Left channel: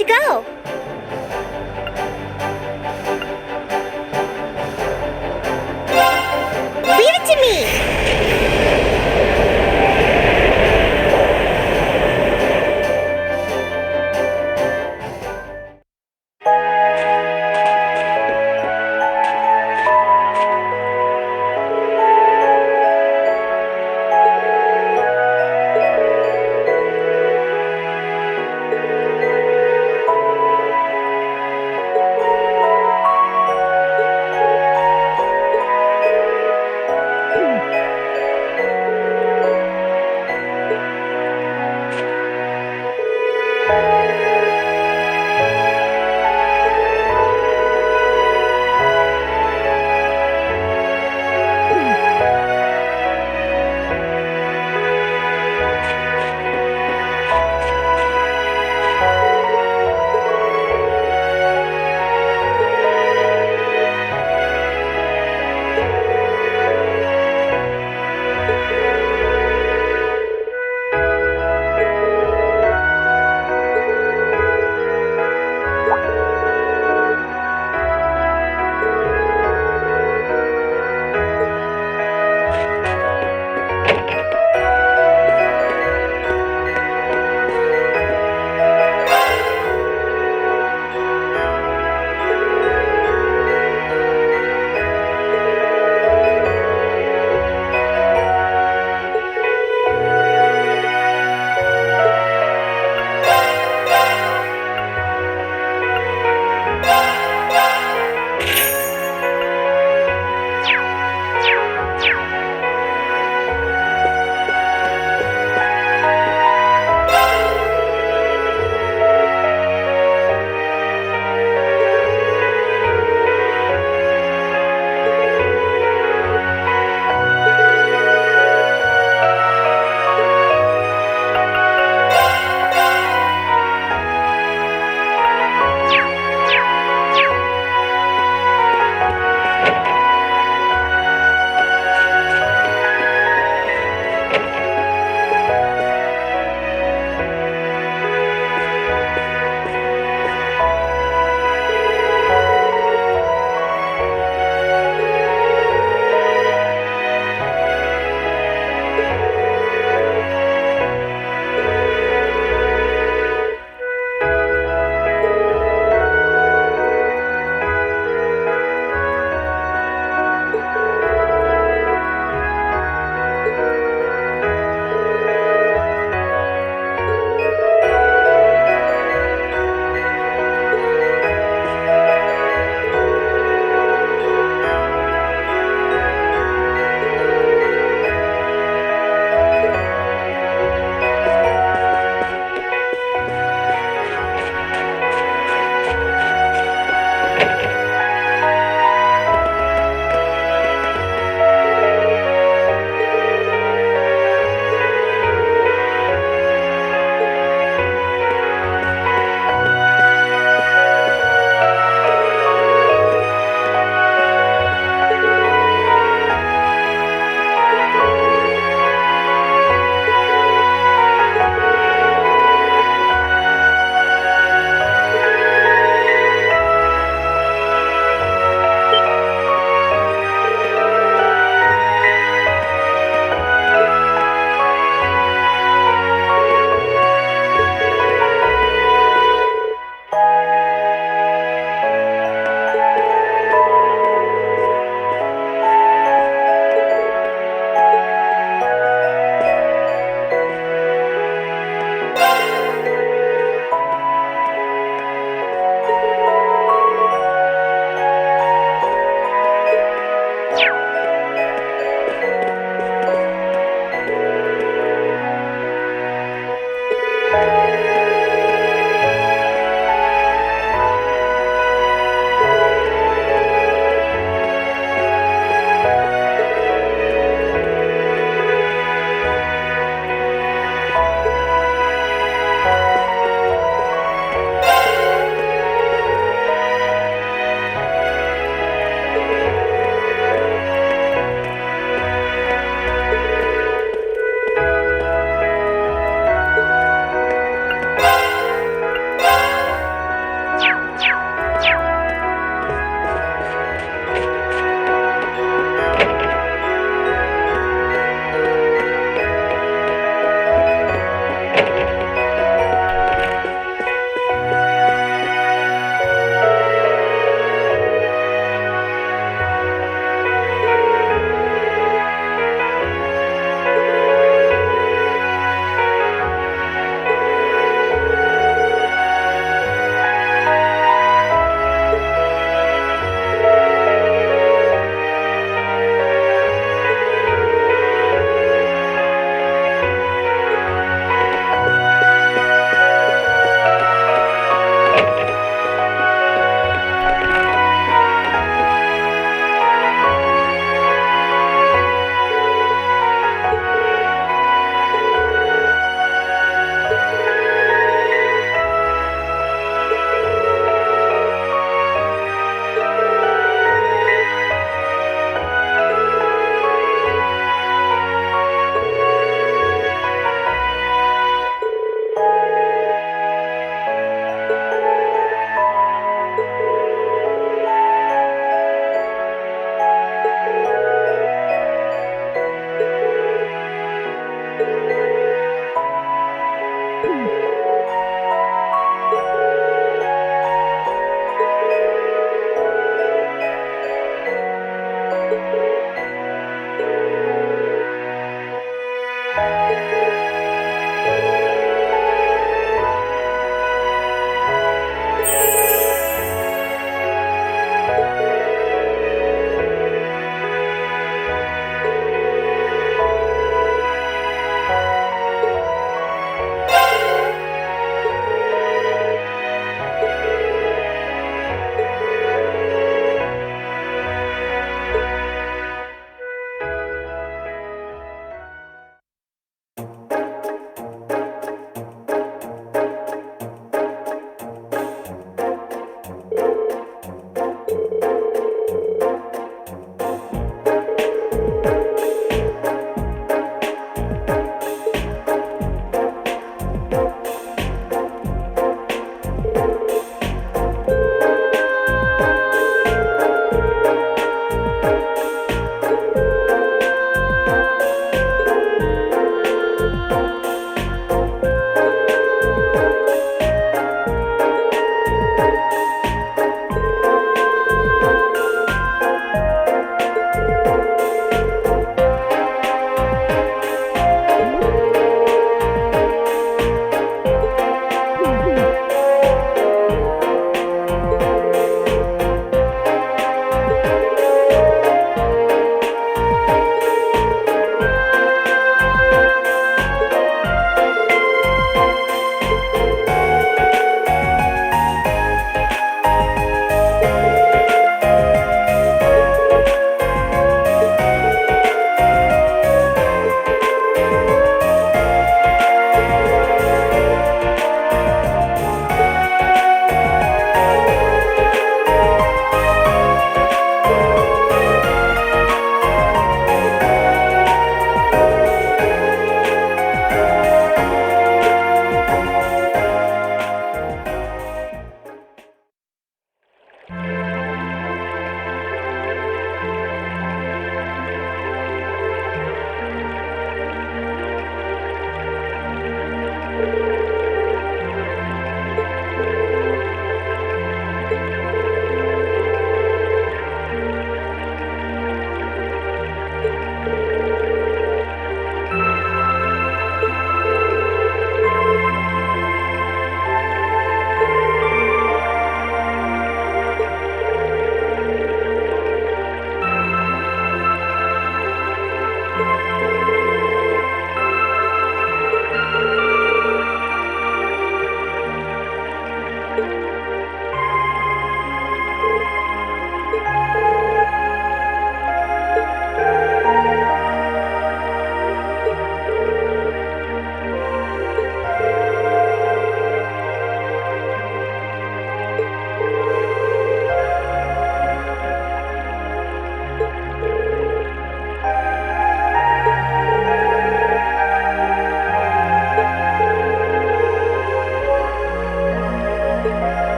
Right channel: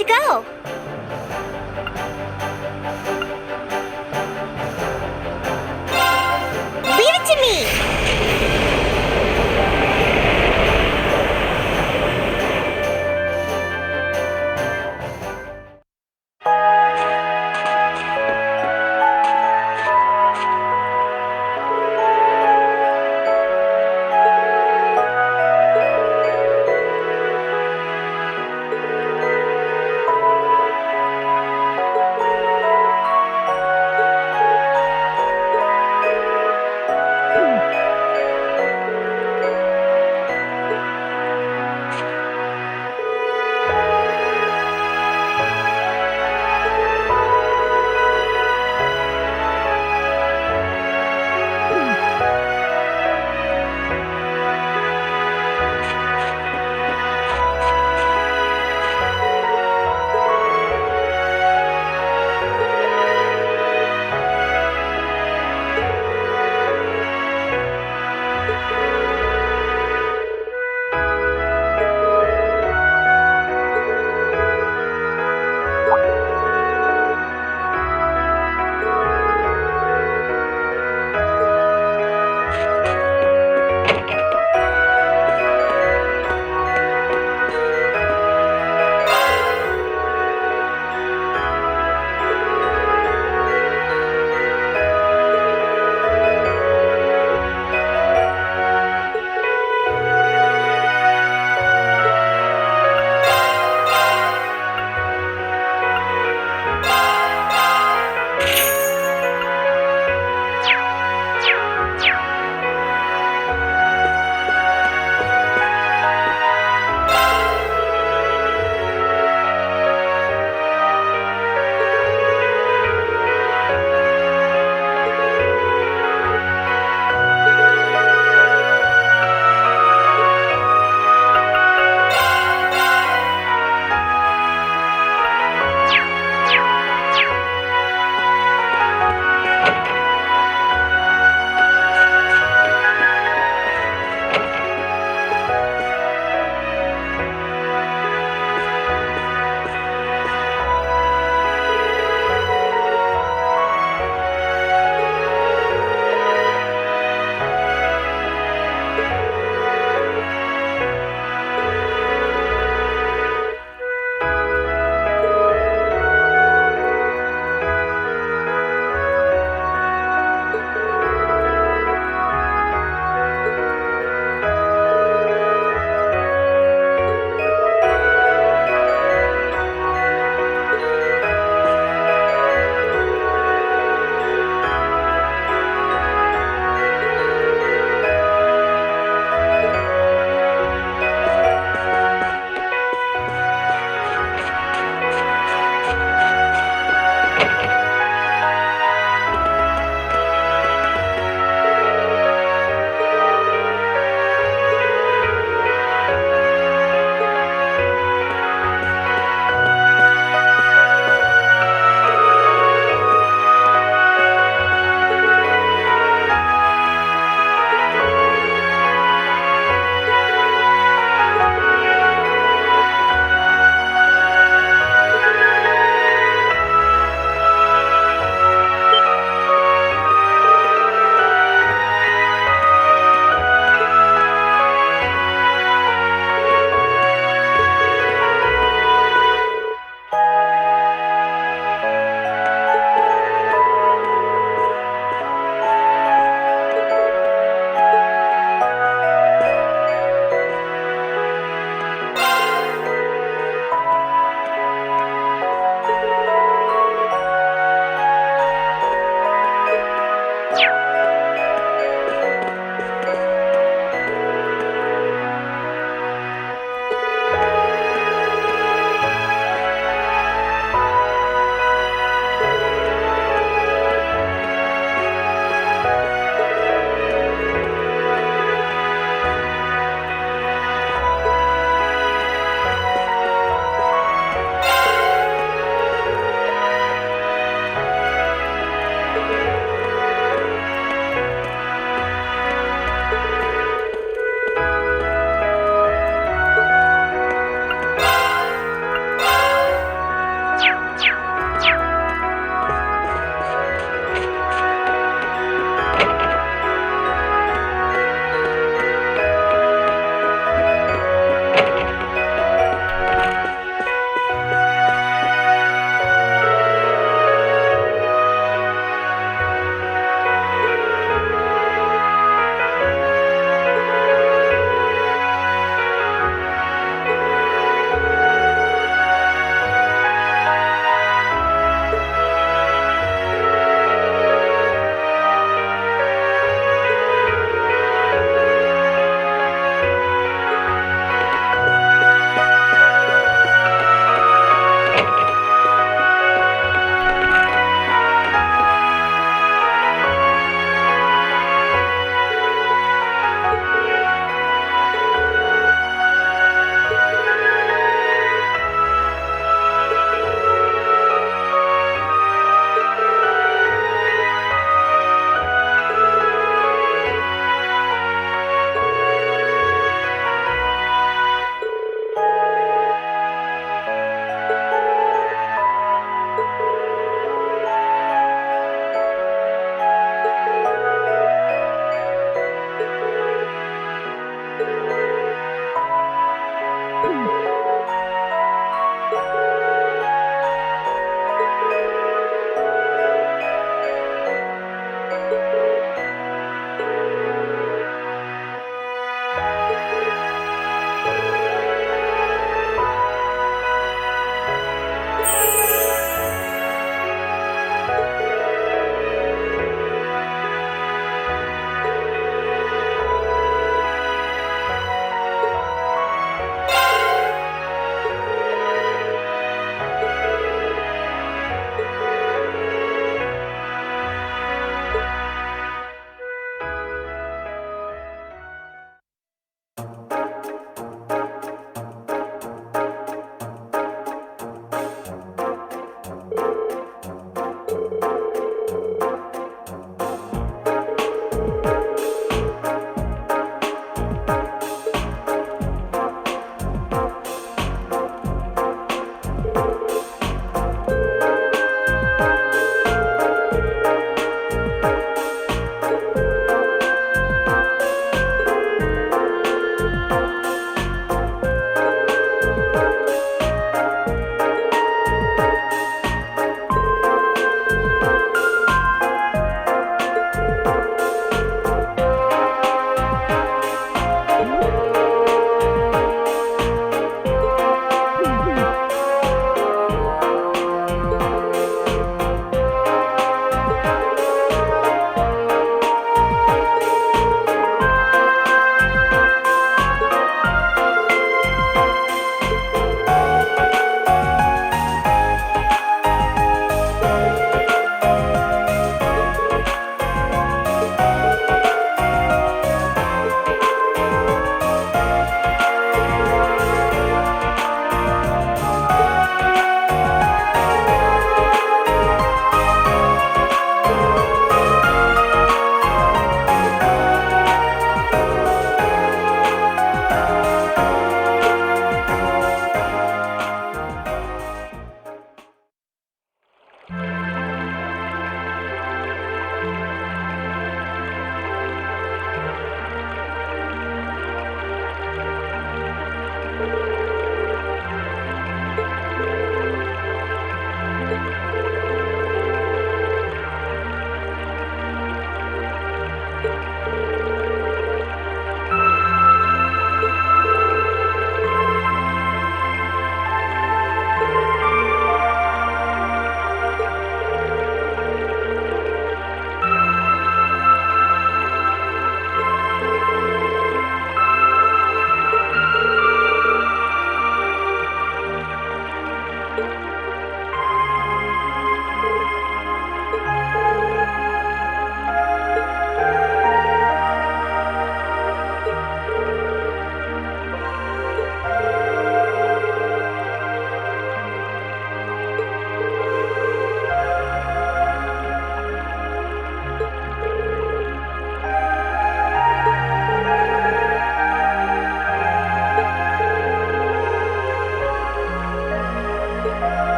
to go. Leave it to me.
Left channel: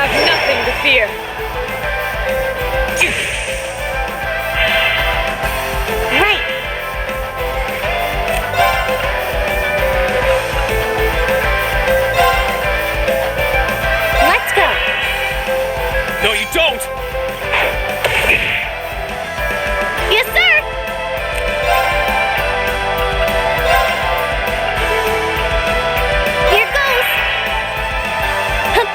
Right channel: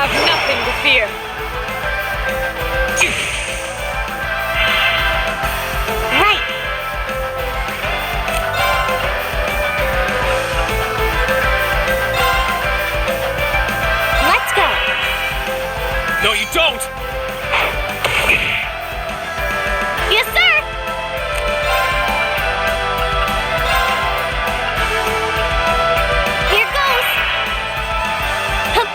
have nothing to fear. Right. Let's go. No, you don't! Yes, sir. Here goes. Hup.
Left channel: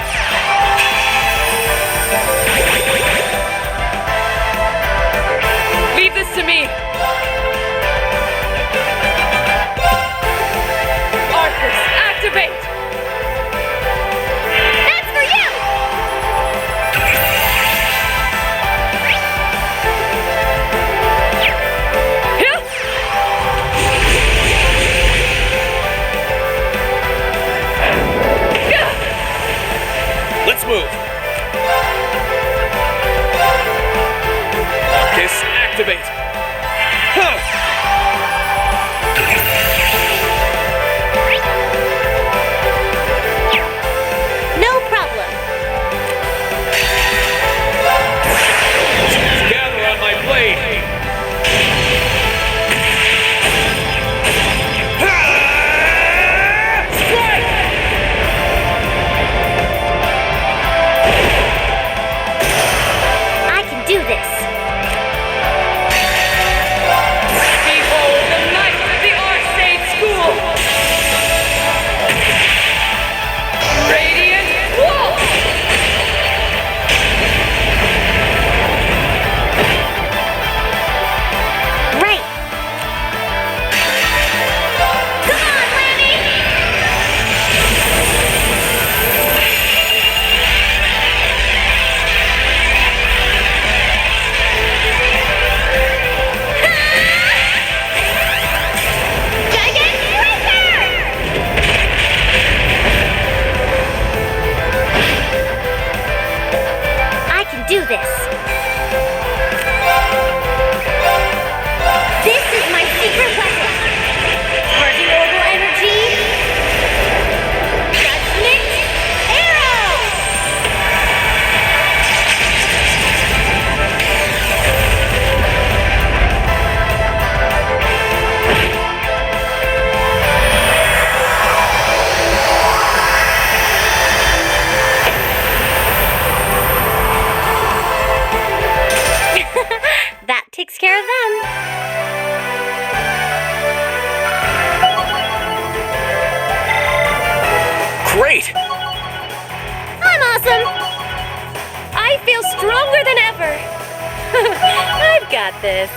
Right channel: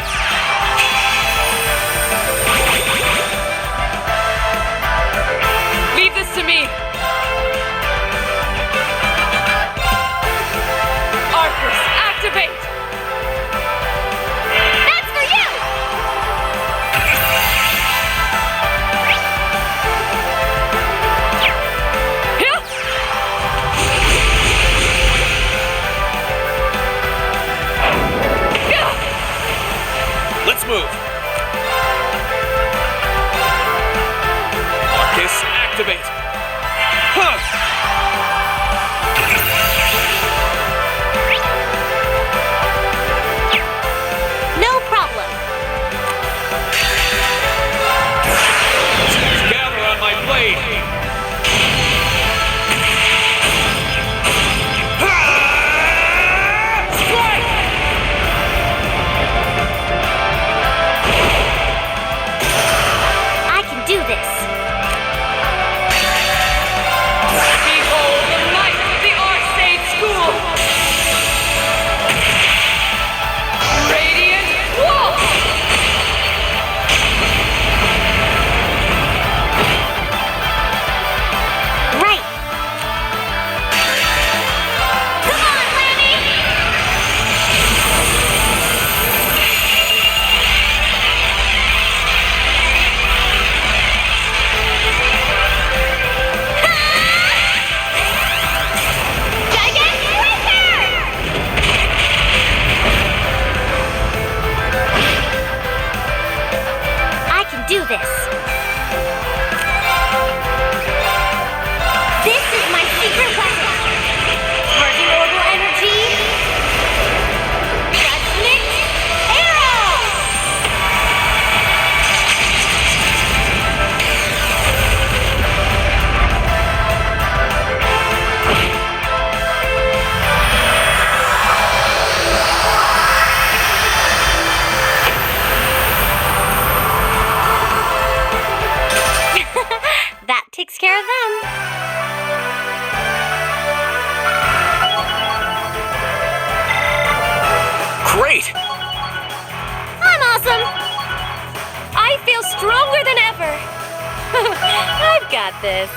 do this. This is my secret weapon. Charging orbital energy. Judgment arrow! That takes care of them. Great! I'm awesome! I feel stronger than ever! I've got this.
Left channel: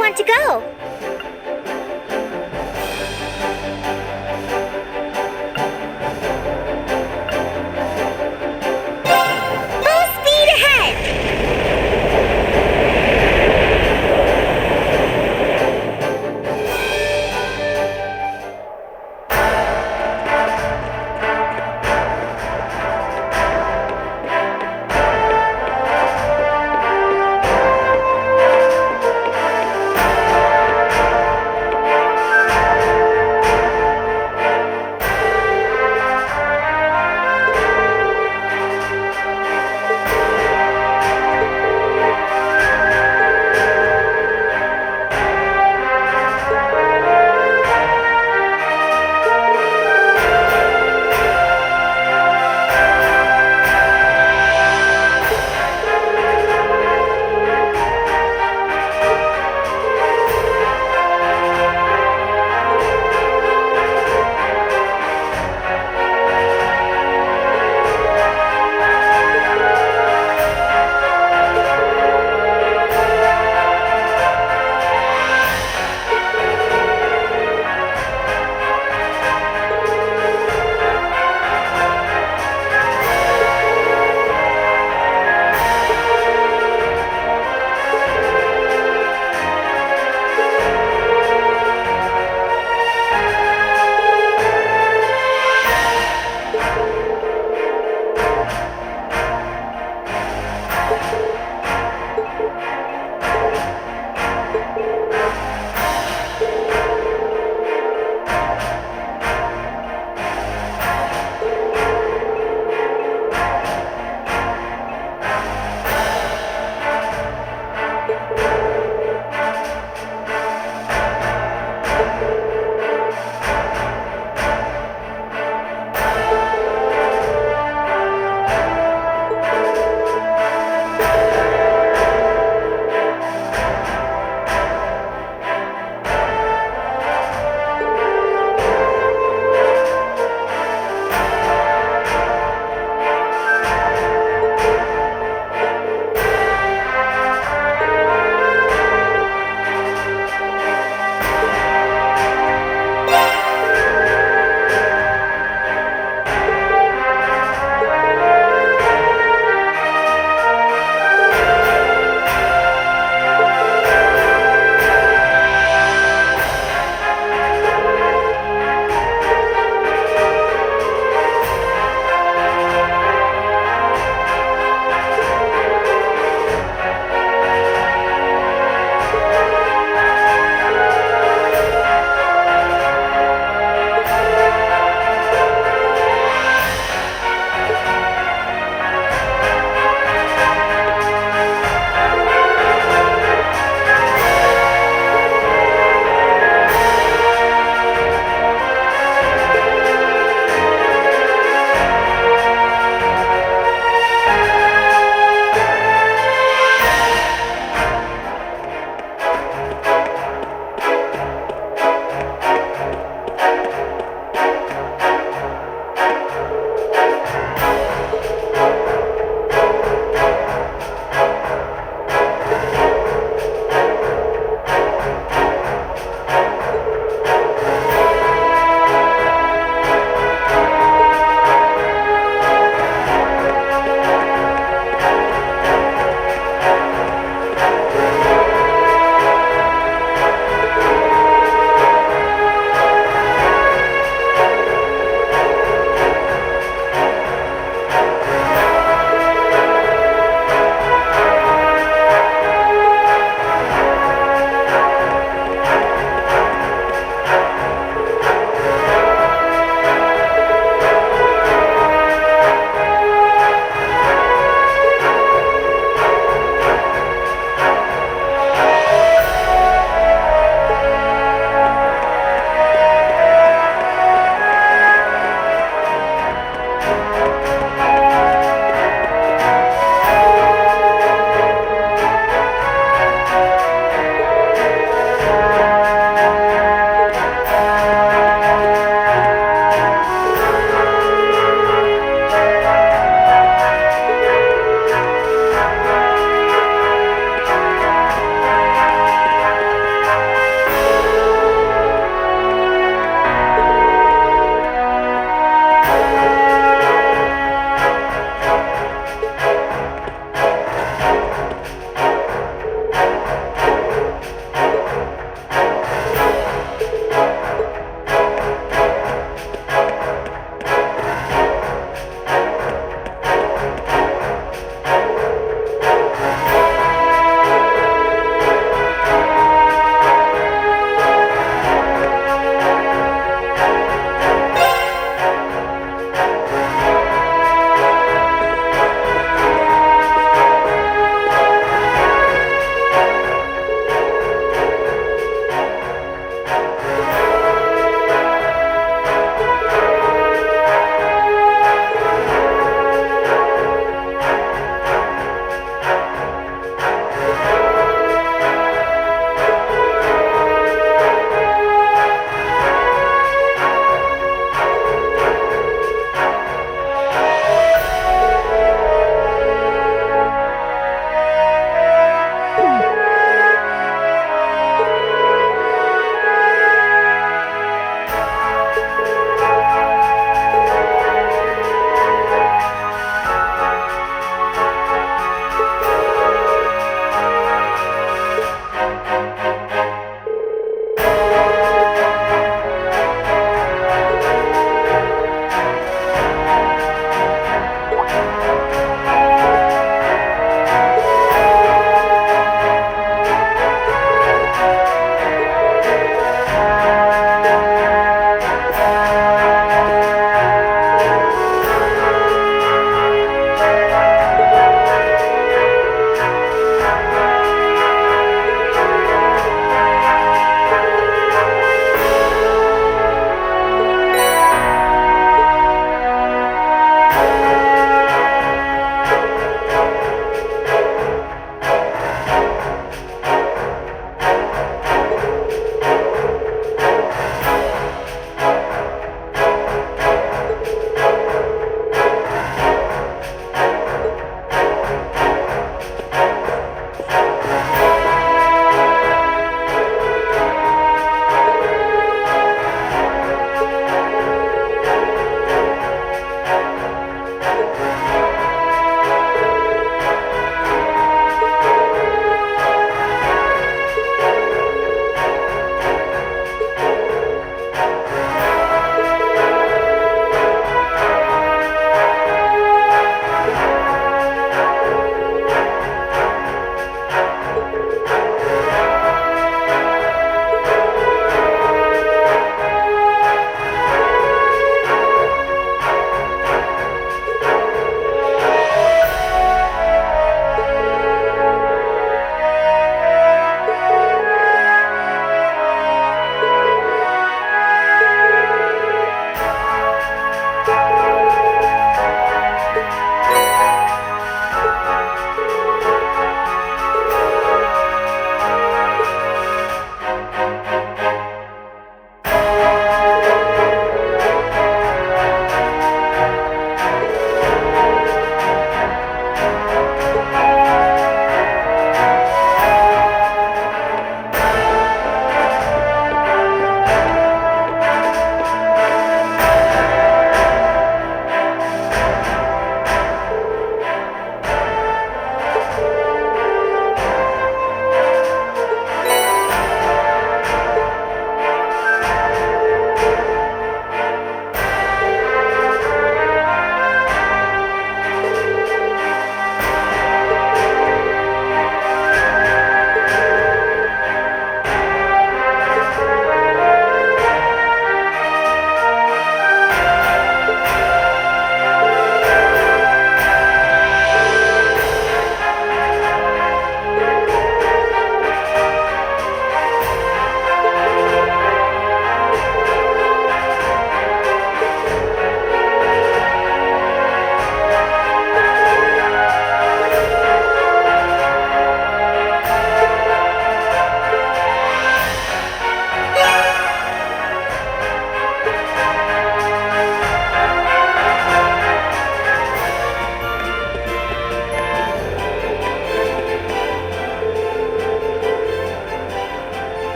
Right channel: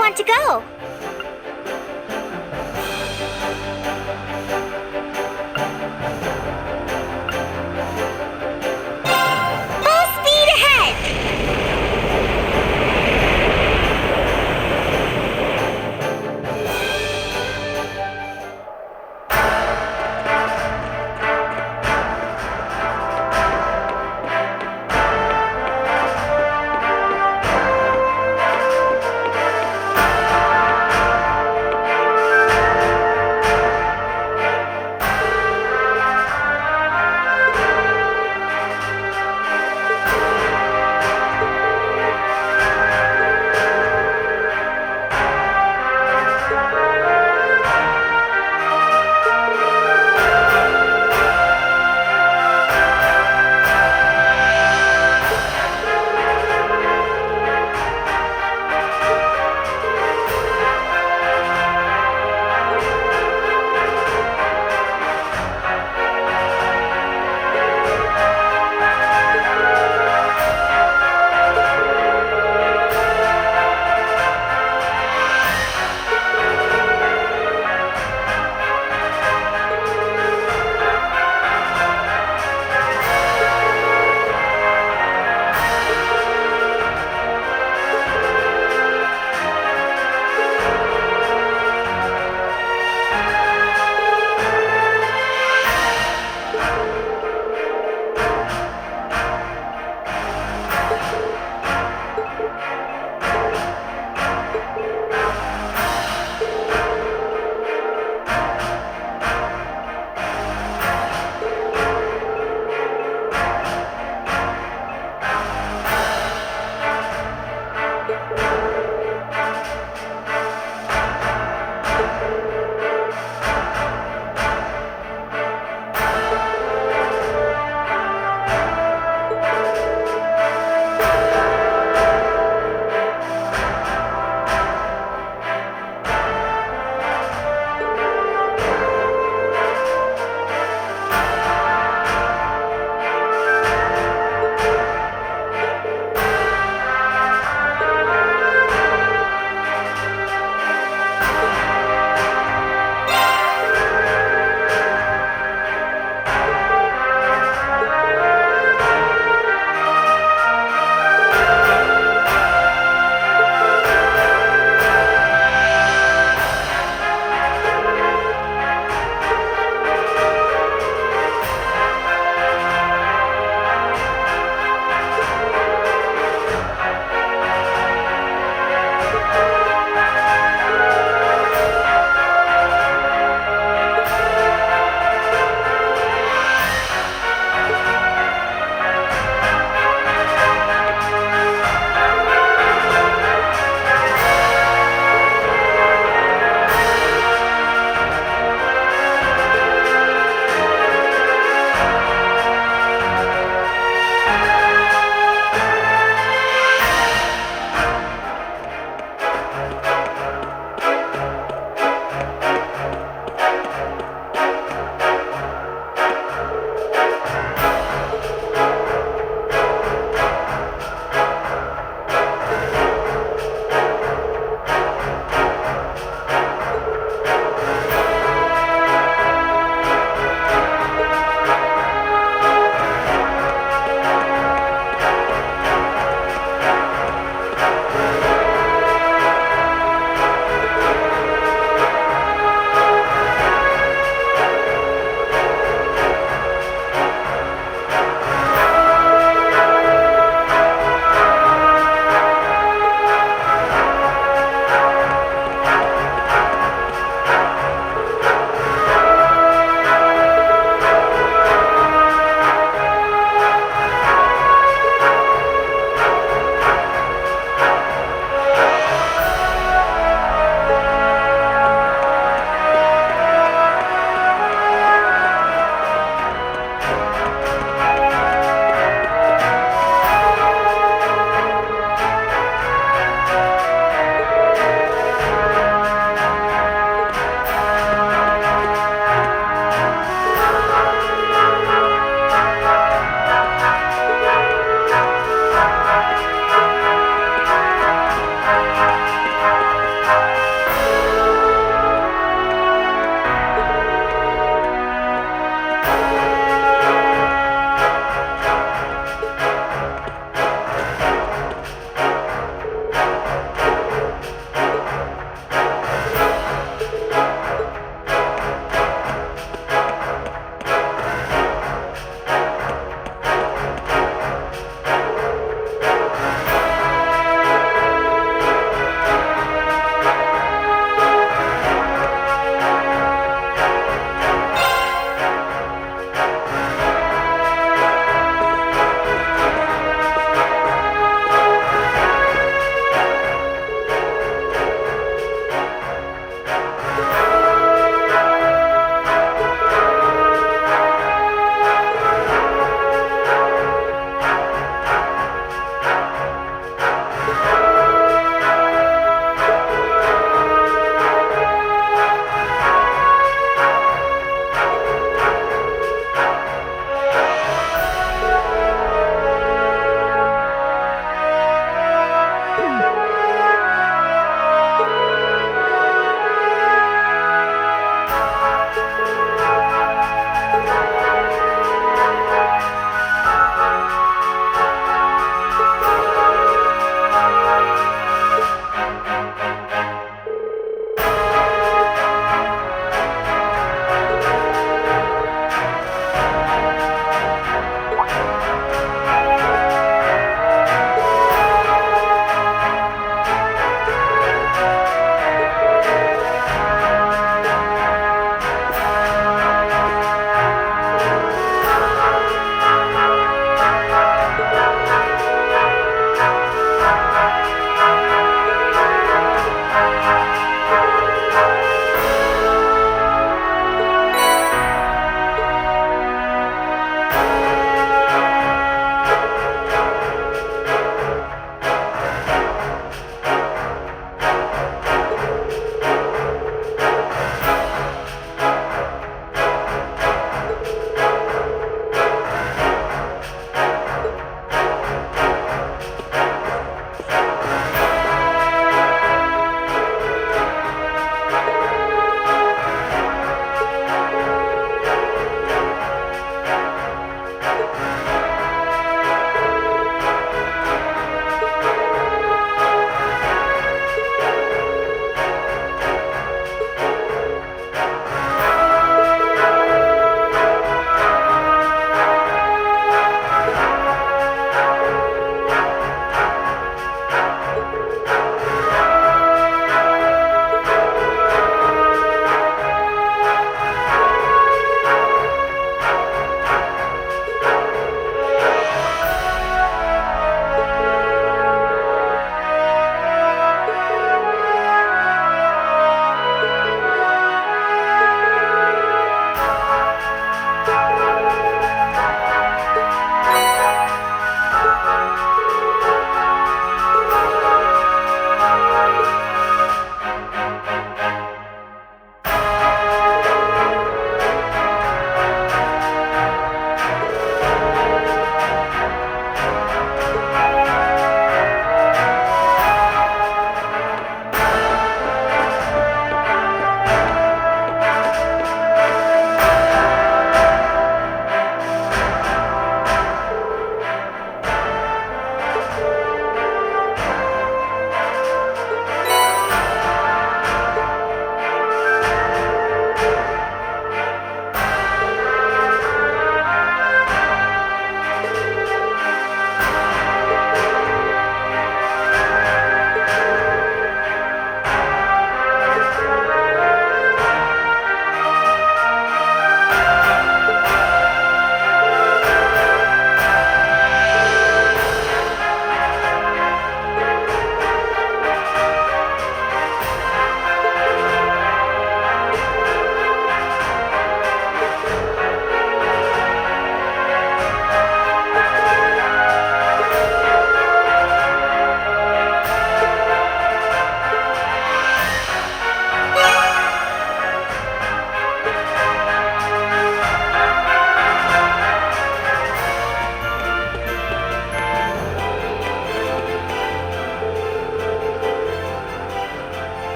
want to go? Full speed ahead!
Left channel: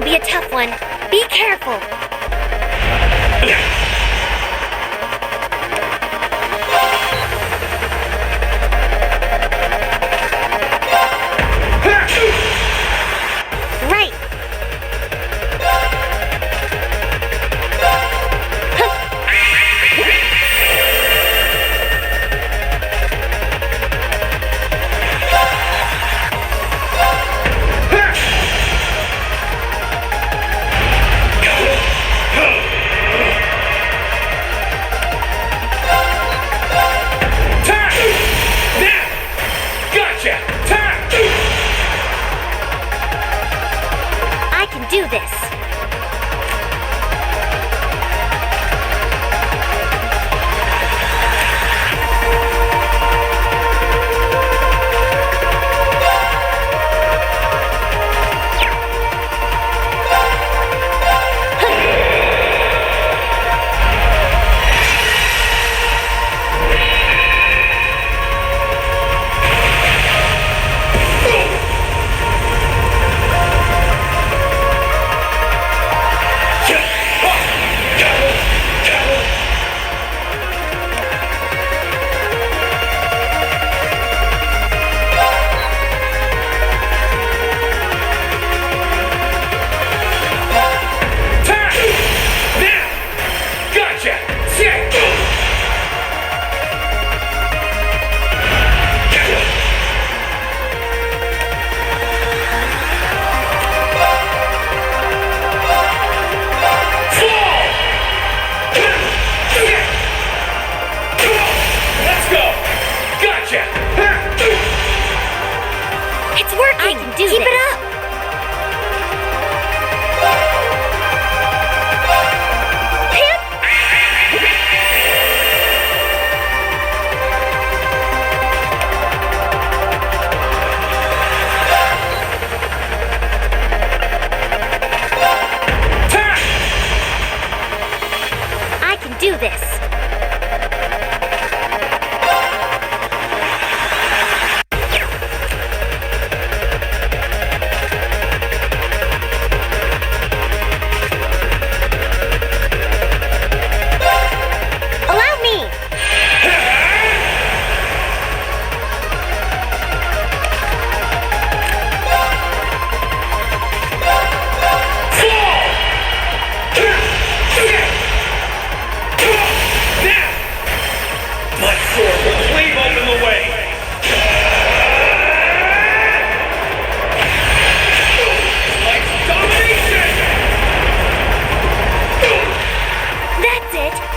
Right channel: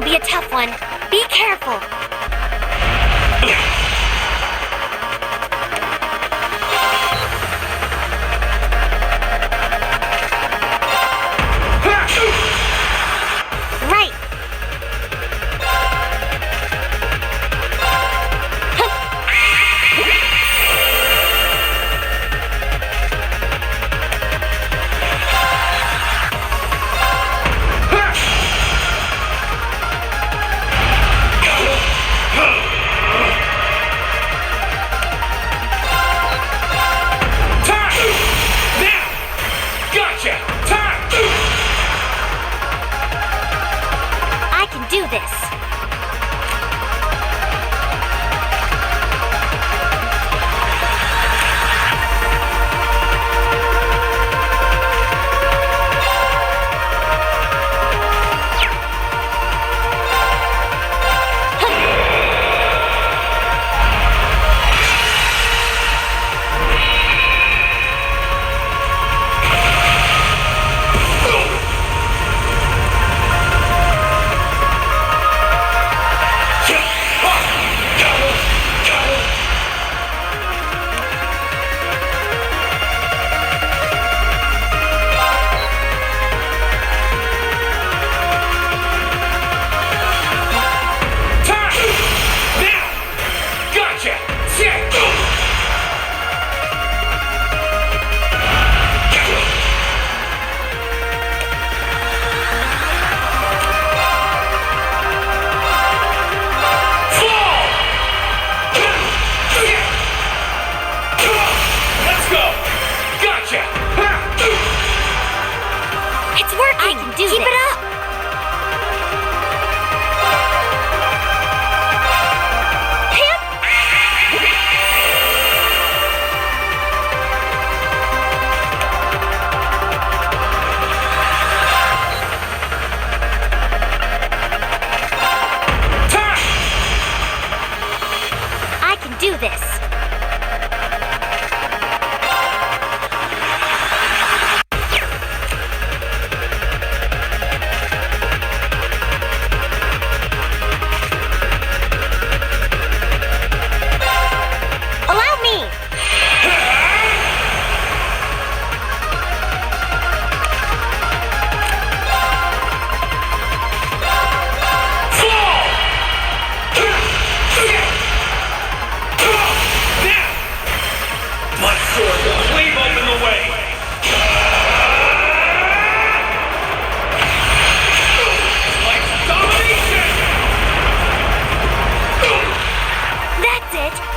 This'll be a tough one. Be careful. Right. I can do this. It's working! I can do Keep it up! I can do this!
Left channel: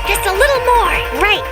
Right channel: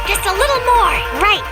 Just a little more. Right.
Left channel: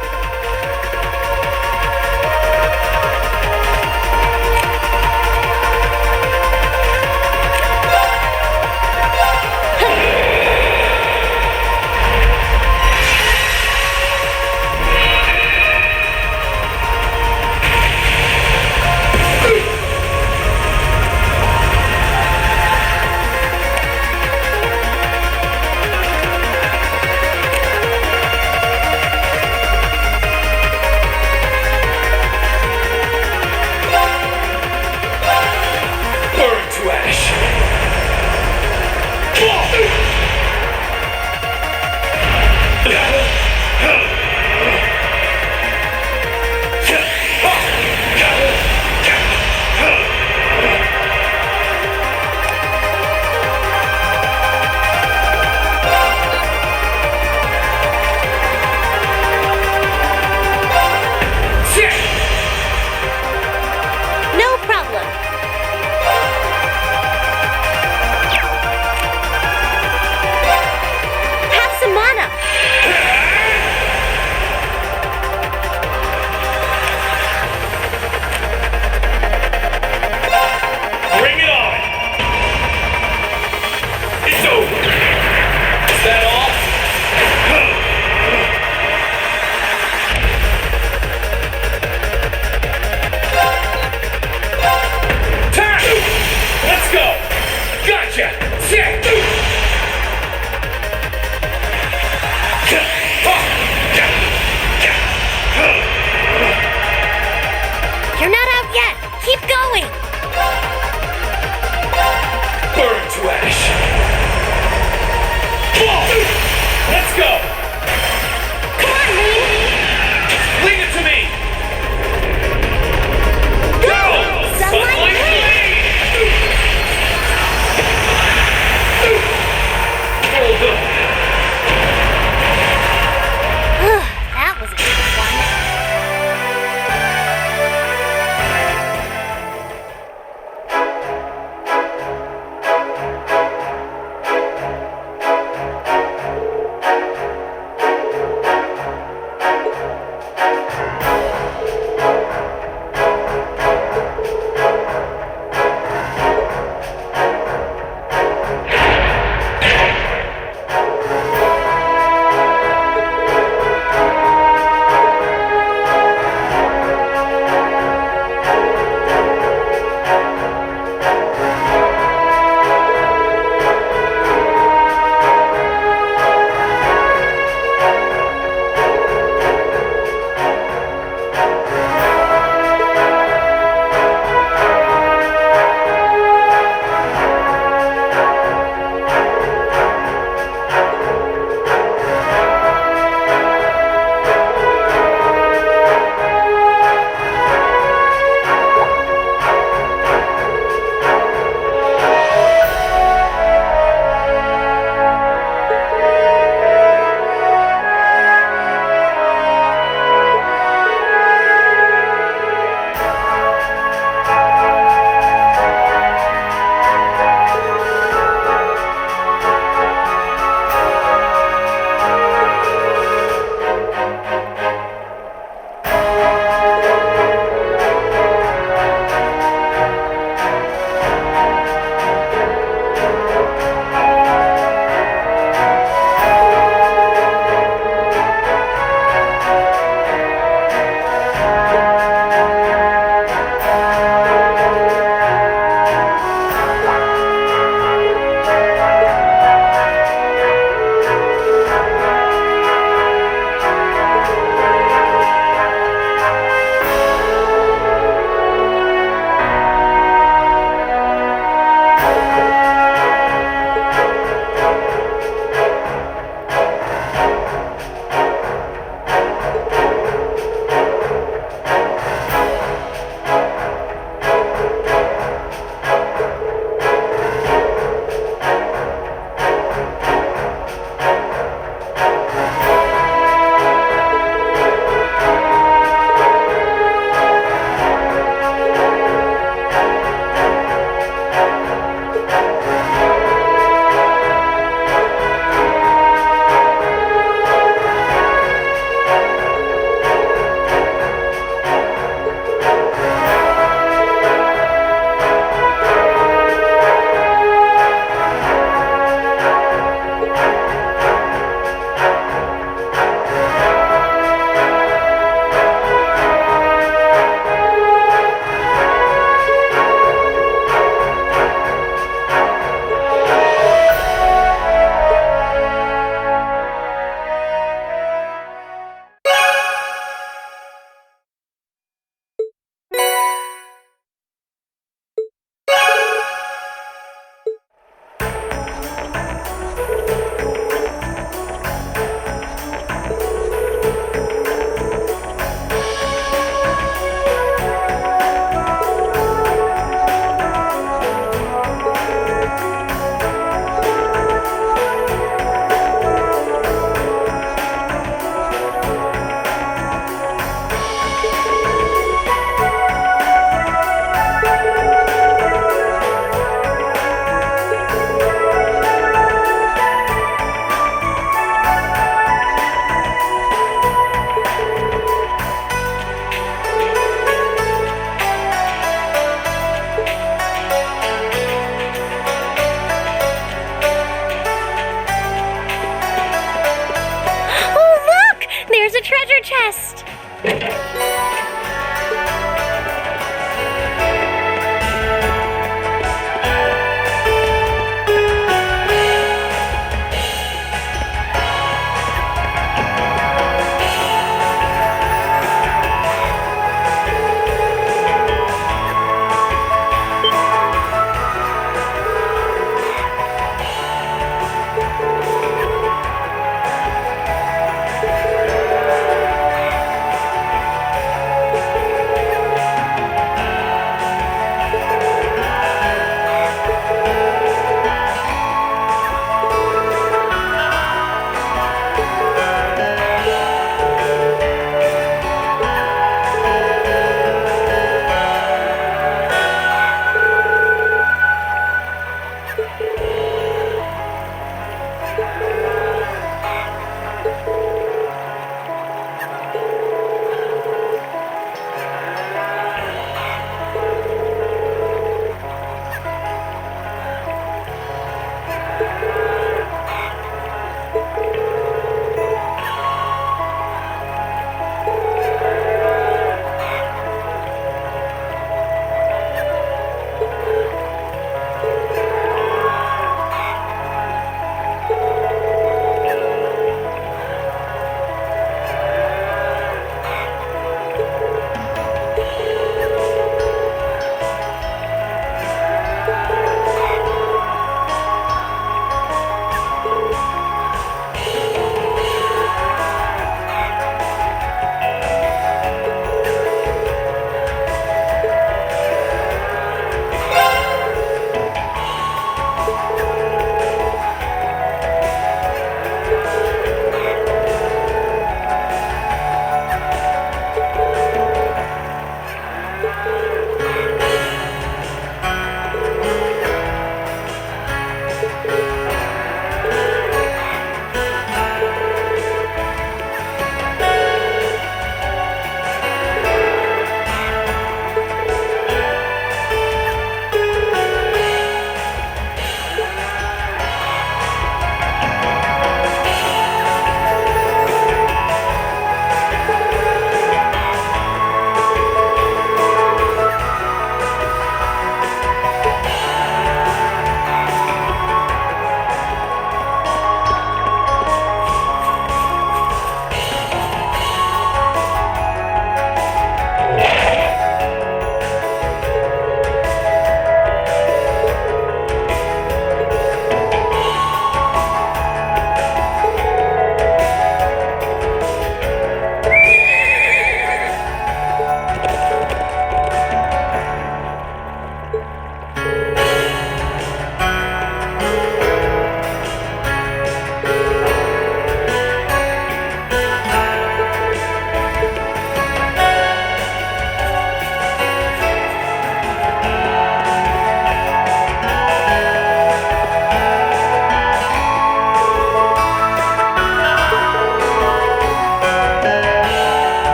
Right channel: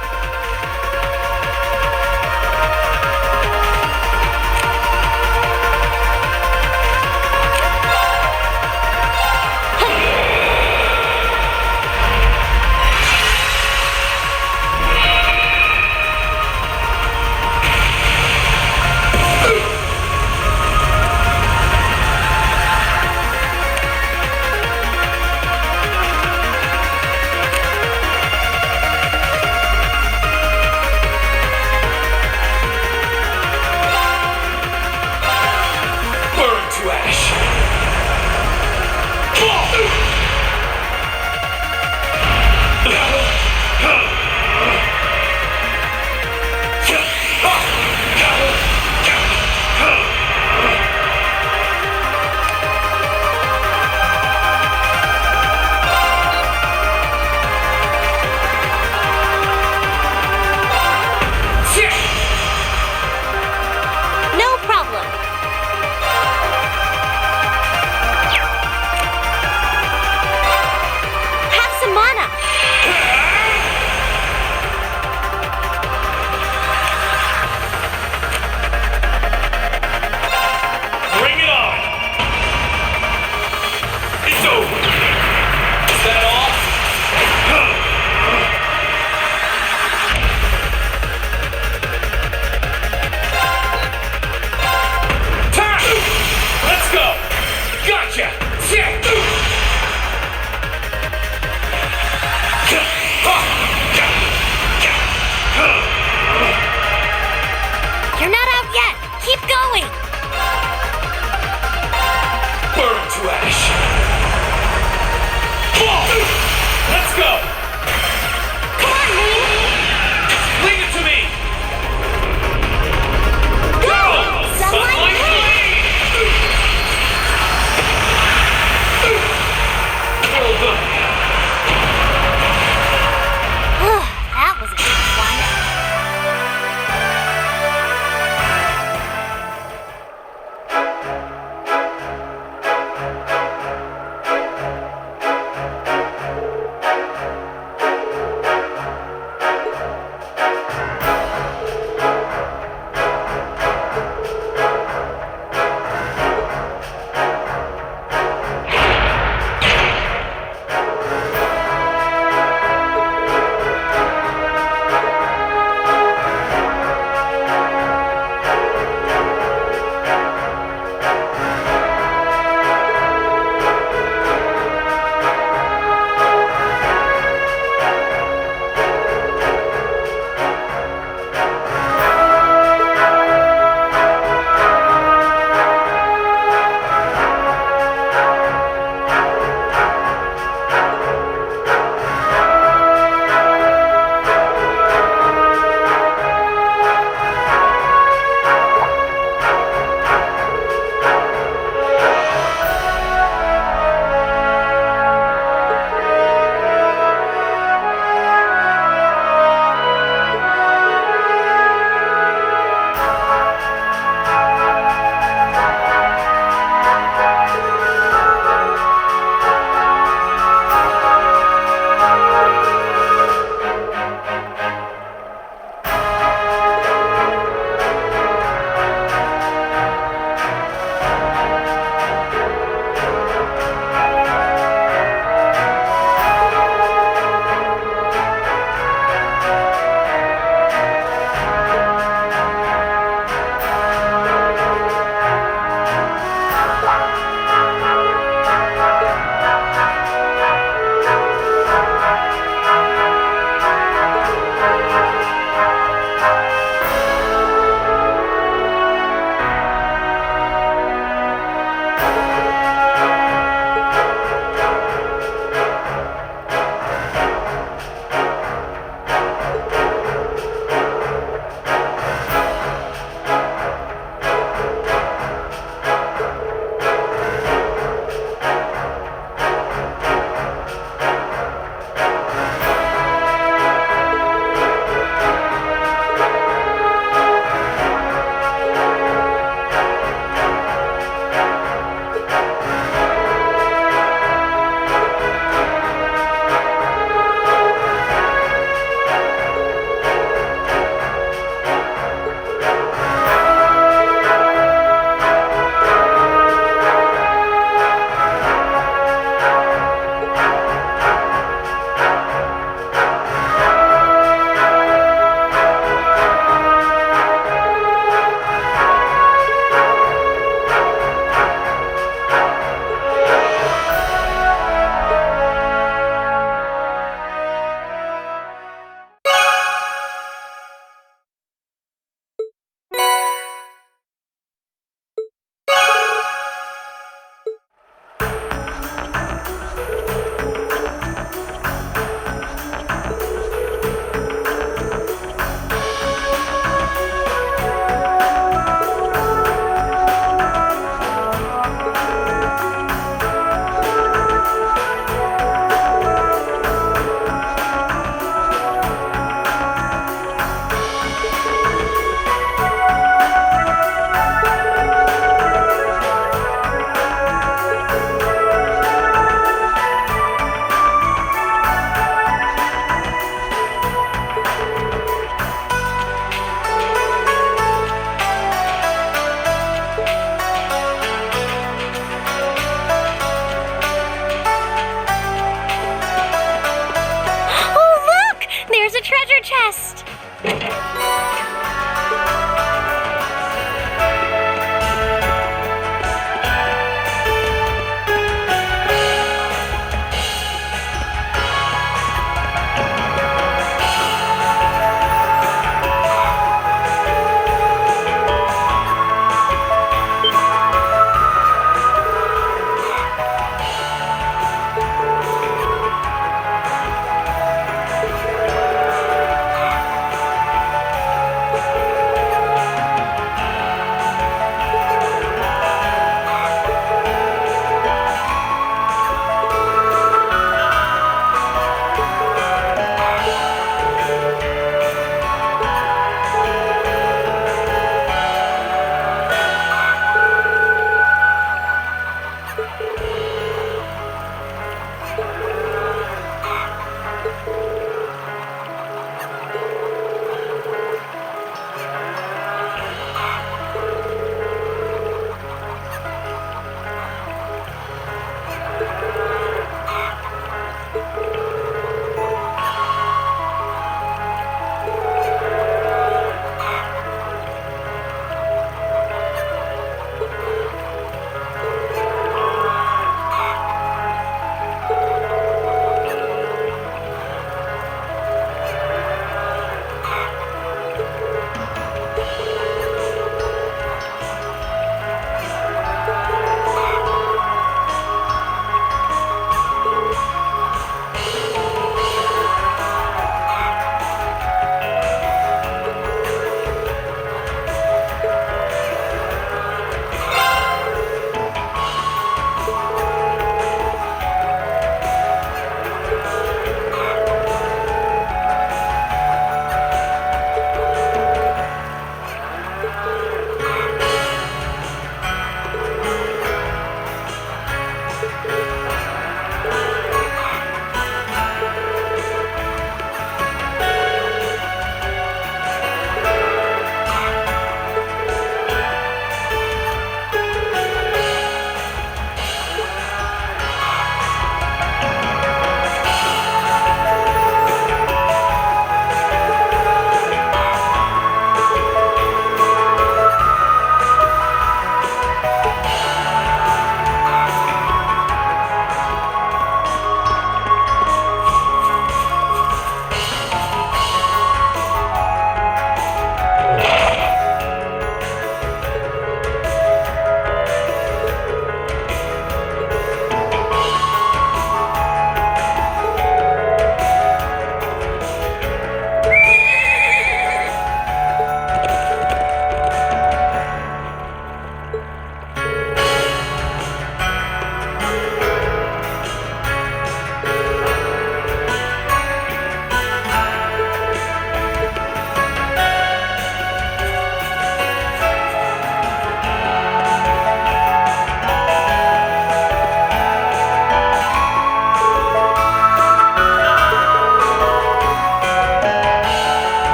a treasure chest!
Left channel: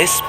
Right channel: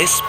this.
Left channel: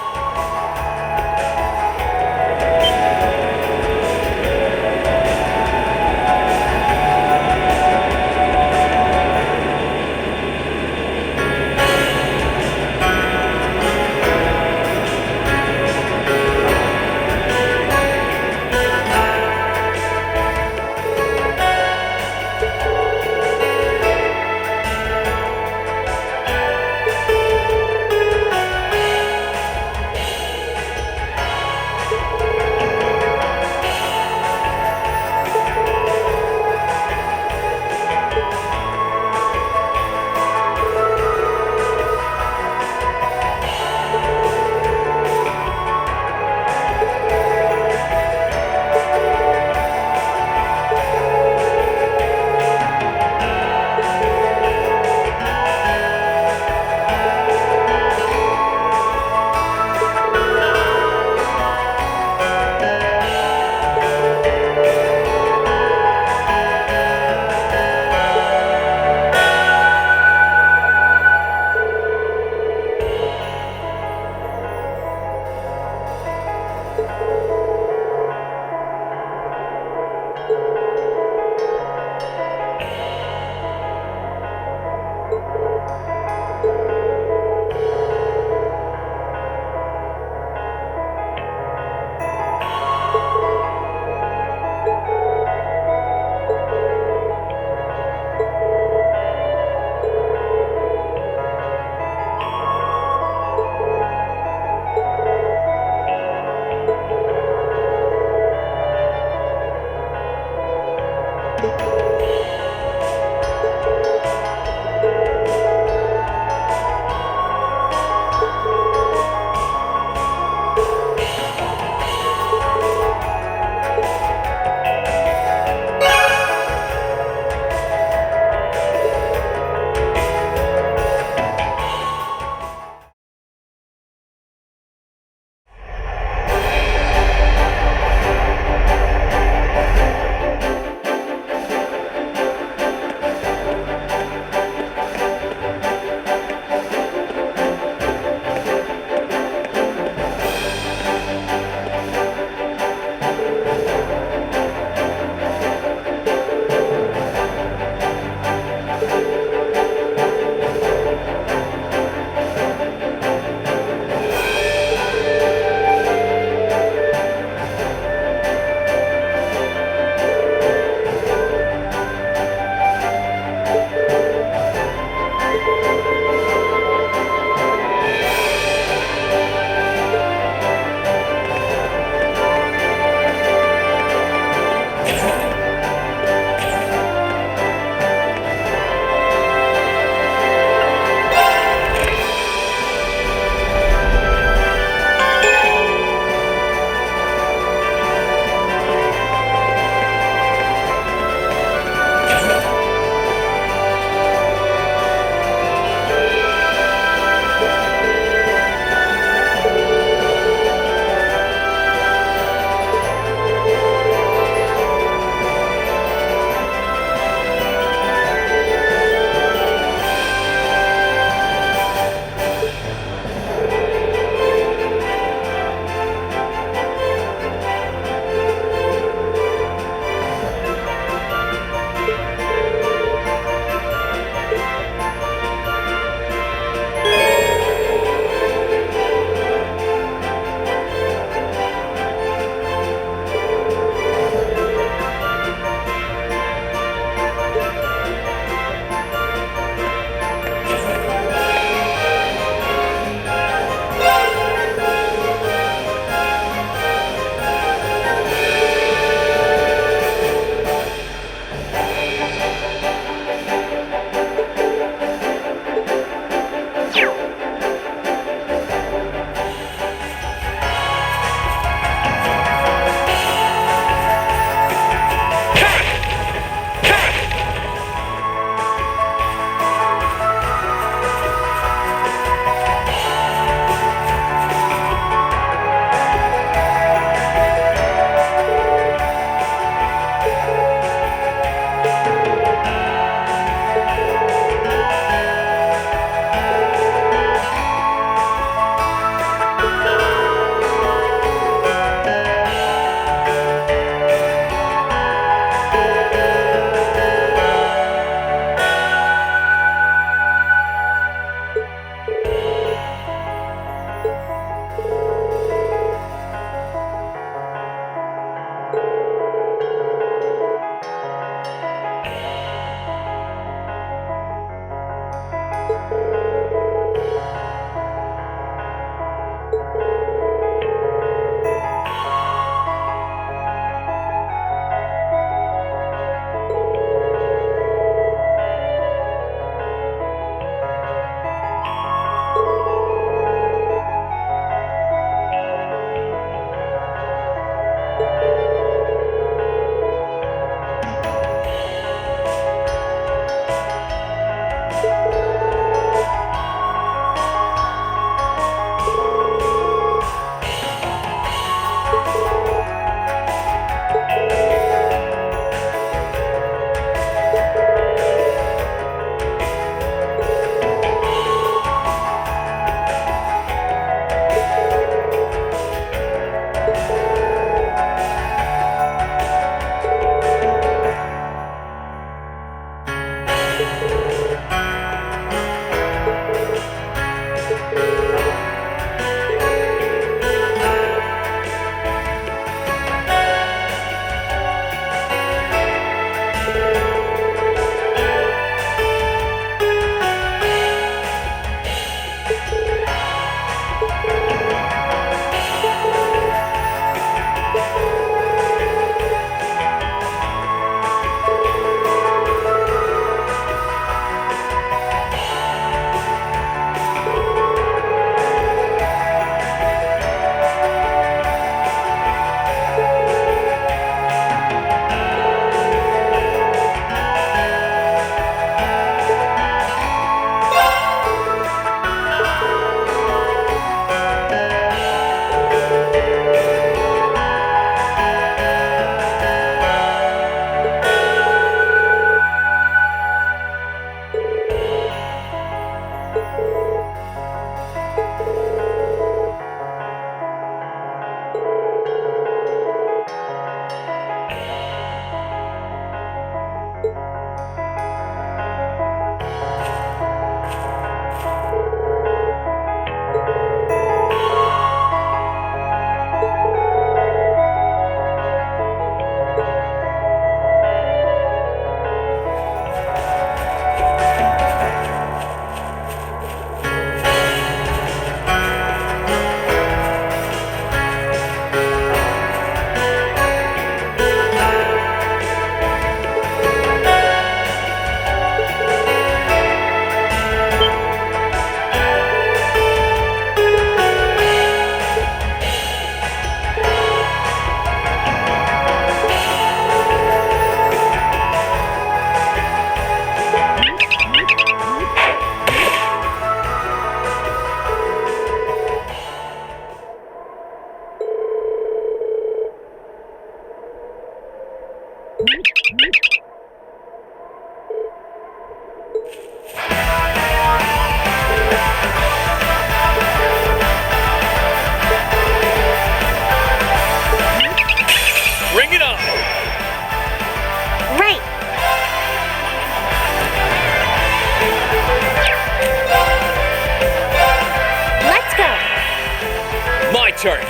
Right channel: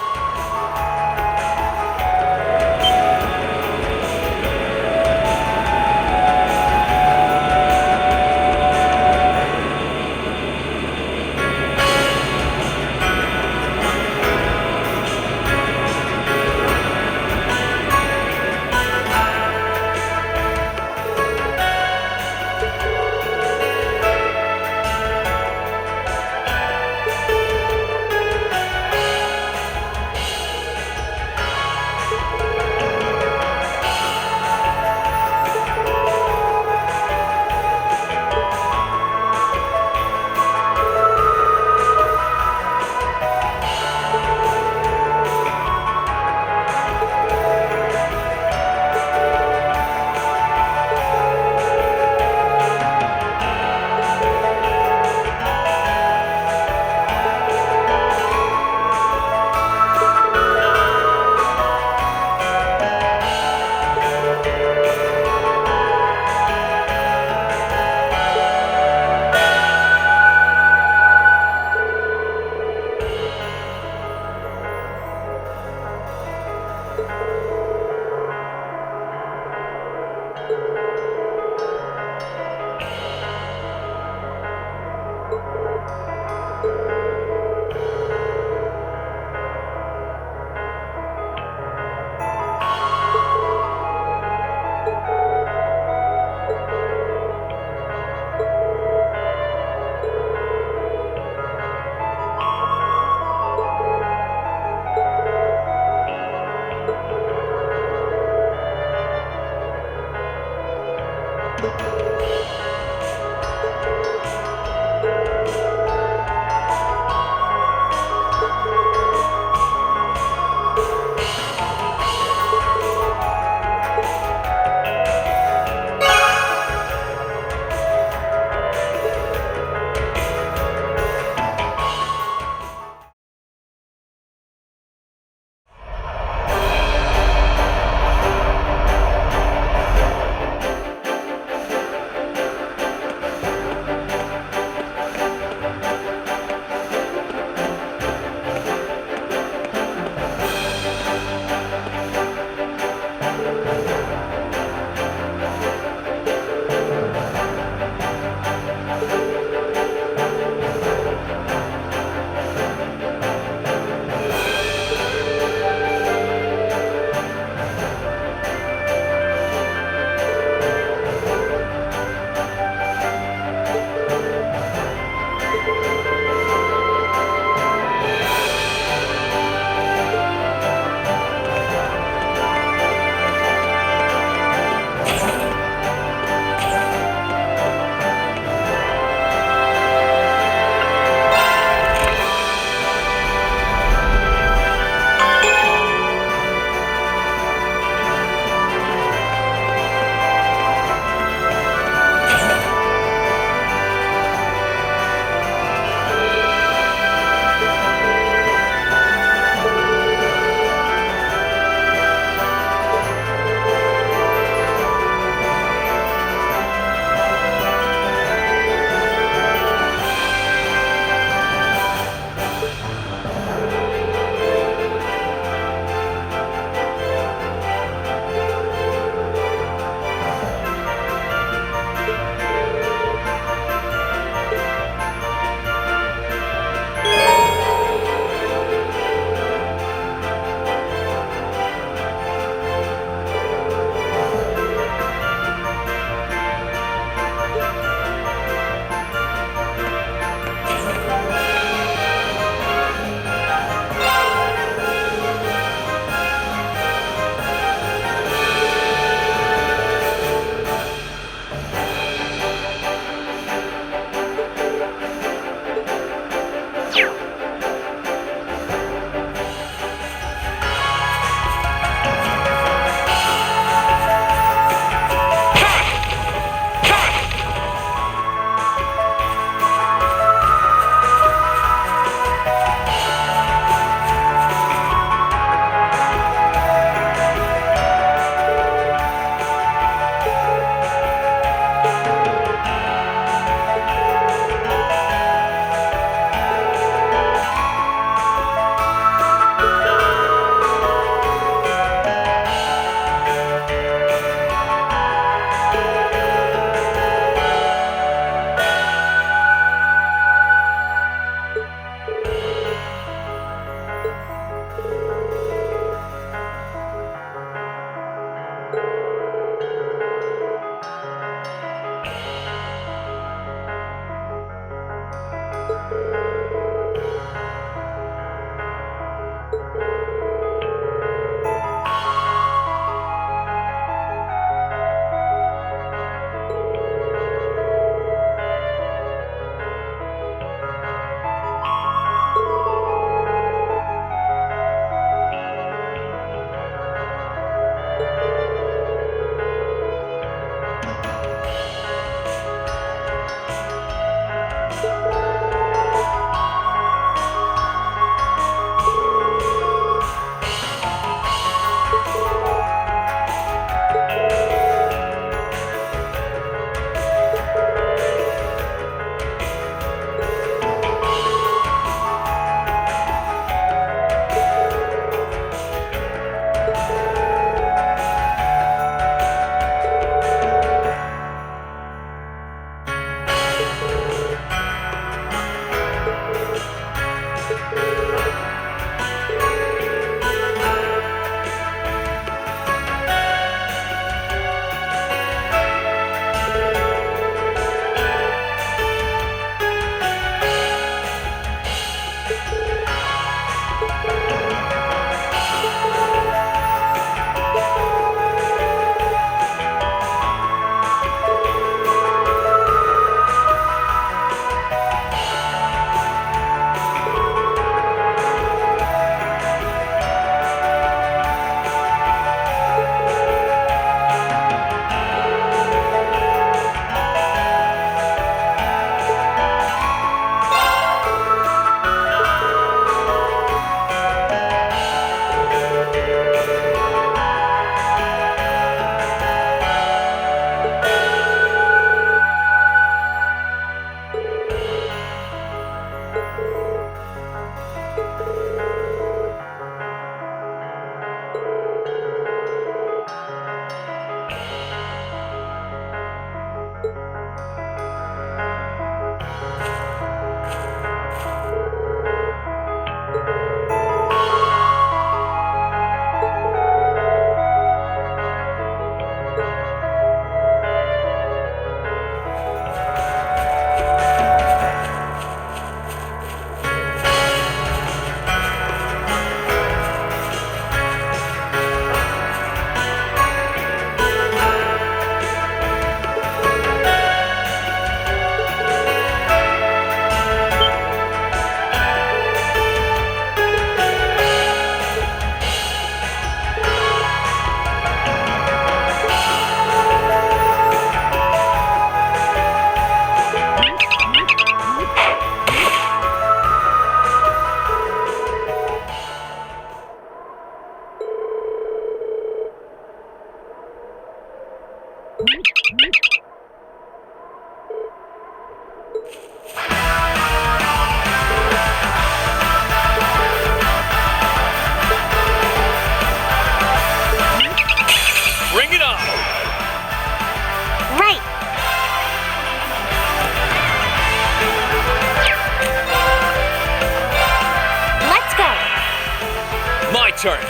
turn.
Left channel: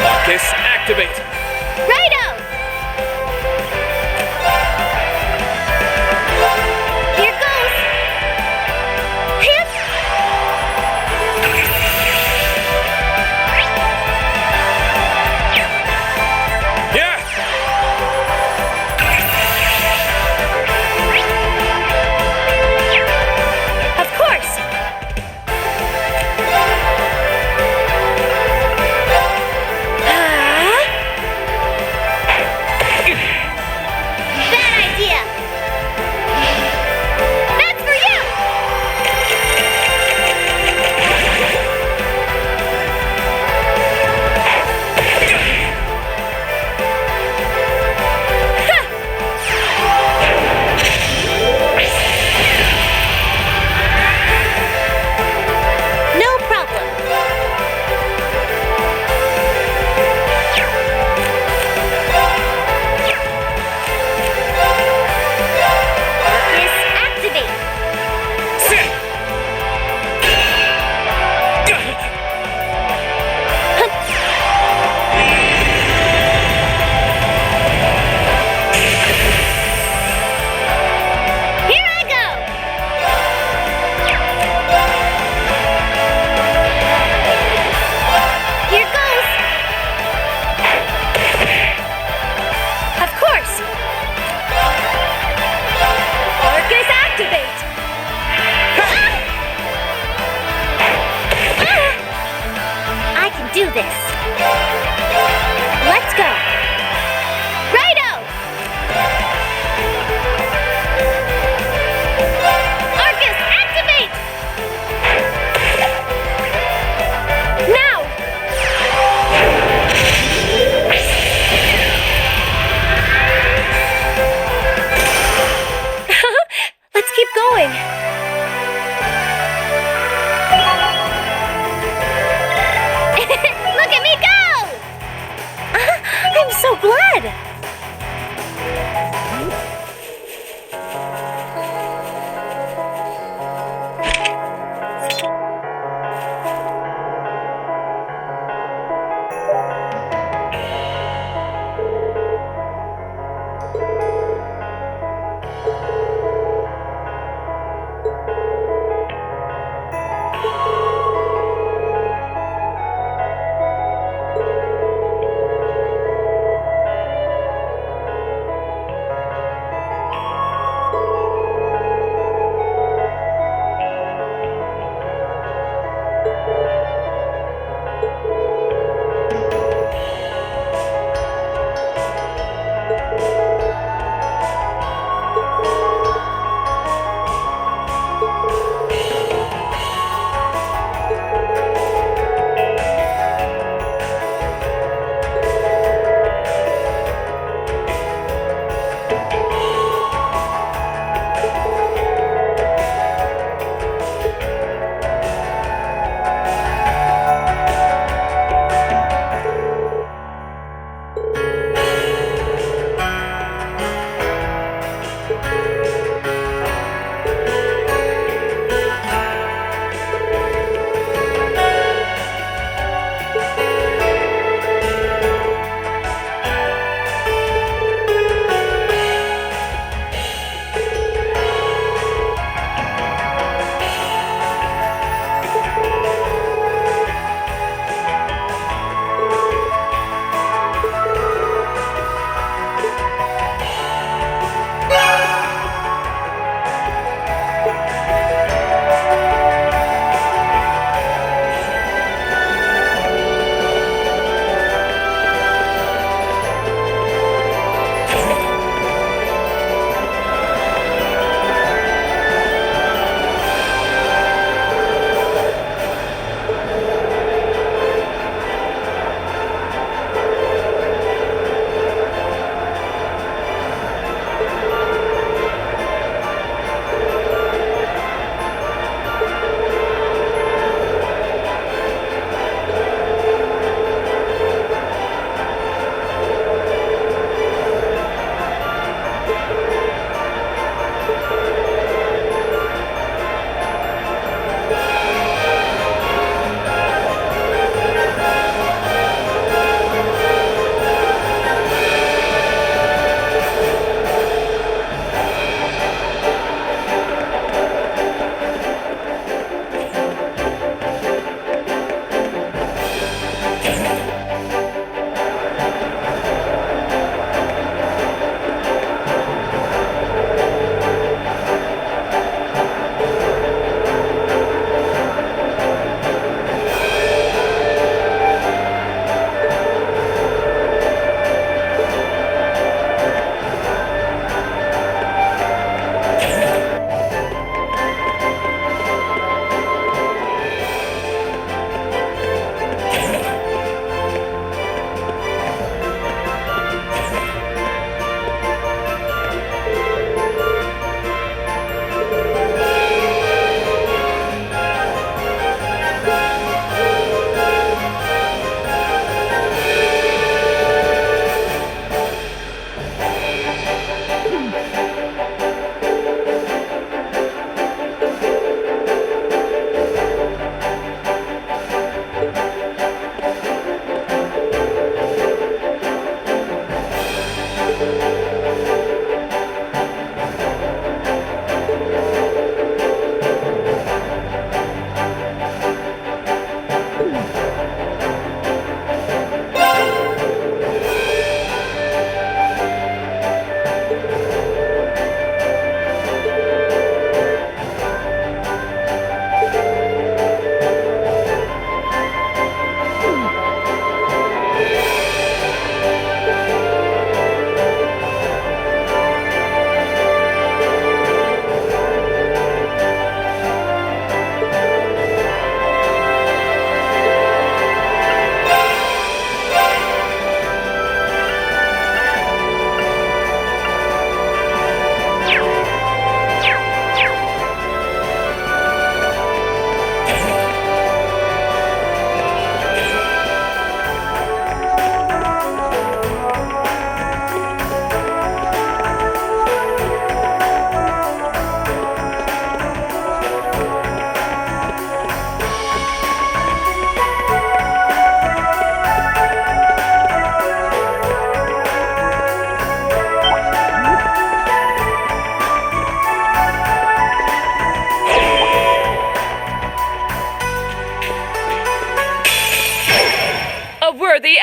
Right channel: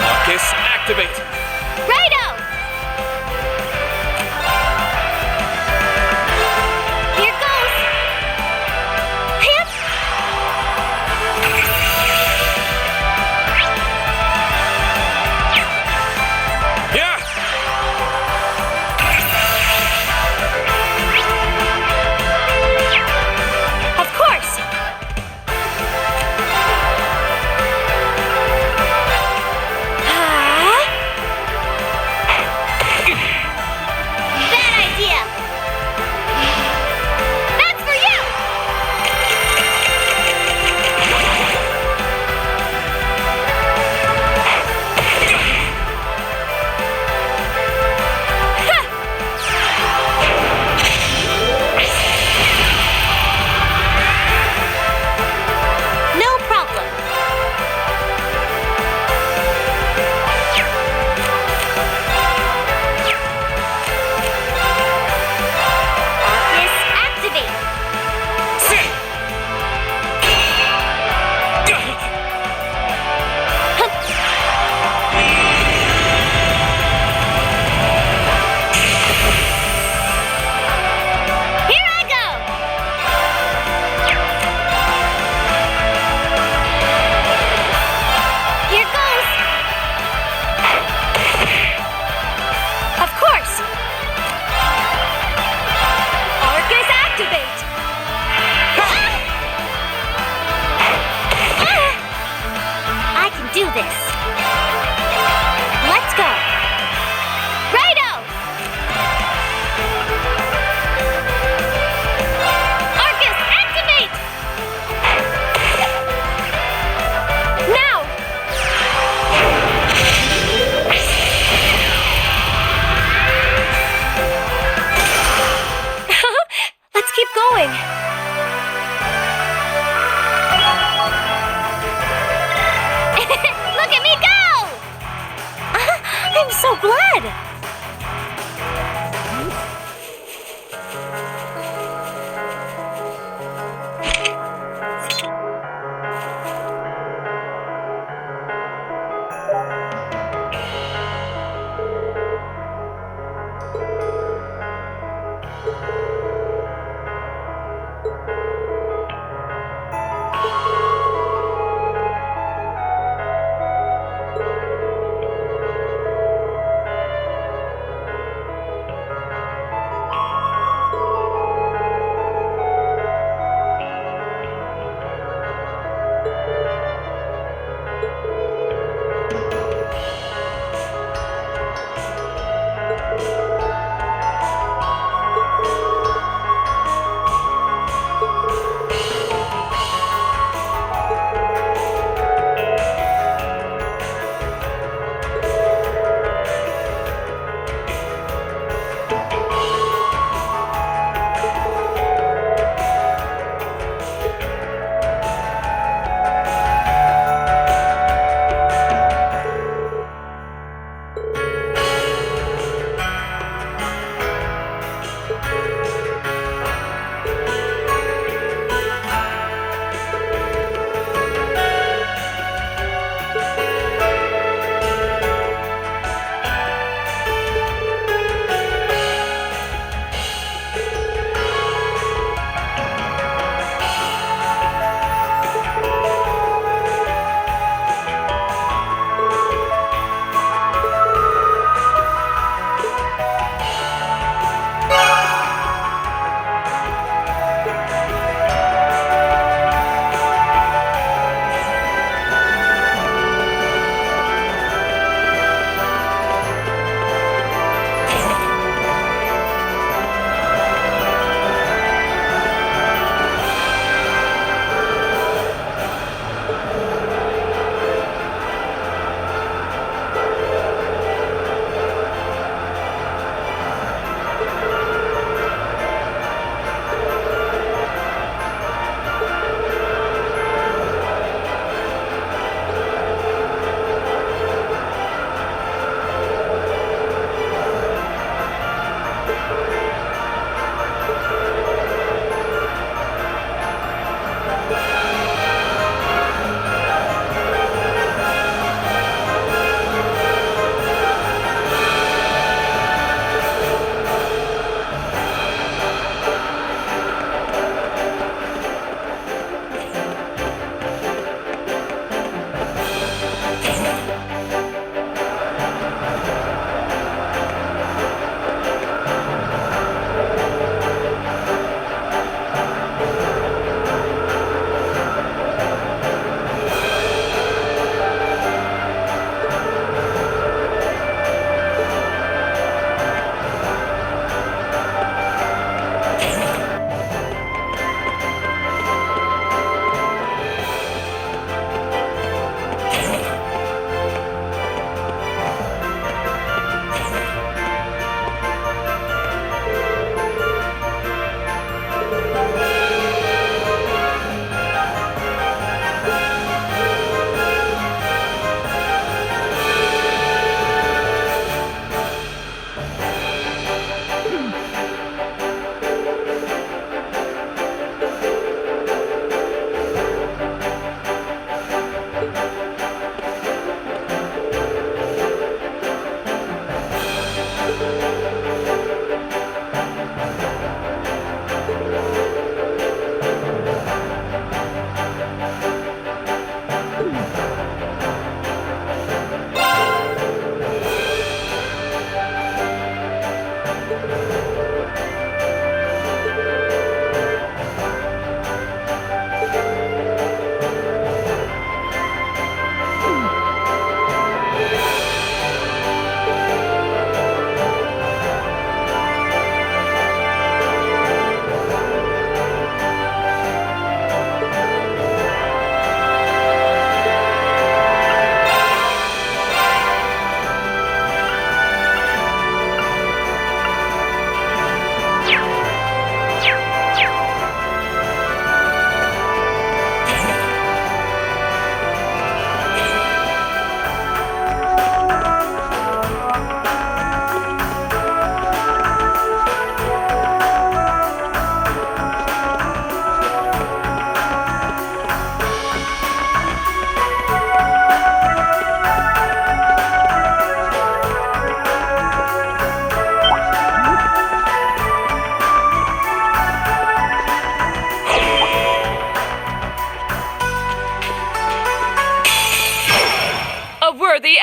Marcus, activate. Righto! Here goes! Hip! Yeah! Of course! Bad idea! That's for you! No problem. Arcus, activate! Sit! Here I go! Here goes! Of course! Arcus, activate! I can do this! Let's go! Righto! Arcus, activate! Now! Let's keep going. Look at me go! I'm so glad.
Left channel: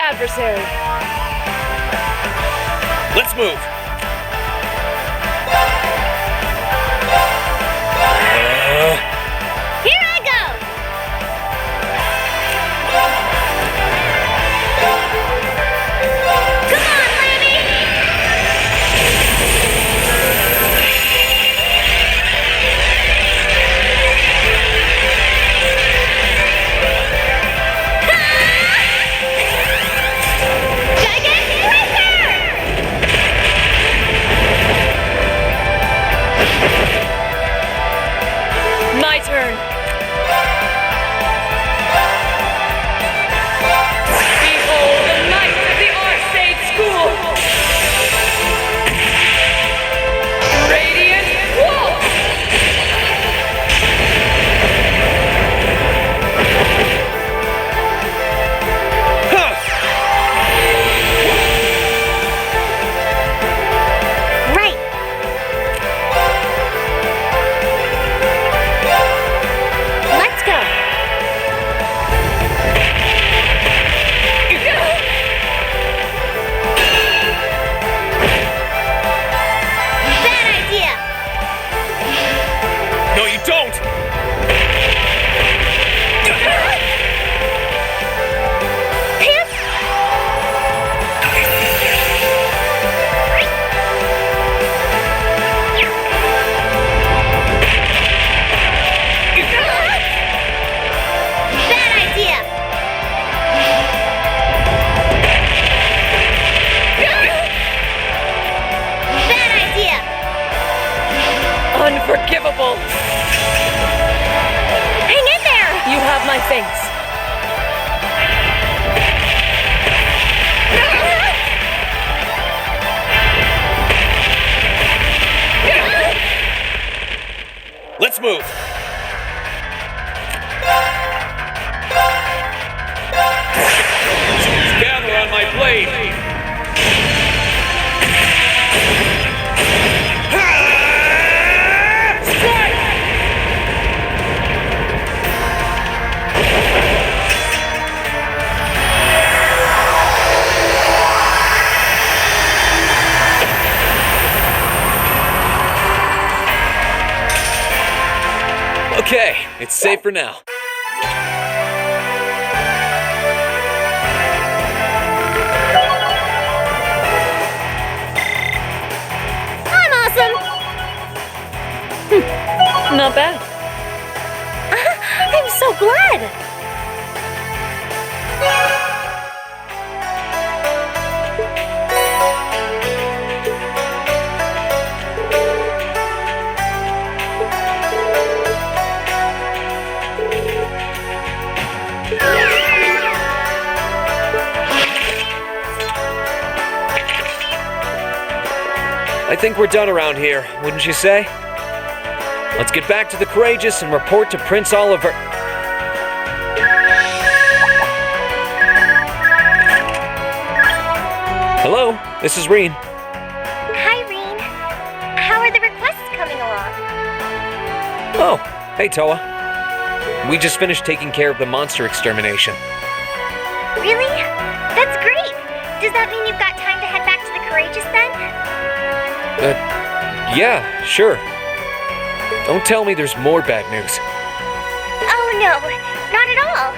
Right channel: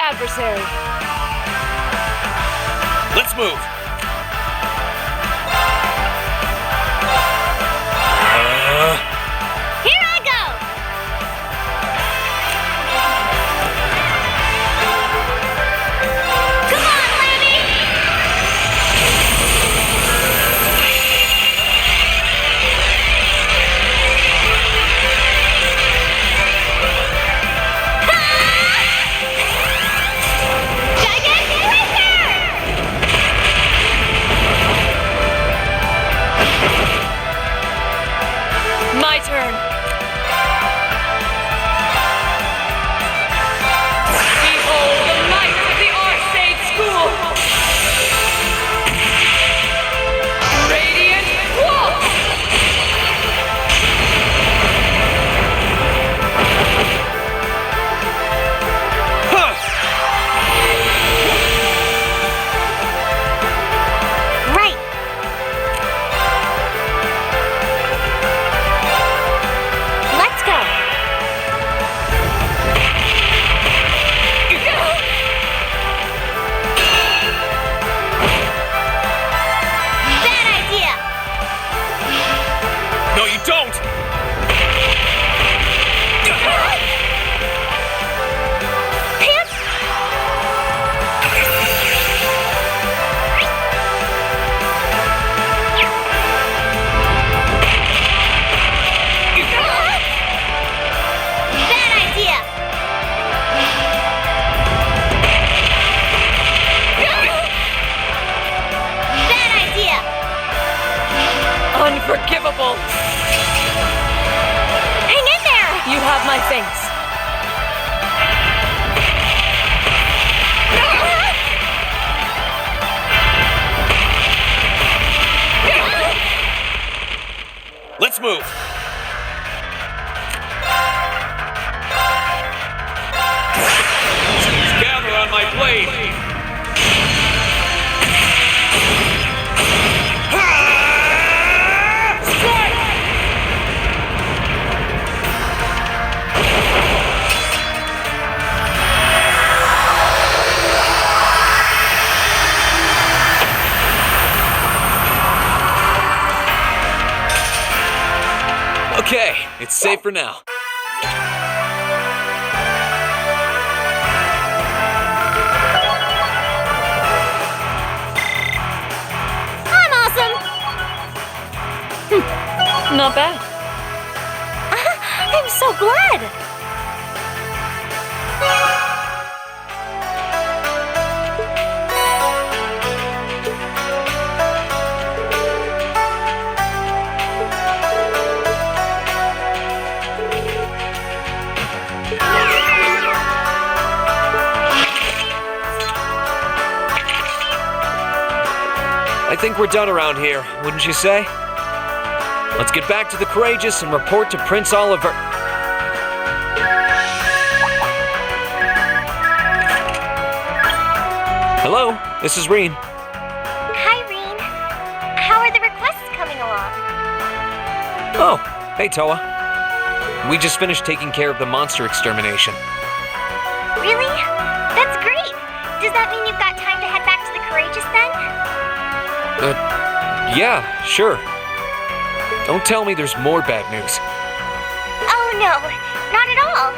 adversary. Let's move. Here I go! Come on, Lammy! Gigantic Breaker! My turn. Behold the might of the Arcade School! Radiant Walk! Huh. Right. Let's go. Bad idea. No, you don't. Pants. Bad idea. Bad idea. Unforgivable! Hang in there. You have my thanks. Let's move. Gather on my blade. Ha! Strike! Okay, it's safe for now. I'm awesome. Not bad. I'm so glad. I think we're done around here, wouldn't you say? Let's get back to the Courageous and report to Prince Oliver. Hello, this is Reen. Hi, Reen. How are the requests coming along? Oh, hey Towa. We just finished taking care of the monster extermination. Really? That's great. Does that mean you've got time to head back to the Courageous then? Yeah, sure. Don't tell me there's more bad news. Oh, no. Not at all.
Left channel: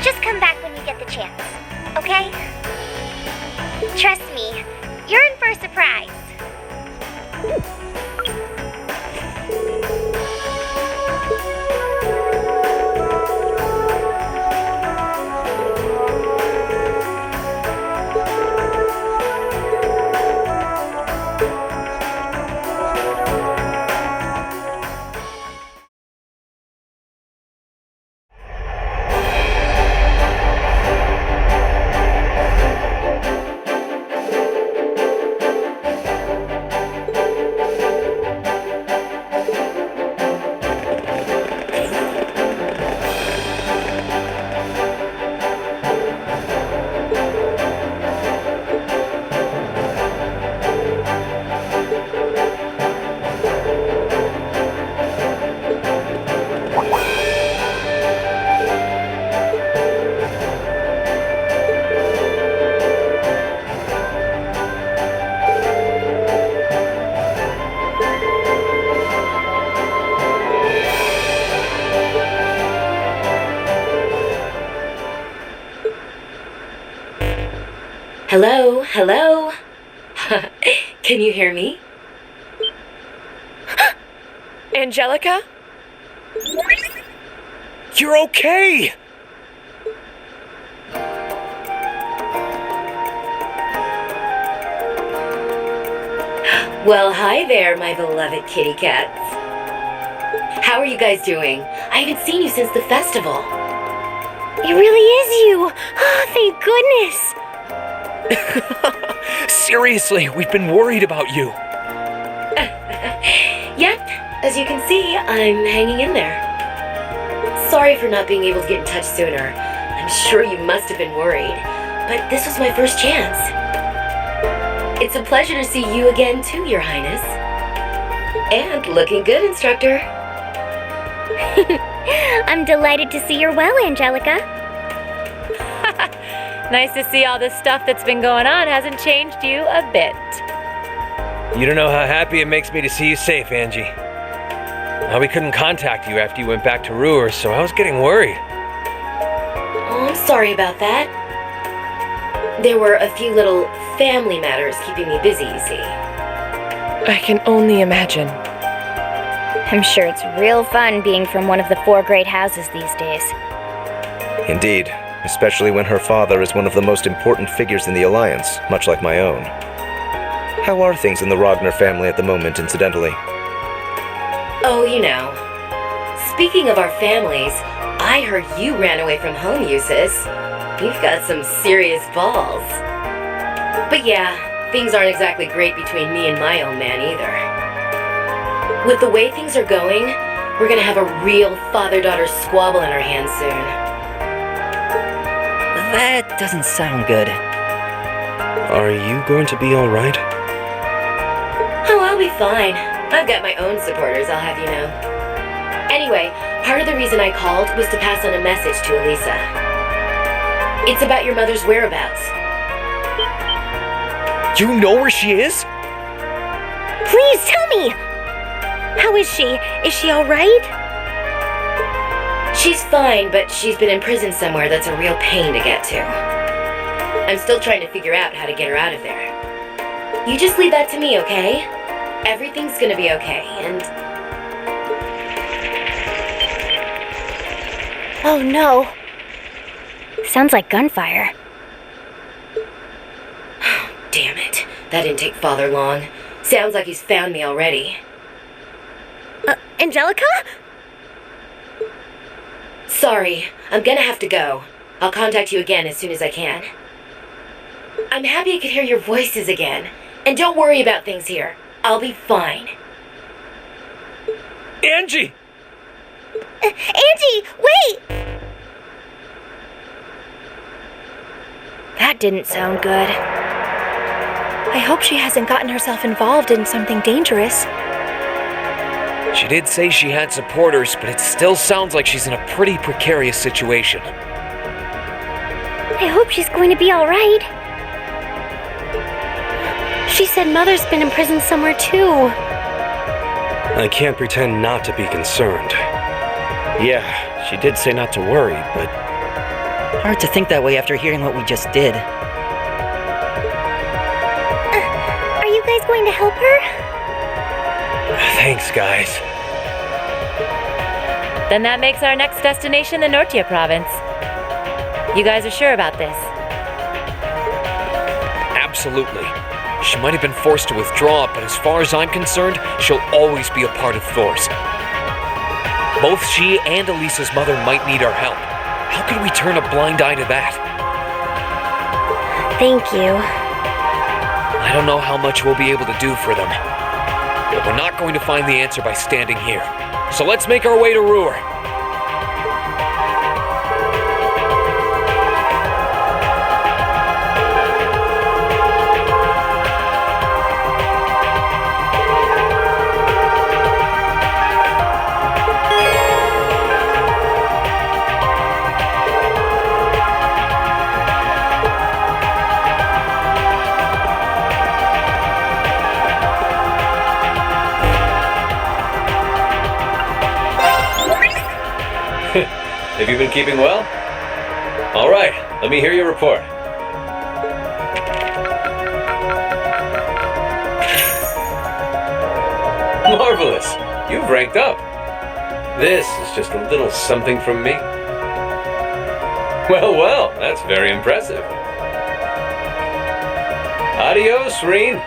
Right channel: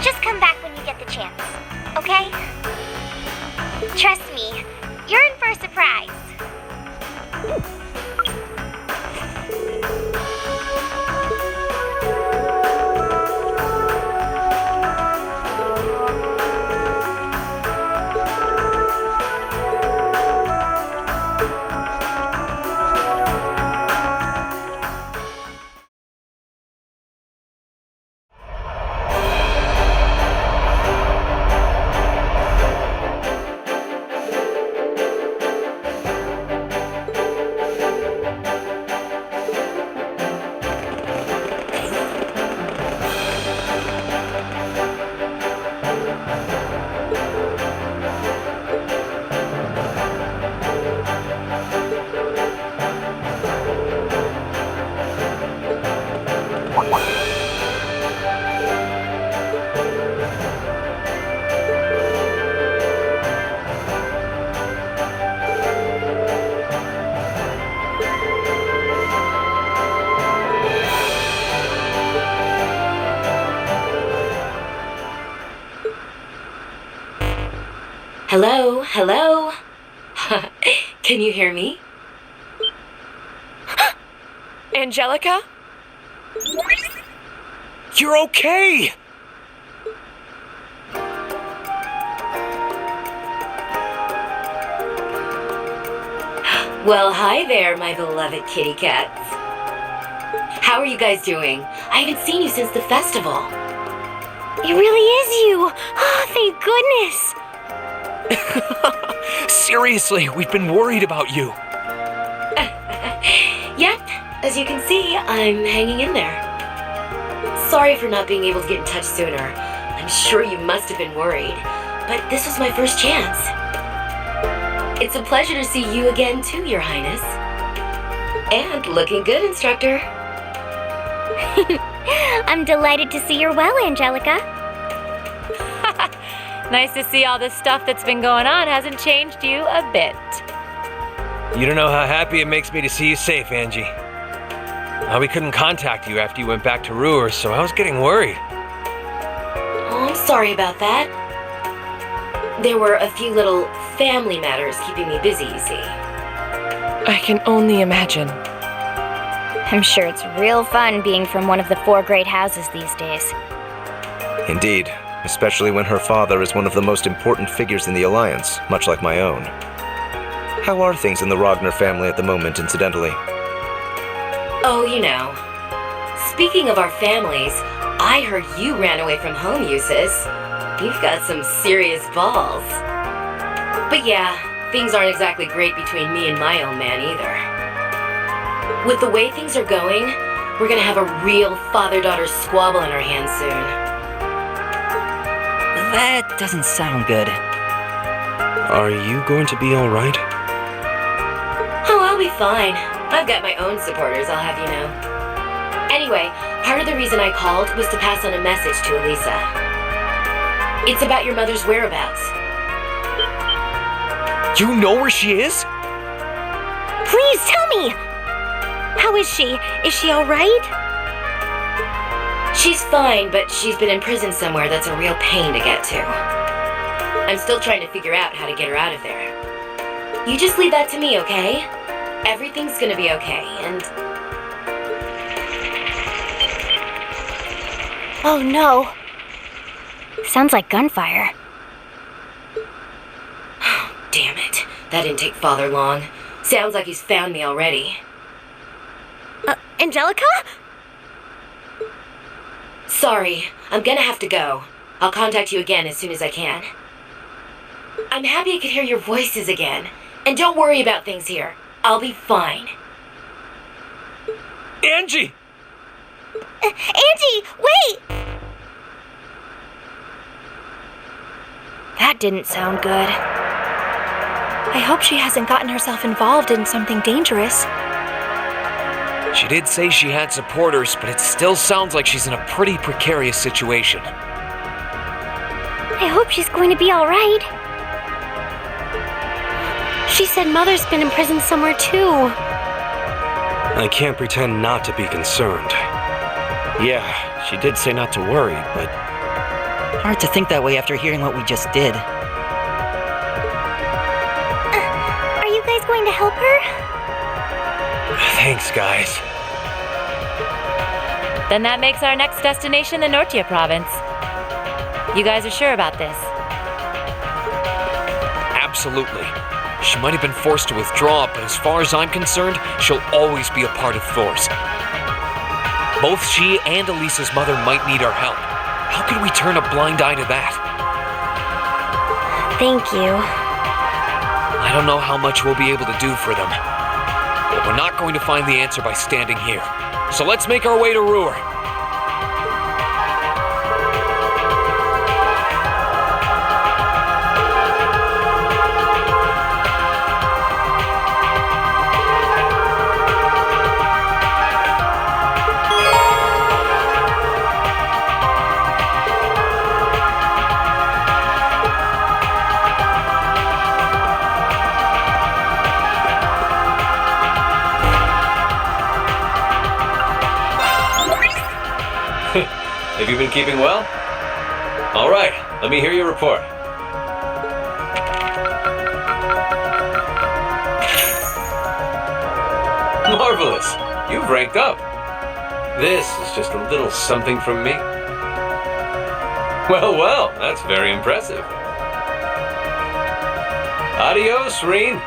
Just come back when you get the chance, okay? Trust me, you're in for a surprise. Hello? Hello? Can you hear me? Angelica? You're okay! Well, hi there, my beloved kitty cats. How are you guys doing? I haven't seen you since the festival. It really is you! Oh, thank goodness! Seriously, we've been worried about you. Yep, as you can see, I'm hanging in there. Sorry for not being able to get in touch sooner. I'm sure you must have been worried, but this was my first chance. It's a pleasure to see you again too, Your Highness. And looking good, Instructor. I'm delighted to see you're well, Angelica. Nice to see all this stuff that's been going on hasn't changed you a bit. You don't know how happy it makes me to see you safe, Angie. We couldn't contact you after you went back to Roer, so I was getting worried. Oh, I'm sorry about that. There were a few little family matters keeping me busy, you see. I can only imagine. I'm sure it's real fun being from one of the 4 great houses these days. Indeed, especially when her father is one of the most important figures in the Alliance, much like my own. How are things in the Ragnar family at the moment, incidentally? Oh, you know. Speaking of our families, I heard you ran away from home, Eustace. You've got some serious balls. But yeah, things aren't exactly great between me and my own man either. With the way things are going, we're gonna have a real father-daughter squabble in our hands soon. That doesn't sound good. Are you going to be alright? Oh, I'll be fine. I've got my own supporters, I'll have you know. Anyway, part of the reason I called was to pass on a message to Alisa. It's about your mother's whereabouts. You know where she is? Please tell me! How is she? Is she alright? She's fine, but she's been in prison somewhere that's a real pain to get to. I'm still trying to figure out how to get her out of there. You just leave that to me, okay? Everything's gonna be okay, and... Oh no. Sounds like gunfire. Damn it. That didn't take Father long. Sounds like he's found me already. Angelica? Sorry, I'm gonna have to go. I'll contact you again as soon as I can. I'm happy I could hear your voices again. And don't worry about things here. I'll be fine. Angie! Angie, wait! That didn't sound good. I hope she hasn't gotten herself involved in something dangerous. She did say she had supporters, but it still sounds like she's in a pretty precarious situation. I hope she's going to be alright. She said Mother's been in prison somewhere too. I can't pretend not to be concerned. Yeah, she did say not to worry, but... Hard to think that way after hearing what we just did. Are you guys going to help her? Thanks, guys. Then that makes our next destination the Nortia province. You guys are sure about this? Absolutely. She might have been forced to withdraw, but as far as I'm concerned, she'll always be a part of Thor's. Both she and Alisa's mother might need our help. How could we turn a blind eye to that? Thank you. I don't know how much we'll be able to do for them. But we're not going to find the answer by standing here. So let's make our way to Roer. Have you been keeping well? All right, let me hear your report. Marvelous! You've ranked up. This is just a little something from me. Well, that's very impressive. Adios, Reen.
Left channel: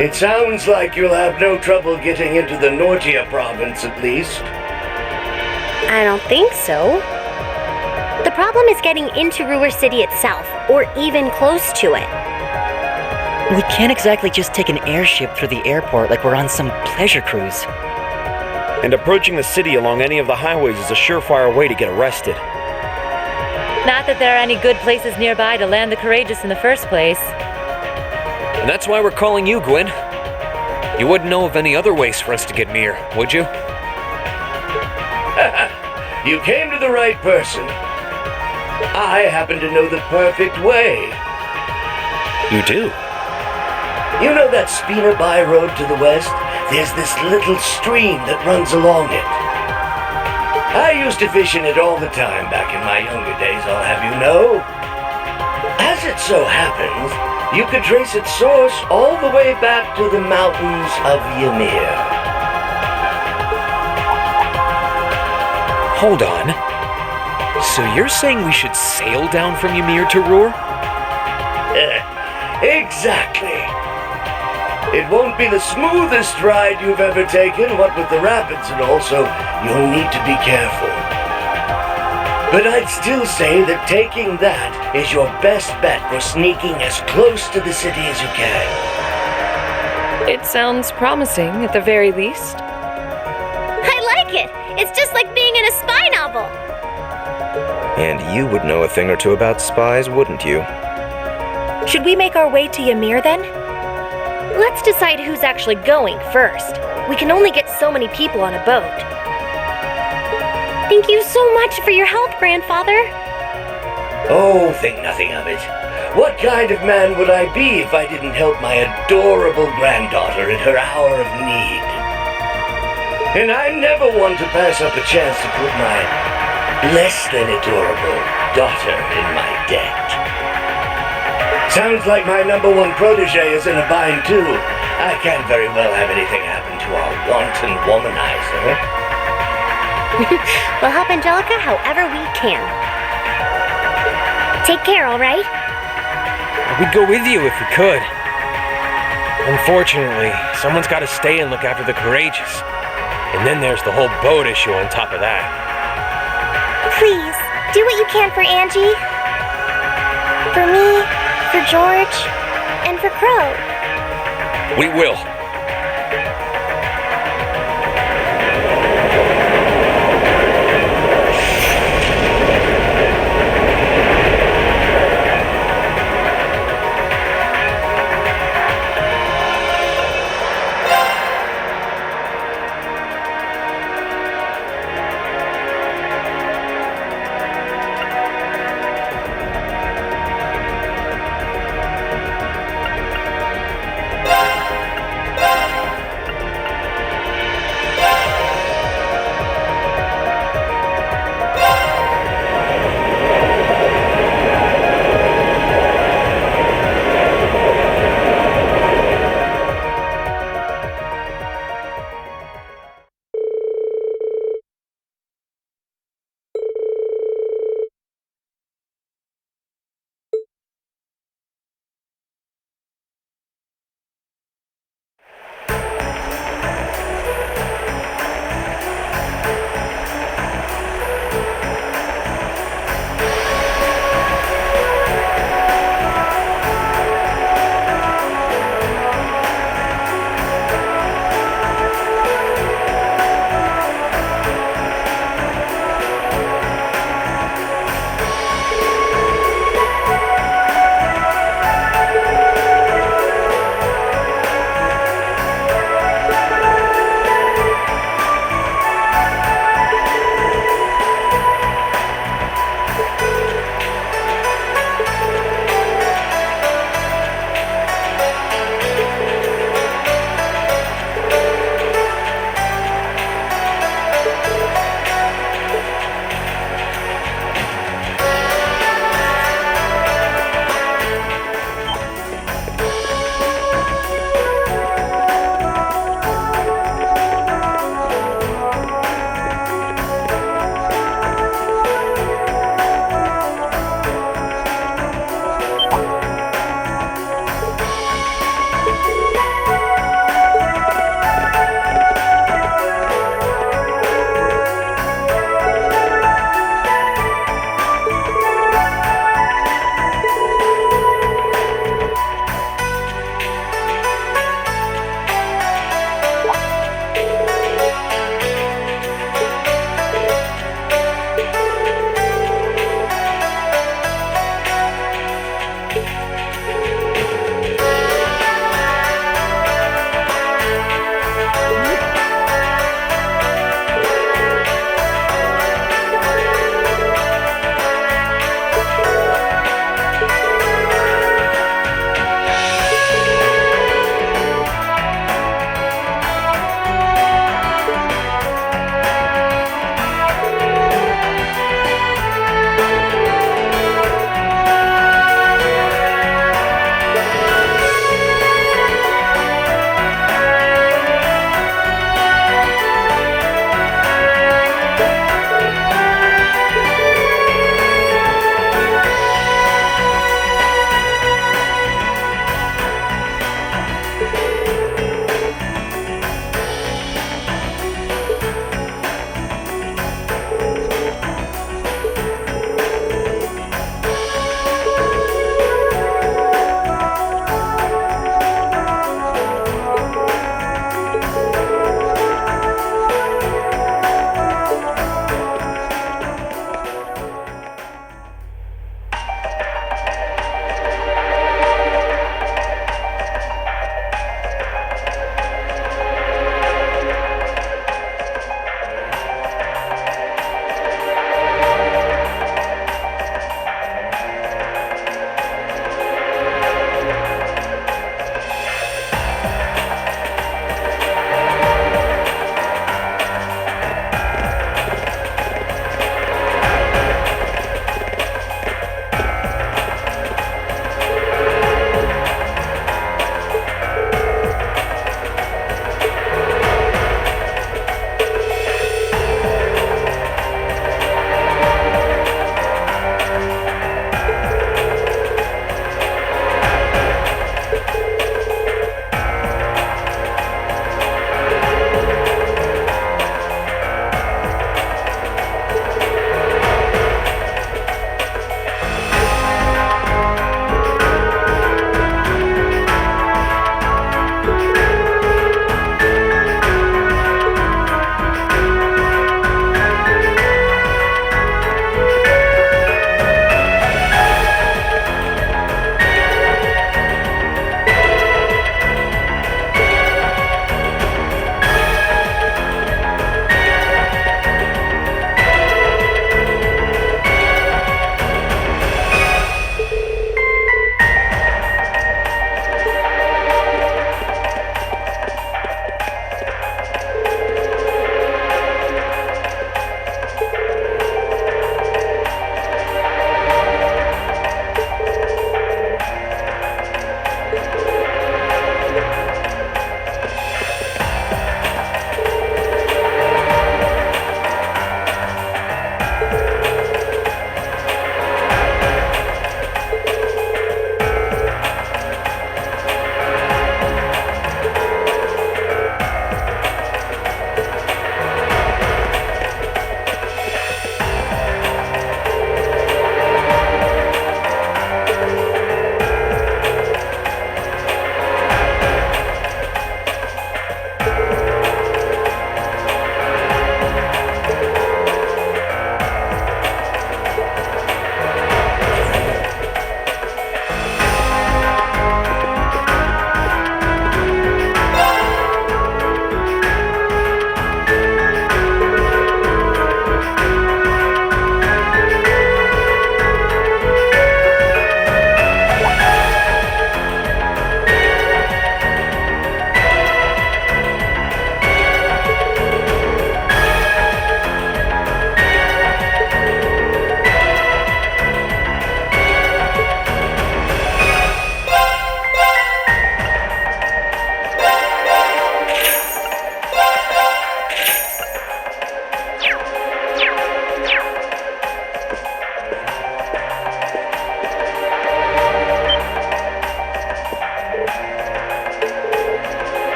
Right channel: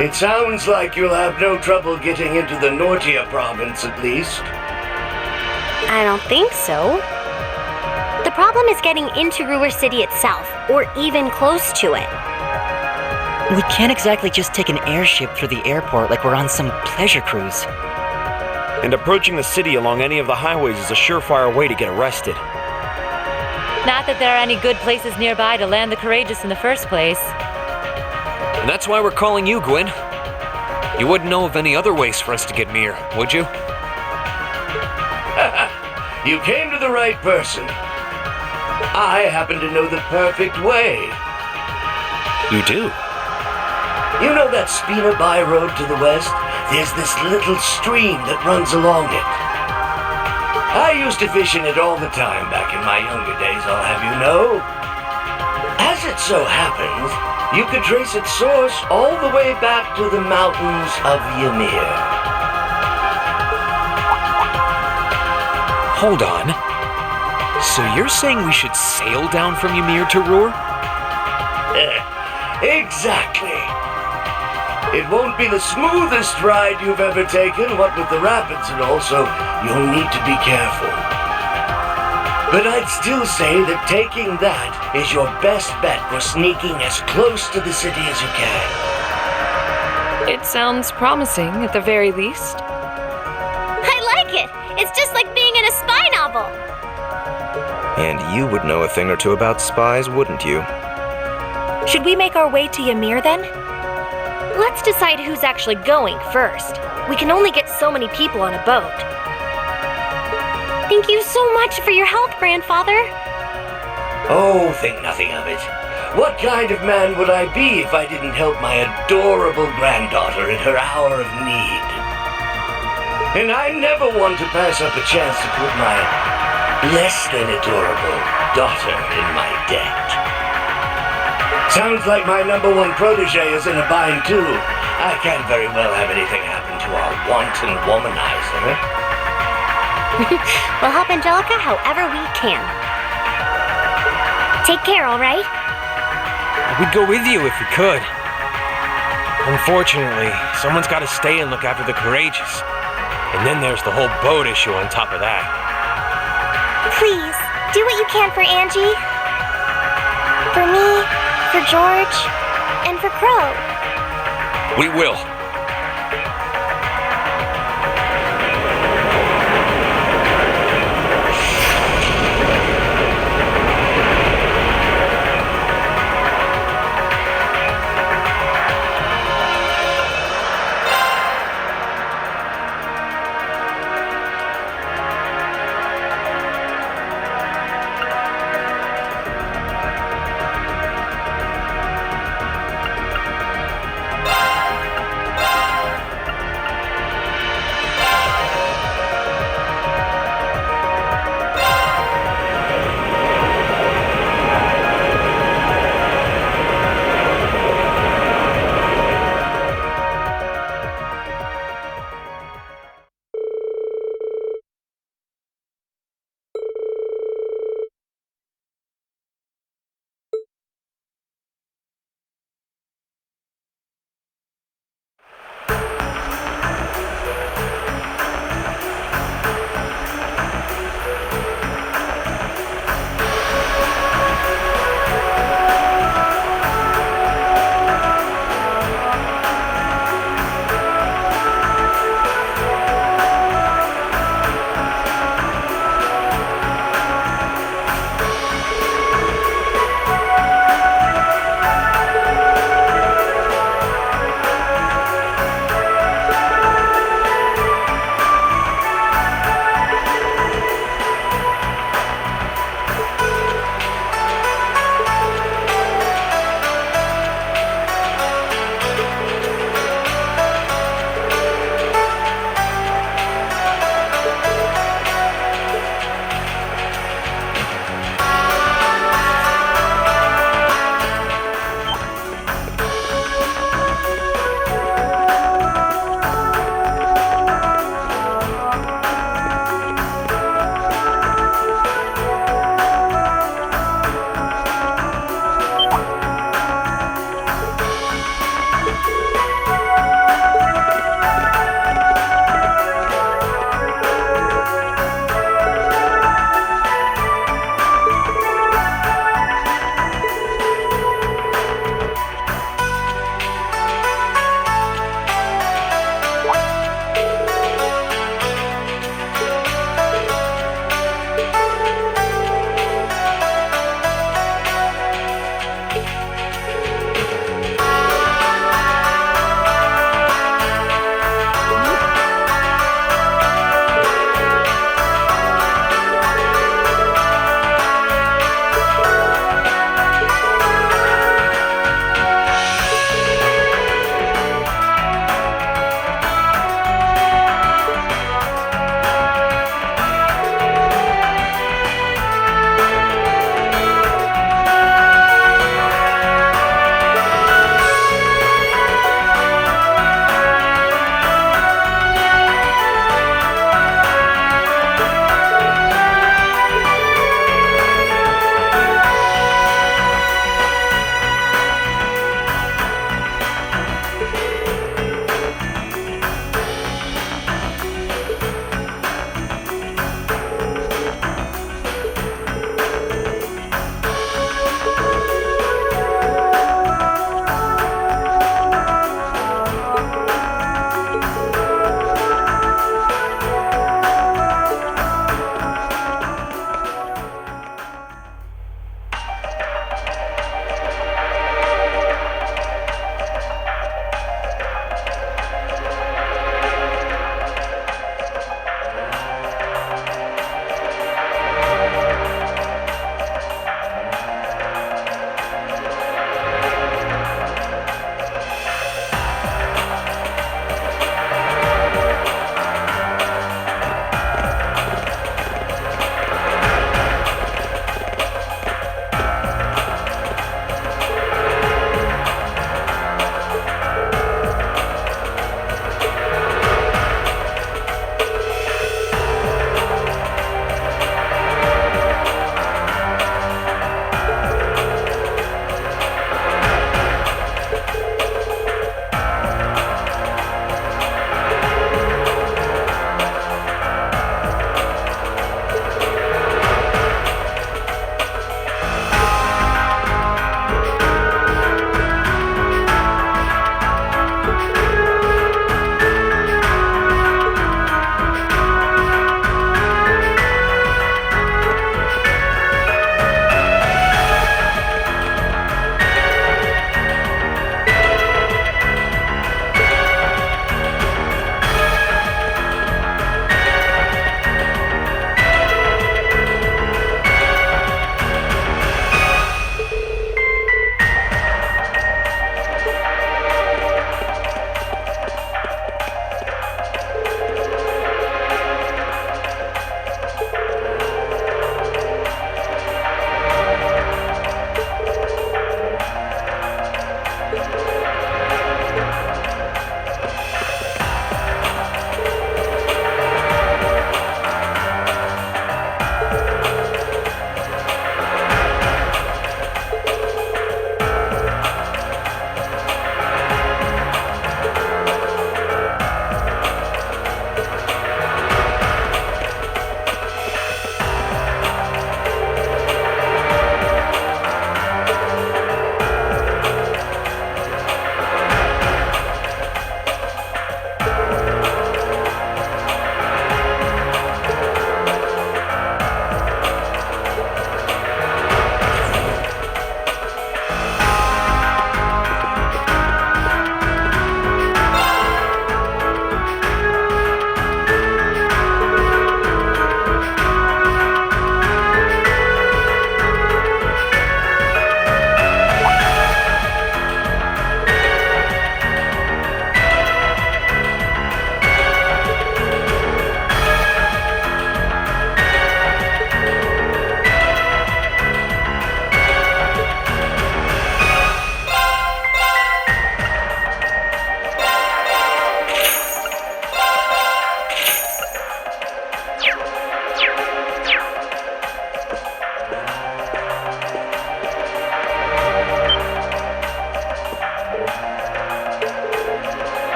It sounds like you'll have no trouble getting into the Nortia province, at least. I don't think so. The problem is getting into Roer City itself, or even close to it. We can't exactly just take an airship through the airport like we're on some pleasure cruise. And approaching the city along any of the highways is a surefire way to get arrested. Not that there are any good places nearby to land the courageous in the first place. And that's why we're calling you, Gwyn. You wouldn't know of any other ways for us to get near, would you? You came to the right person. I happen to know the perfect way. You do? You know that Spina By road to the west? There's this little stream that runs along it. I used to fish in it all the time back in my younger days, I'll have you know. As it so happens, you could trace its source all the way back to the mountains of Ymir. Hold on. So you're saying we should sail down from Ymir to Roer? Exactly. It won't be the smoothest ride you've ever taken, what with the rapids and all, so you'll need to be careful. But I'd still say that taking that is your best bet for sneaking as close to the city as you can. It sounds promising, at the very least. I like it! It's just like being in a spy novel! And you would know a thing or two about spies, wouldn't you? Should we make our way to Ymir then? Let's decide who's actually going first. We can only get so many people on a boat. Thank you so much for your help, Grandfather. Oh, think nothing of it. What kind of man would I be if I didn't help my adorable granddaughter in her hour of need? And I never want to pass up a chance to put my less than adorable daughter in my debt. Sounds like my number one protege is in a bind too. I can't very well have anything happen to our wanton womanizer. We'll help Angelica however we can. Take care, all right? We'd go with you if we could. Unfortunately, someone's got to stay and look after the courageous. And then there's the whole boat issue on top of that. Please, do what you can for Angie. For me, for George, and for Crow. We will.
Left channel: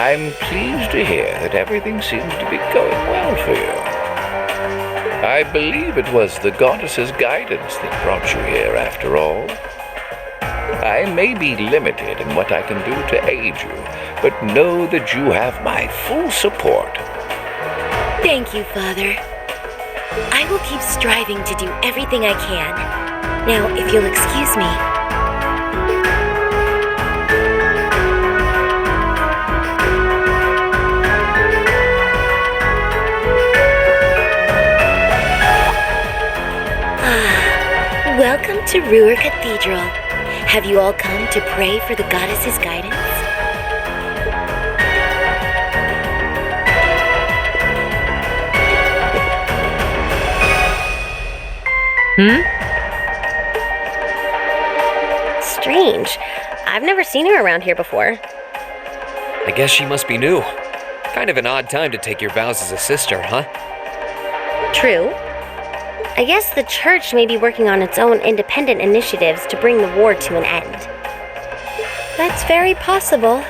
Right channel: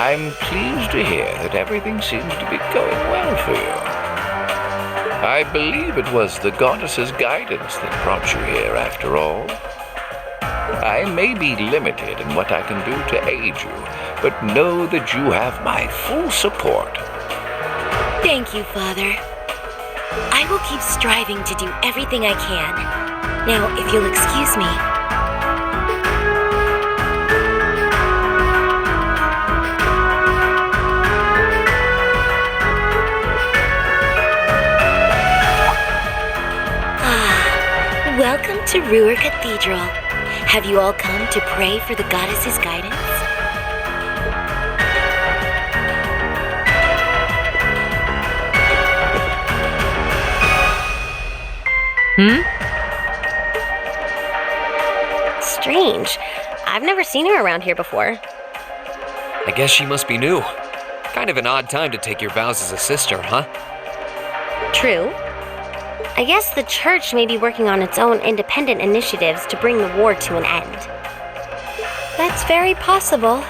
I'm pleased to hear that everything seems to be going well for you. I believe it was the goddess's guidance that brought you here after all. I may be limited in what I can do to aid you, but know that you have my full support. Thank you, Father. I will keep striving to do everything I can. Now, if you'll excuse me. Welcome to Roer Cathedral. Have you all come to pray for the goddess's guidance? Strange. I've never seen her around here before. I guess she must be new. Kind of an odd time to take your vows as a sister, huh? True. I guess the church may be working on its own independent initiatives to bring the war to an end. That's very possible.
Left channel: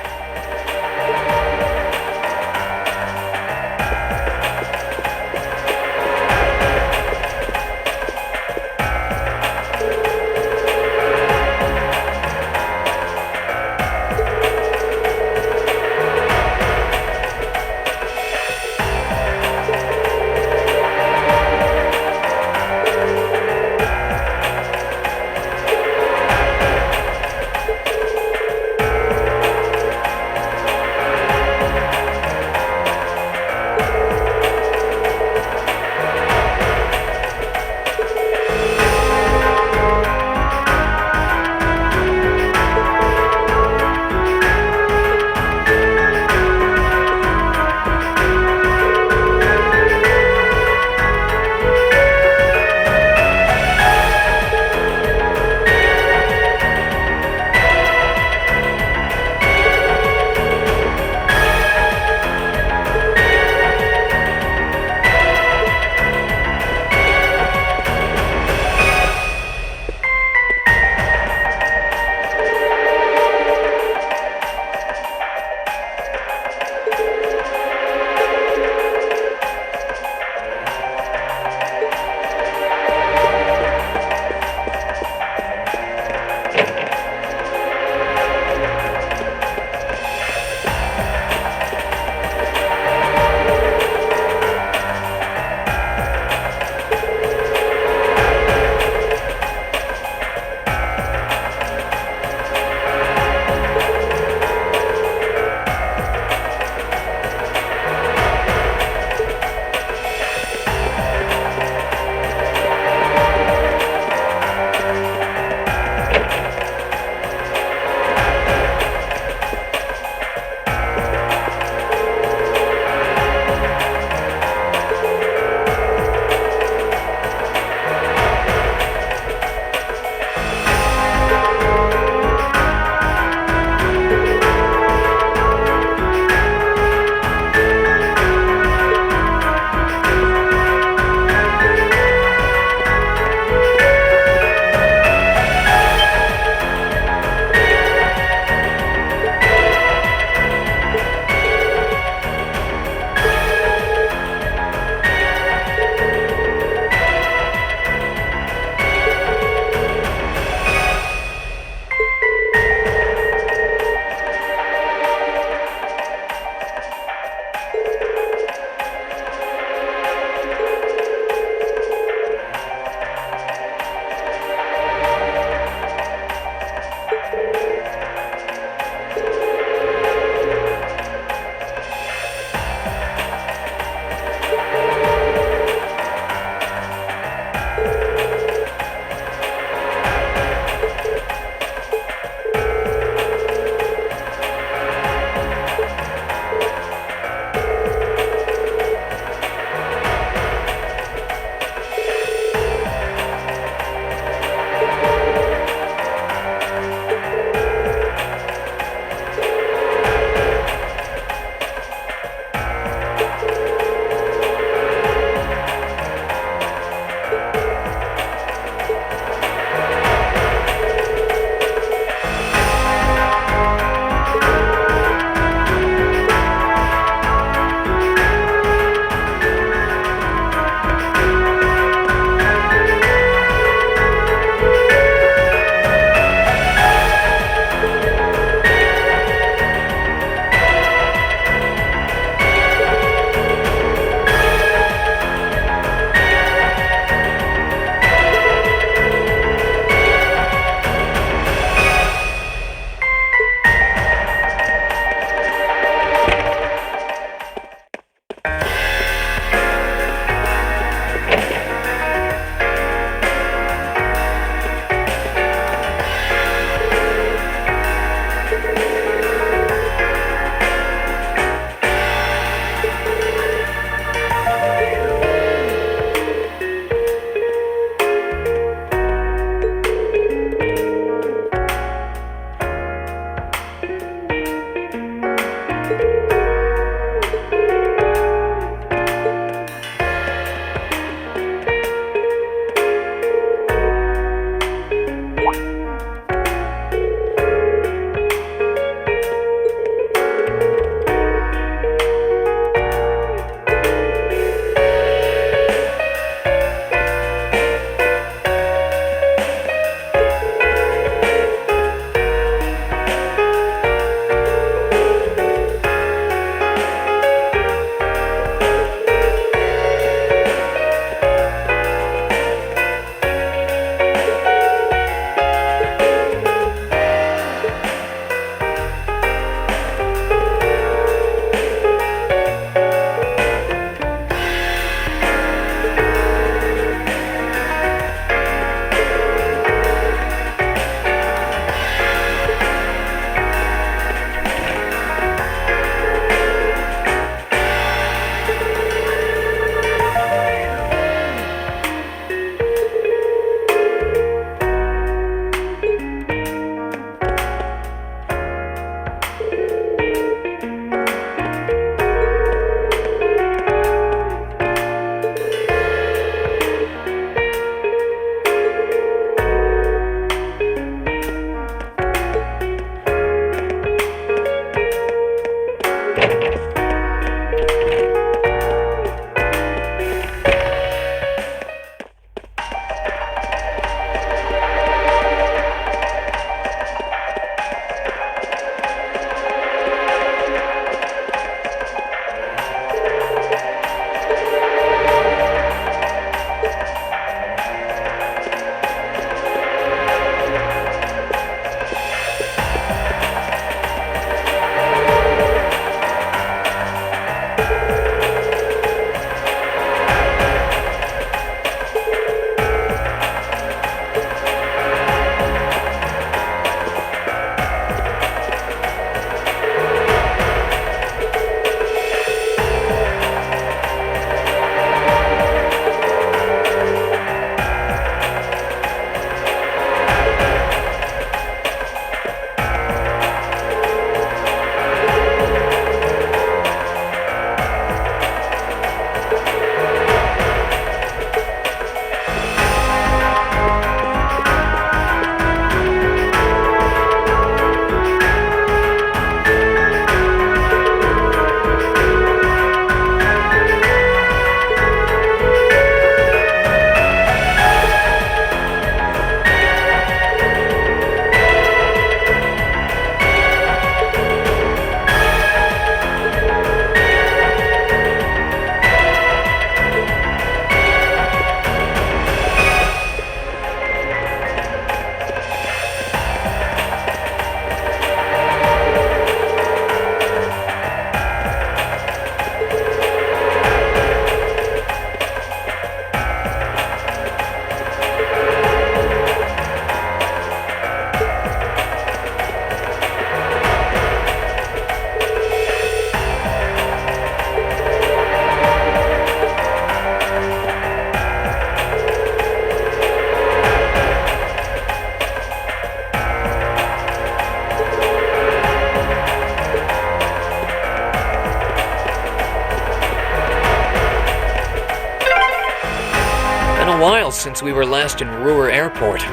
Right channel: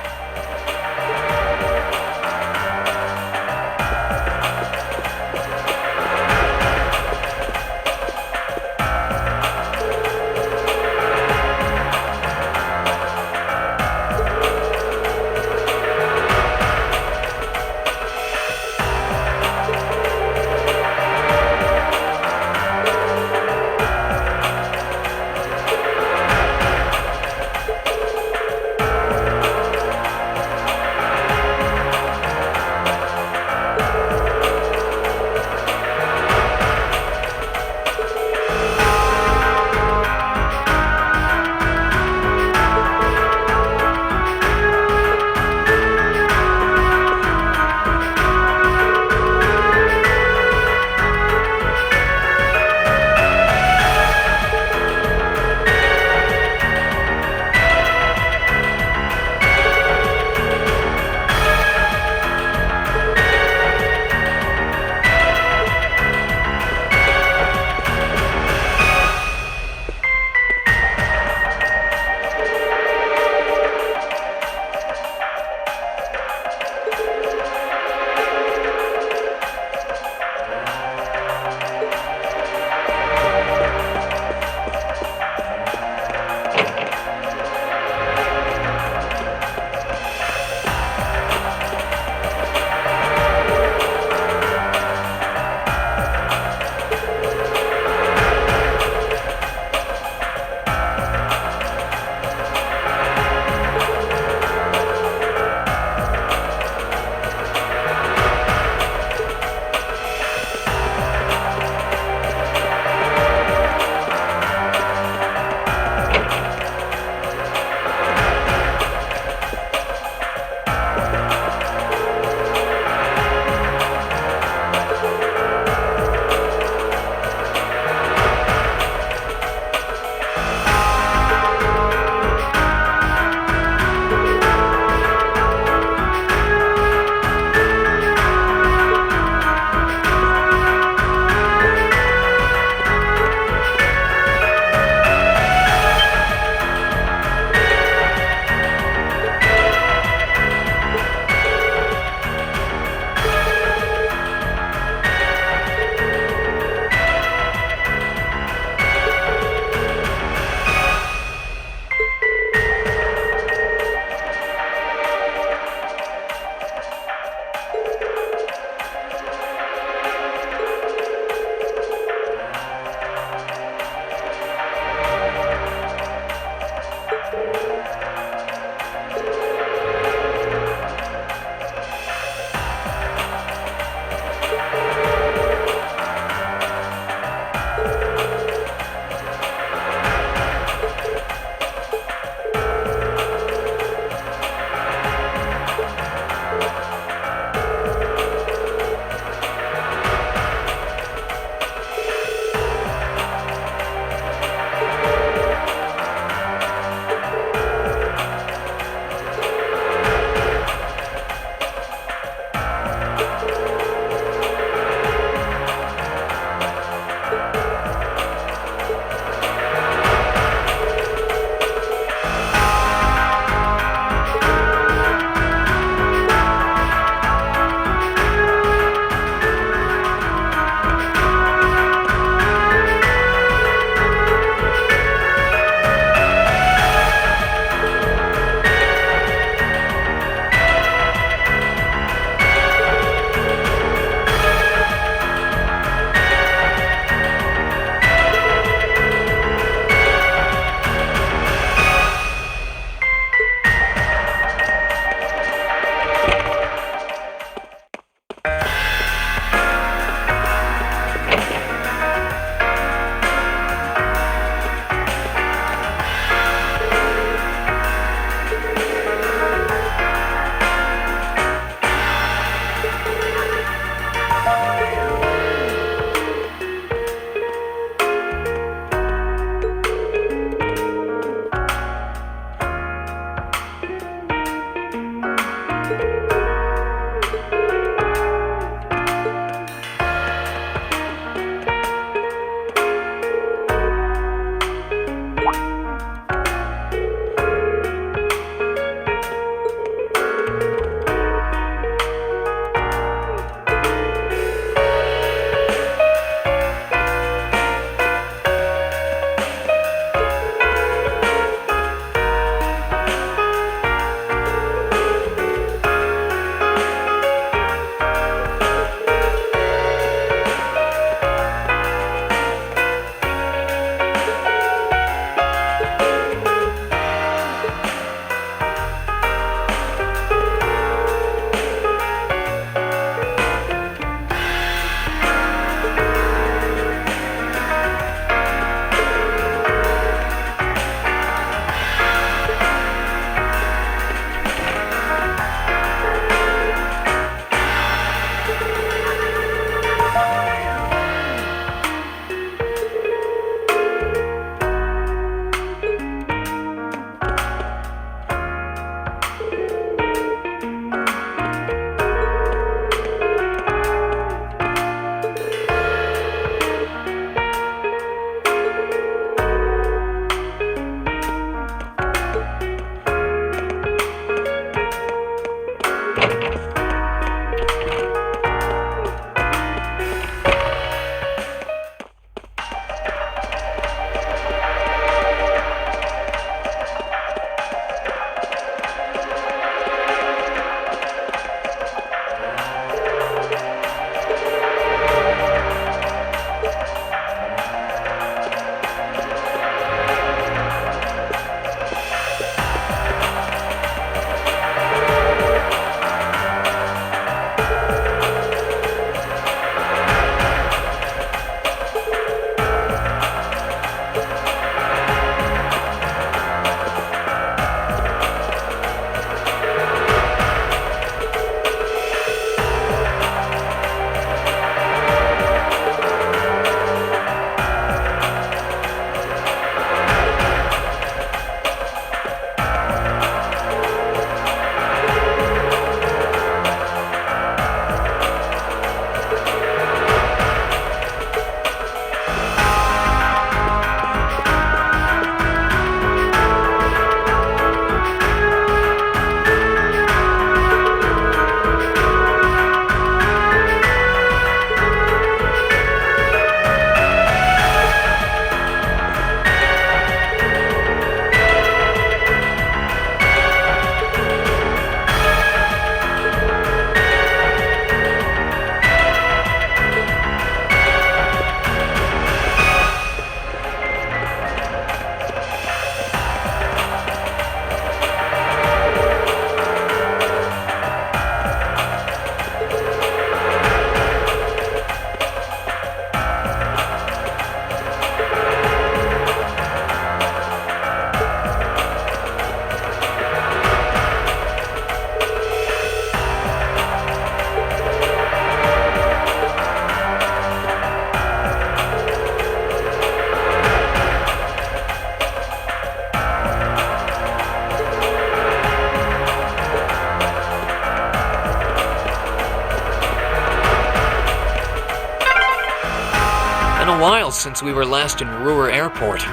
while since we were last in Roer Airport.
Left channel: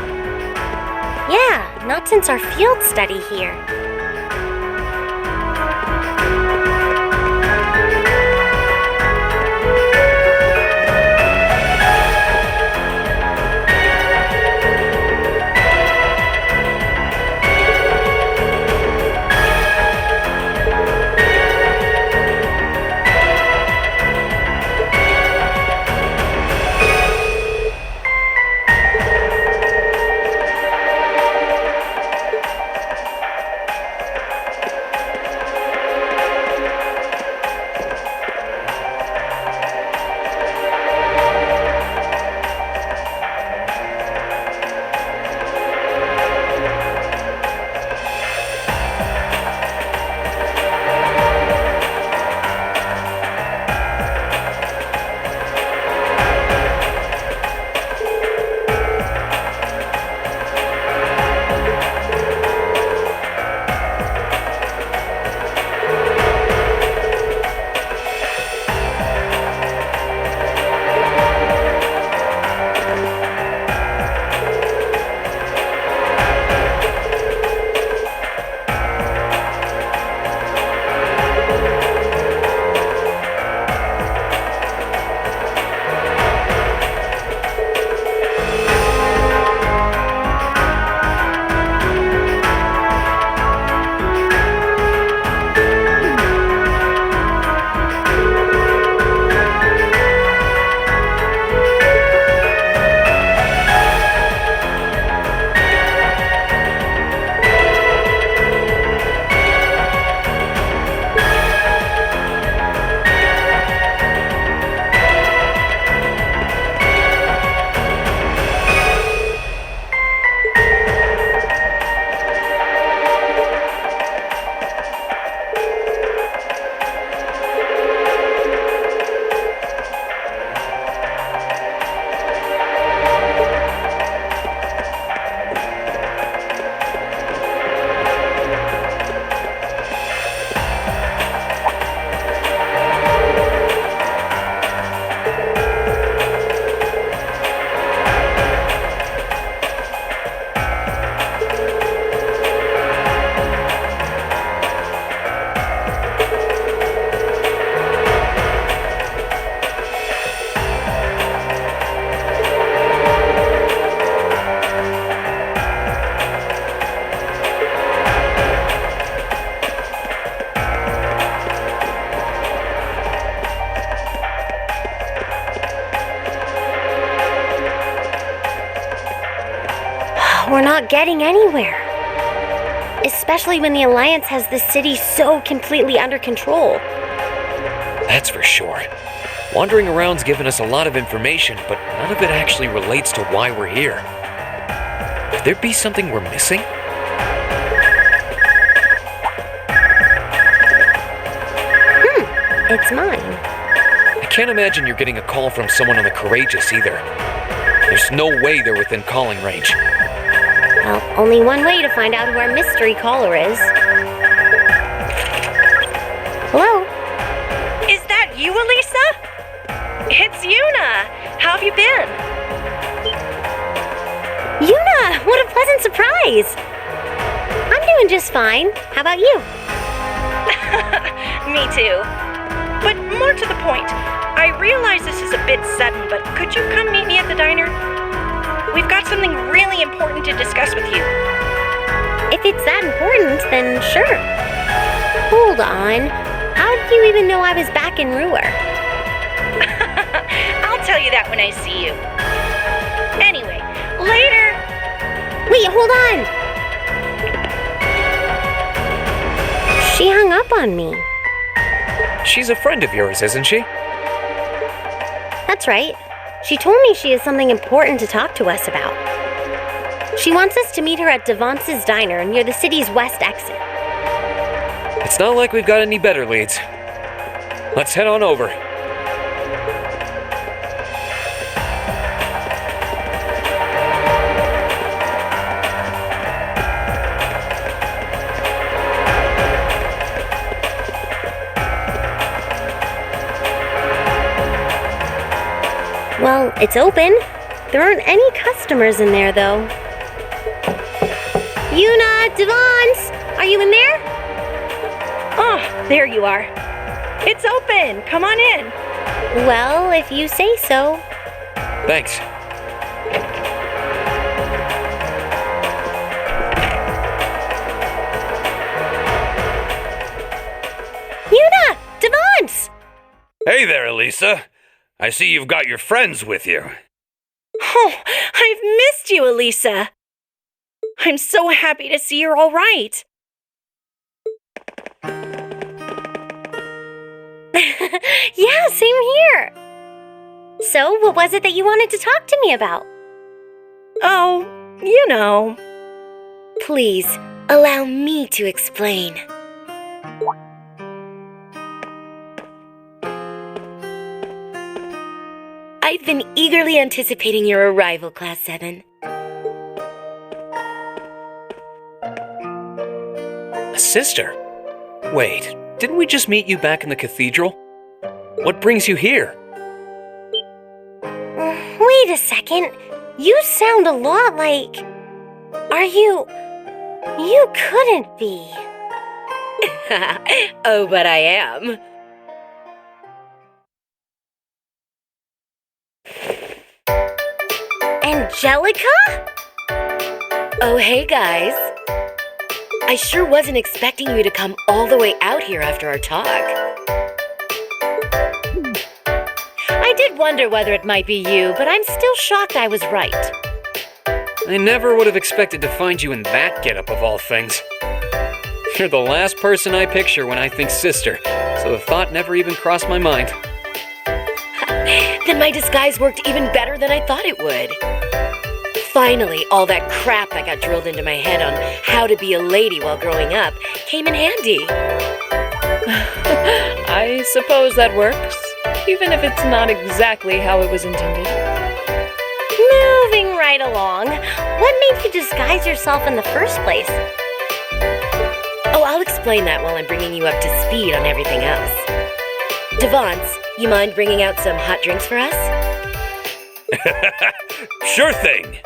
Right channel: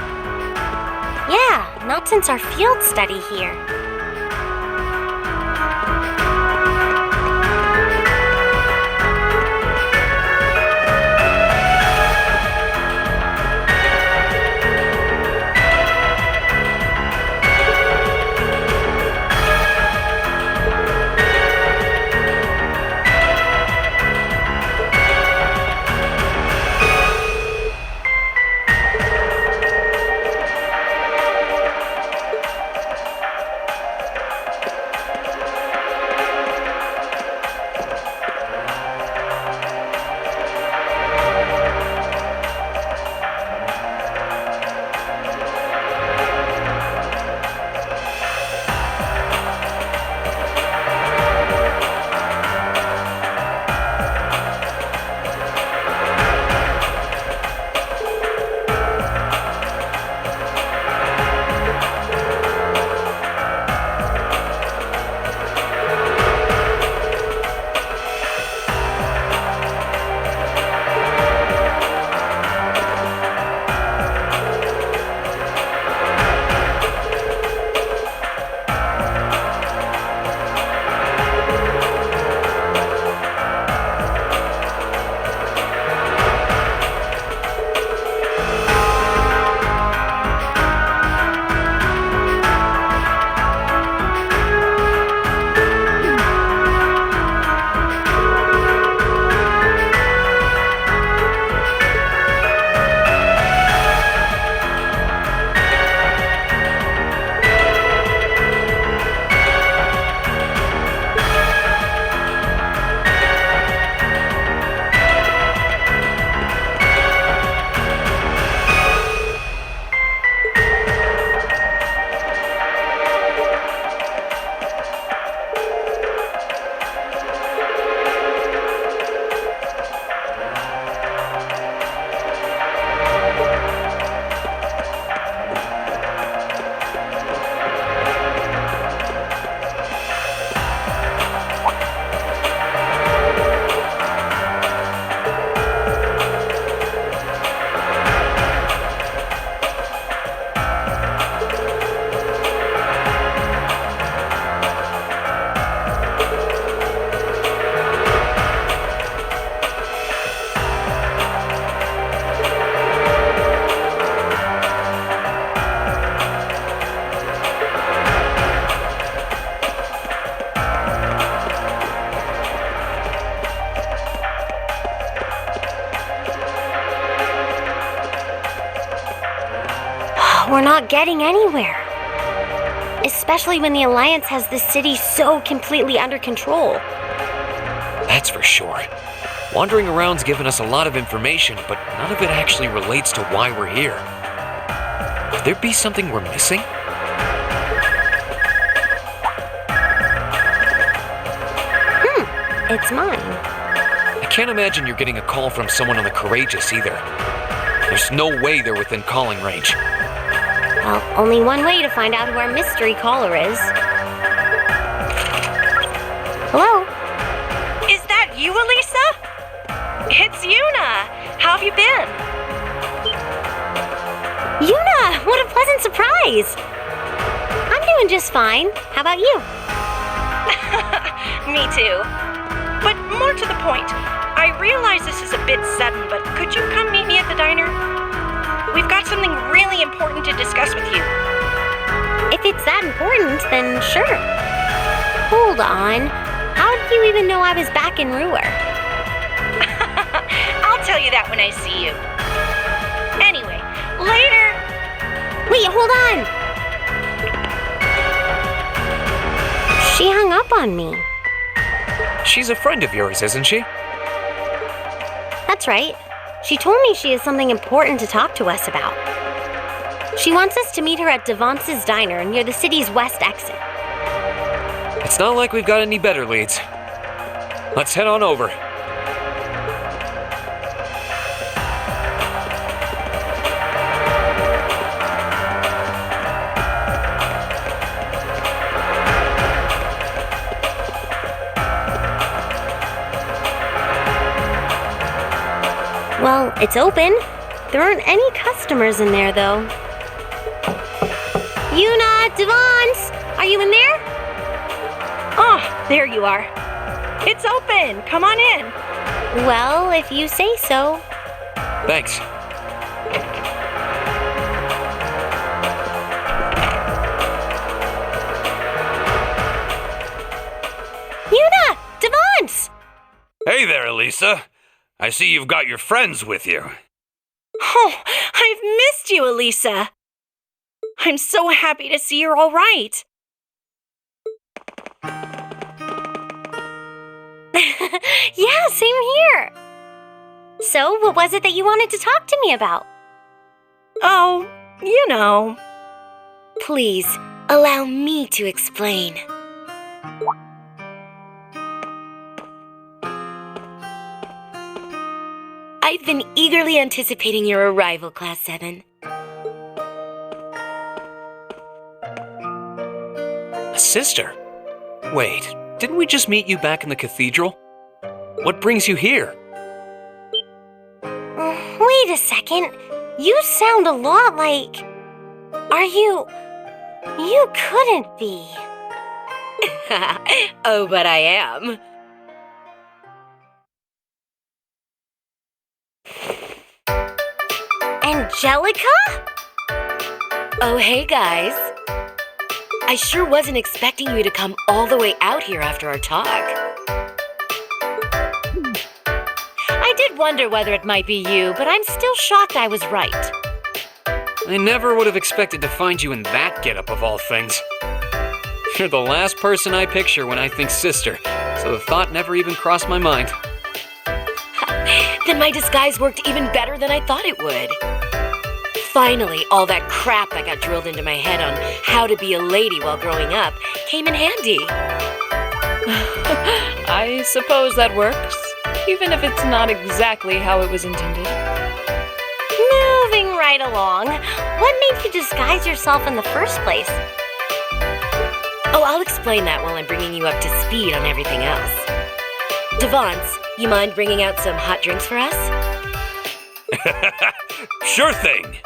Yeah, not since our field study here. We're not getting anywhere. Especially when the Alliance has the city so completely under control. That's for sure. Wandering around's given us a lot of information, but none of it actually relates to why we're here. Could there be something we're missing? It's mine. I can't imagine you're getting a call from someone on the Courageous either. There's no way they're within calling range. Well, only one way to find out who our mystery caller is. Hello? Is that you, Alisa? It's Yuna. How have you been? Yuna! What a pleasant surprise! I'm doing just fine. How about you? Me too. But more to the point, I realize this is a bit sudden, but could you come meet me at the diner? We've got something really important to discuss with you. If it's that important, then sure. Hold on. How did you even know I was back in Roer? I'll tell you that when I see you. Anyway, later! Wait, hold on! She hung up on me. She's a friend of yours, isn't she? That's right. She told me she has something important to talk to us about. She wants us to meet her at DaVinci's diner near the city's west exit. It's not like we've got any better leads. Let's head on over. Well, it's open. There aren't any customers in there, though. Yuna, Devons, are you in there? Oh, there you are. It's open. Come on in. Well, if you say so. Thanks. Yuna! Devons! Hey there, Alisa. I see you've got your friends with you. Oh, I've missed you, Alisa. I'm so happy to see you're all right. Yeah, same here. So, what was it that you wanted to talk to me about? Oh, you know. Please, allow me to explain. I've been eagerly anticipating your arrival, Class 7. A sister? Wait, didn't we just meet you back in the cathedral? What brings you here? Wait a second. You sound a lot like... Are you... You couldn't be. Oh, but I am. Angelica? Oh, hey, guys. I sure wasn't expecting you to come all the way out here after our talk. I did wonder whether it might be you, but I'm still shocked I was right. I never would have expected to find you in that getup of all things. You're the last person I picture when I think sister, so the thought never even crossed my mind. Then my disguise worked even better than I thought it would. Finally, all that crap that got drilled into my head on how to be a lady while growing up came in handy. I suppose that works, even if it's not exactly how it was intended. Moving right along. What made you disguise yourself in the first place? Oh, I'll explain that while I'm bringing you up to speed on everything else. Devons, you mind bringing out some hot drinks for us? Sure thing.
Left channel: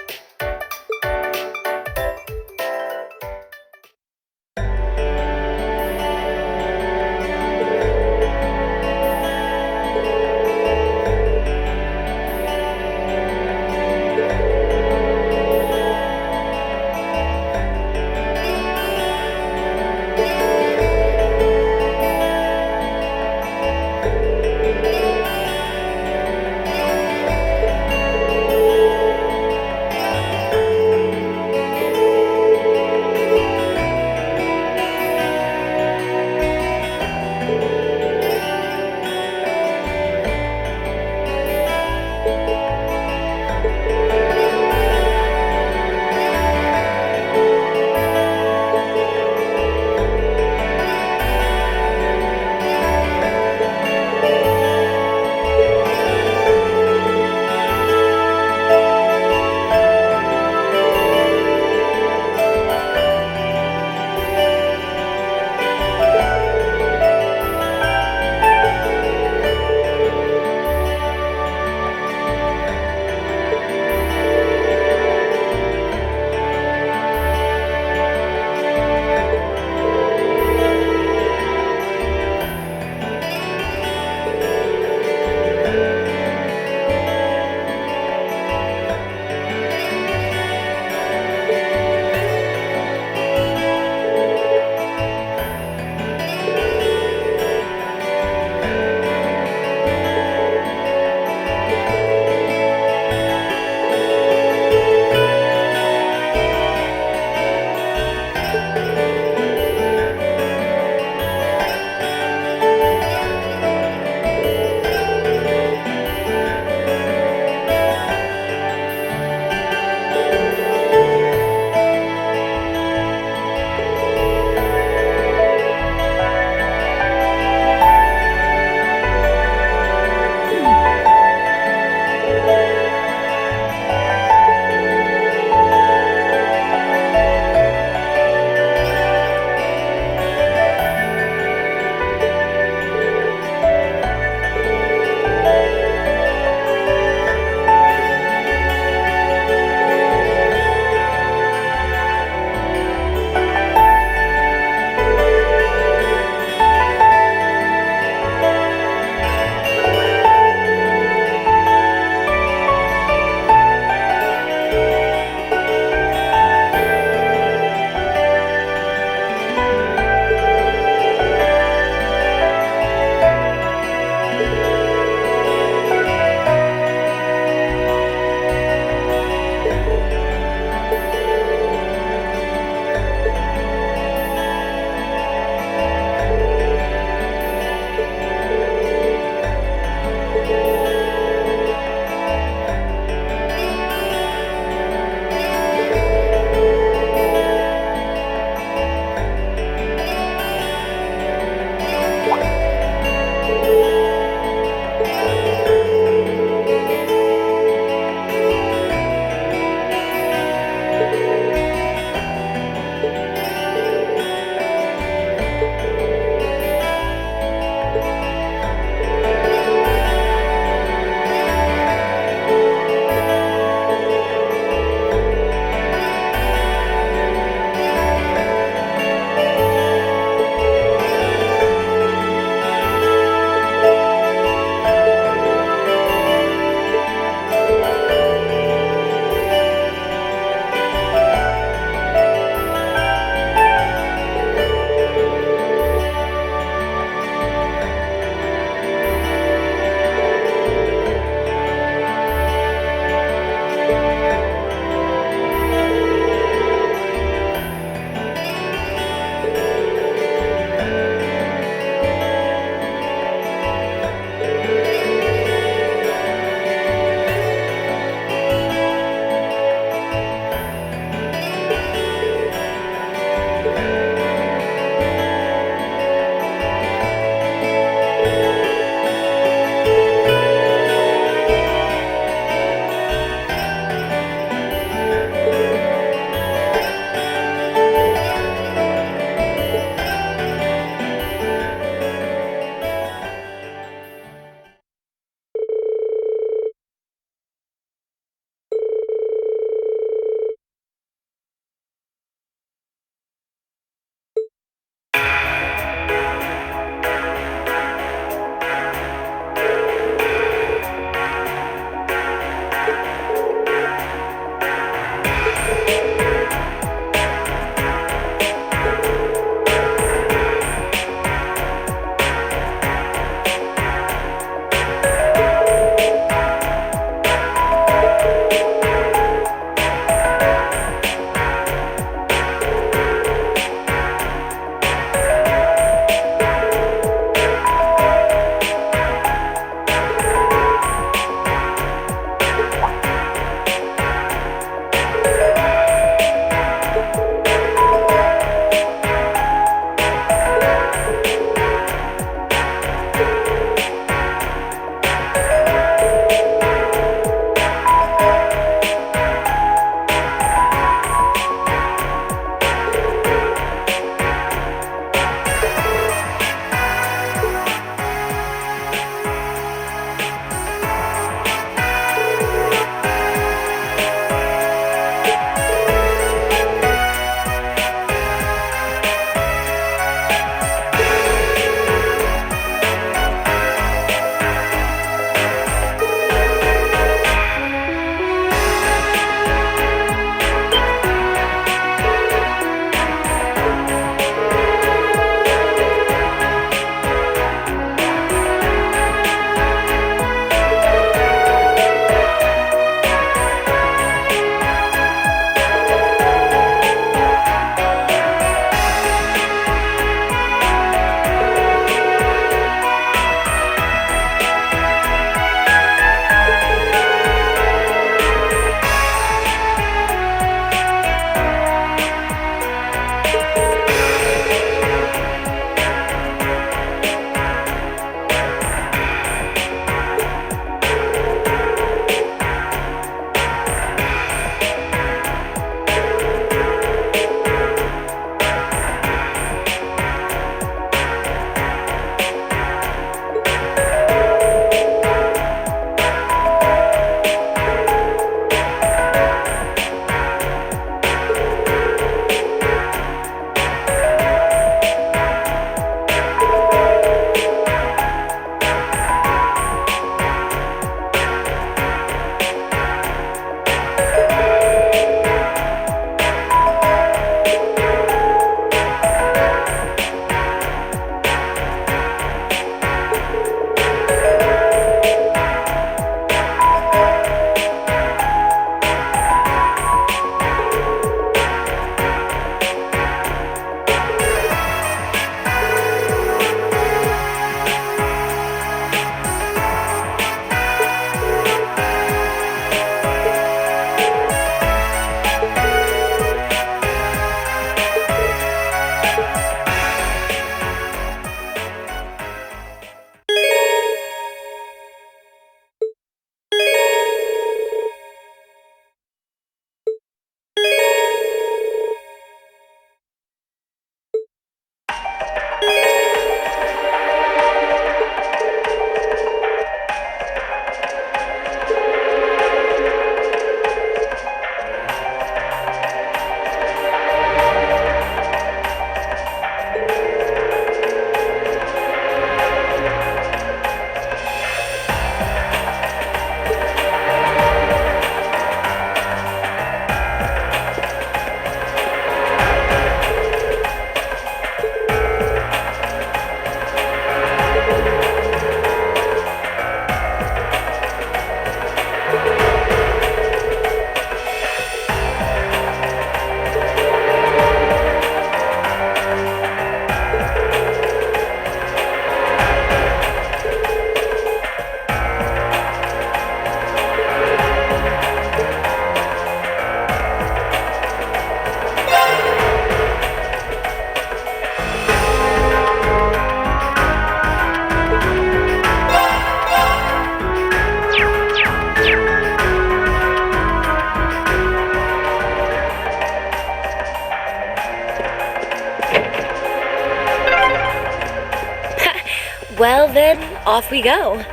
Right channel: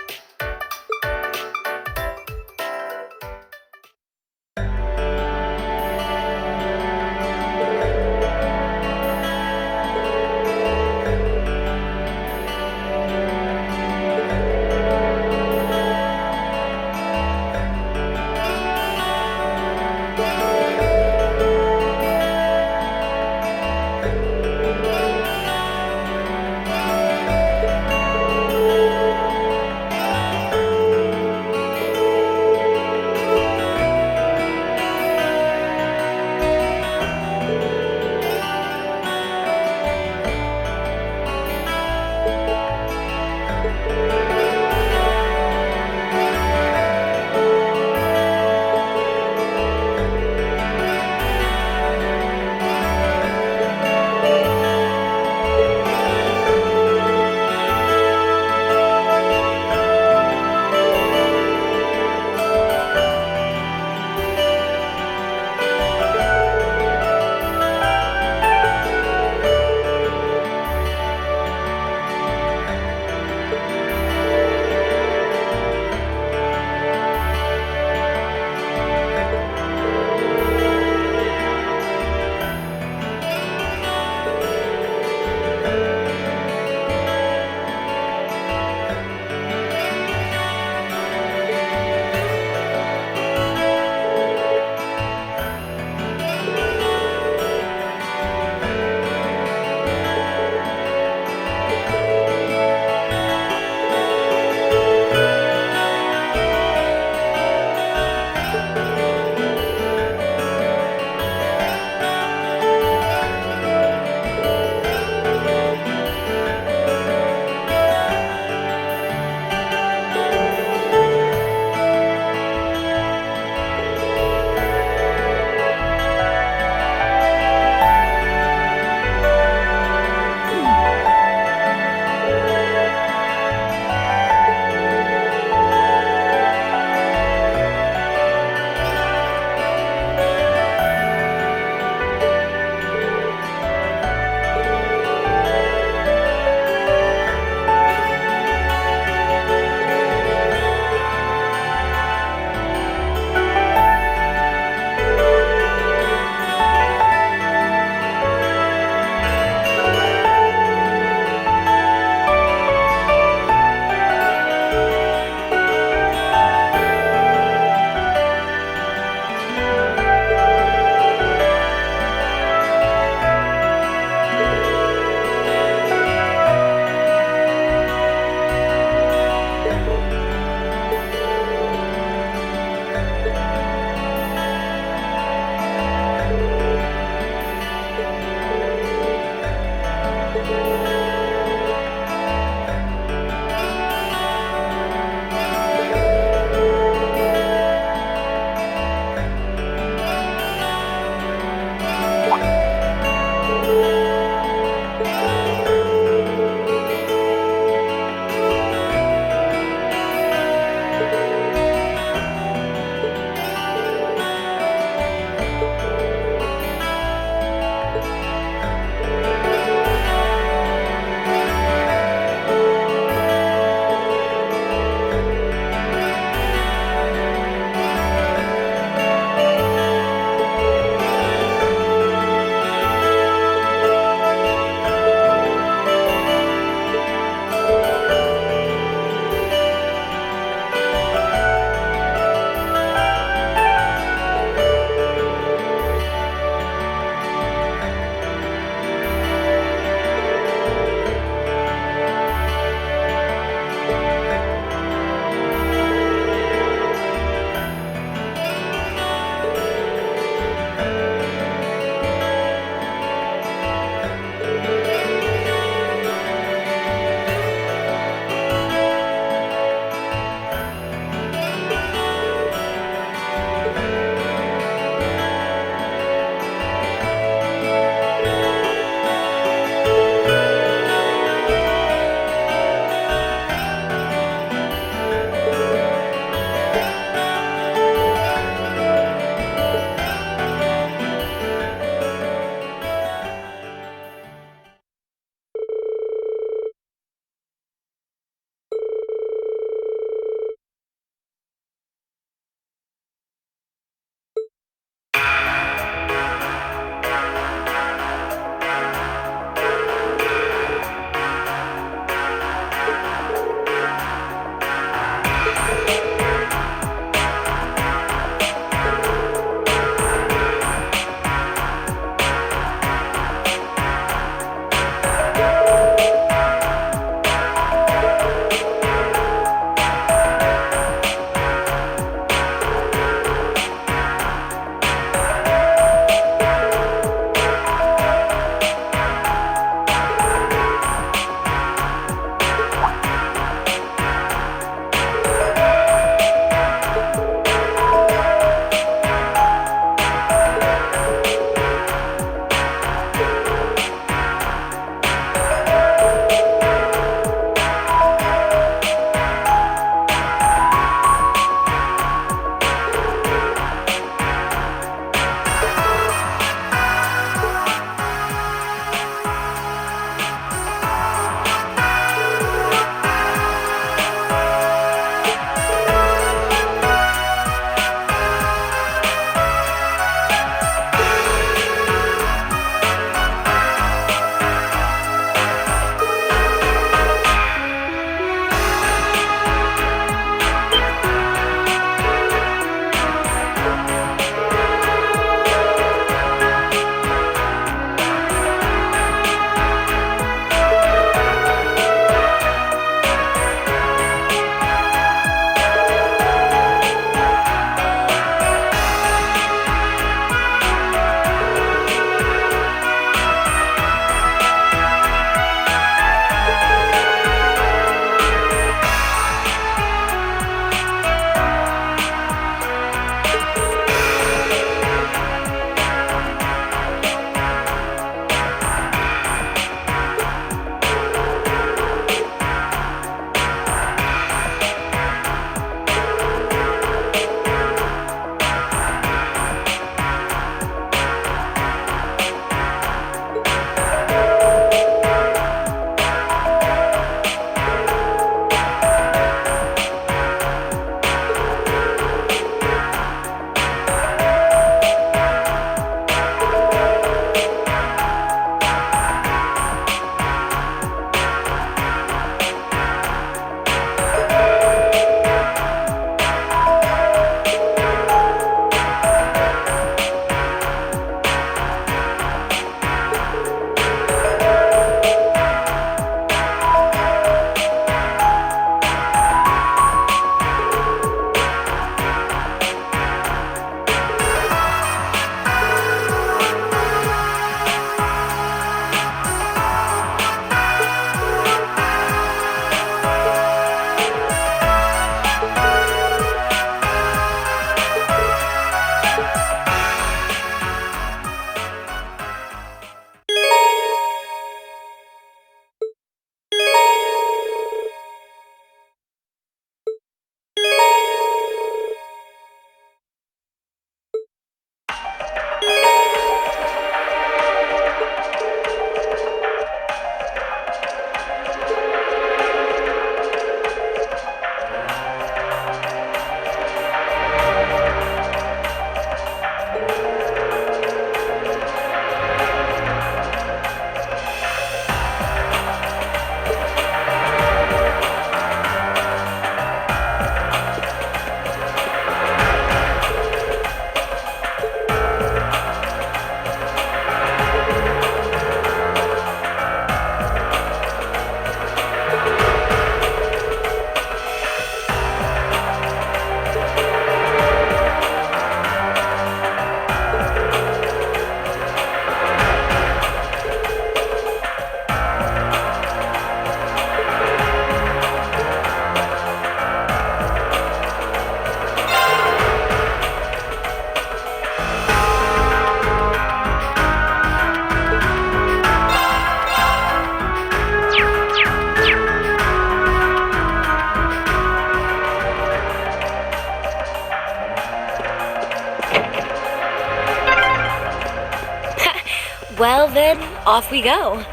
Well then, off we go.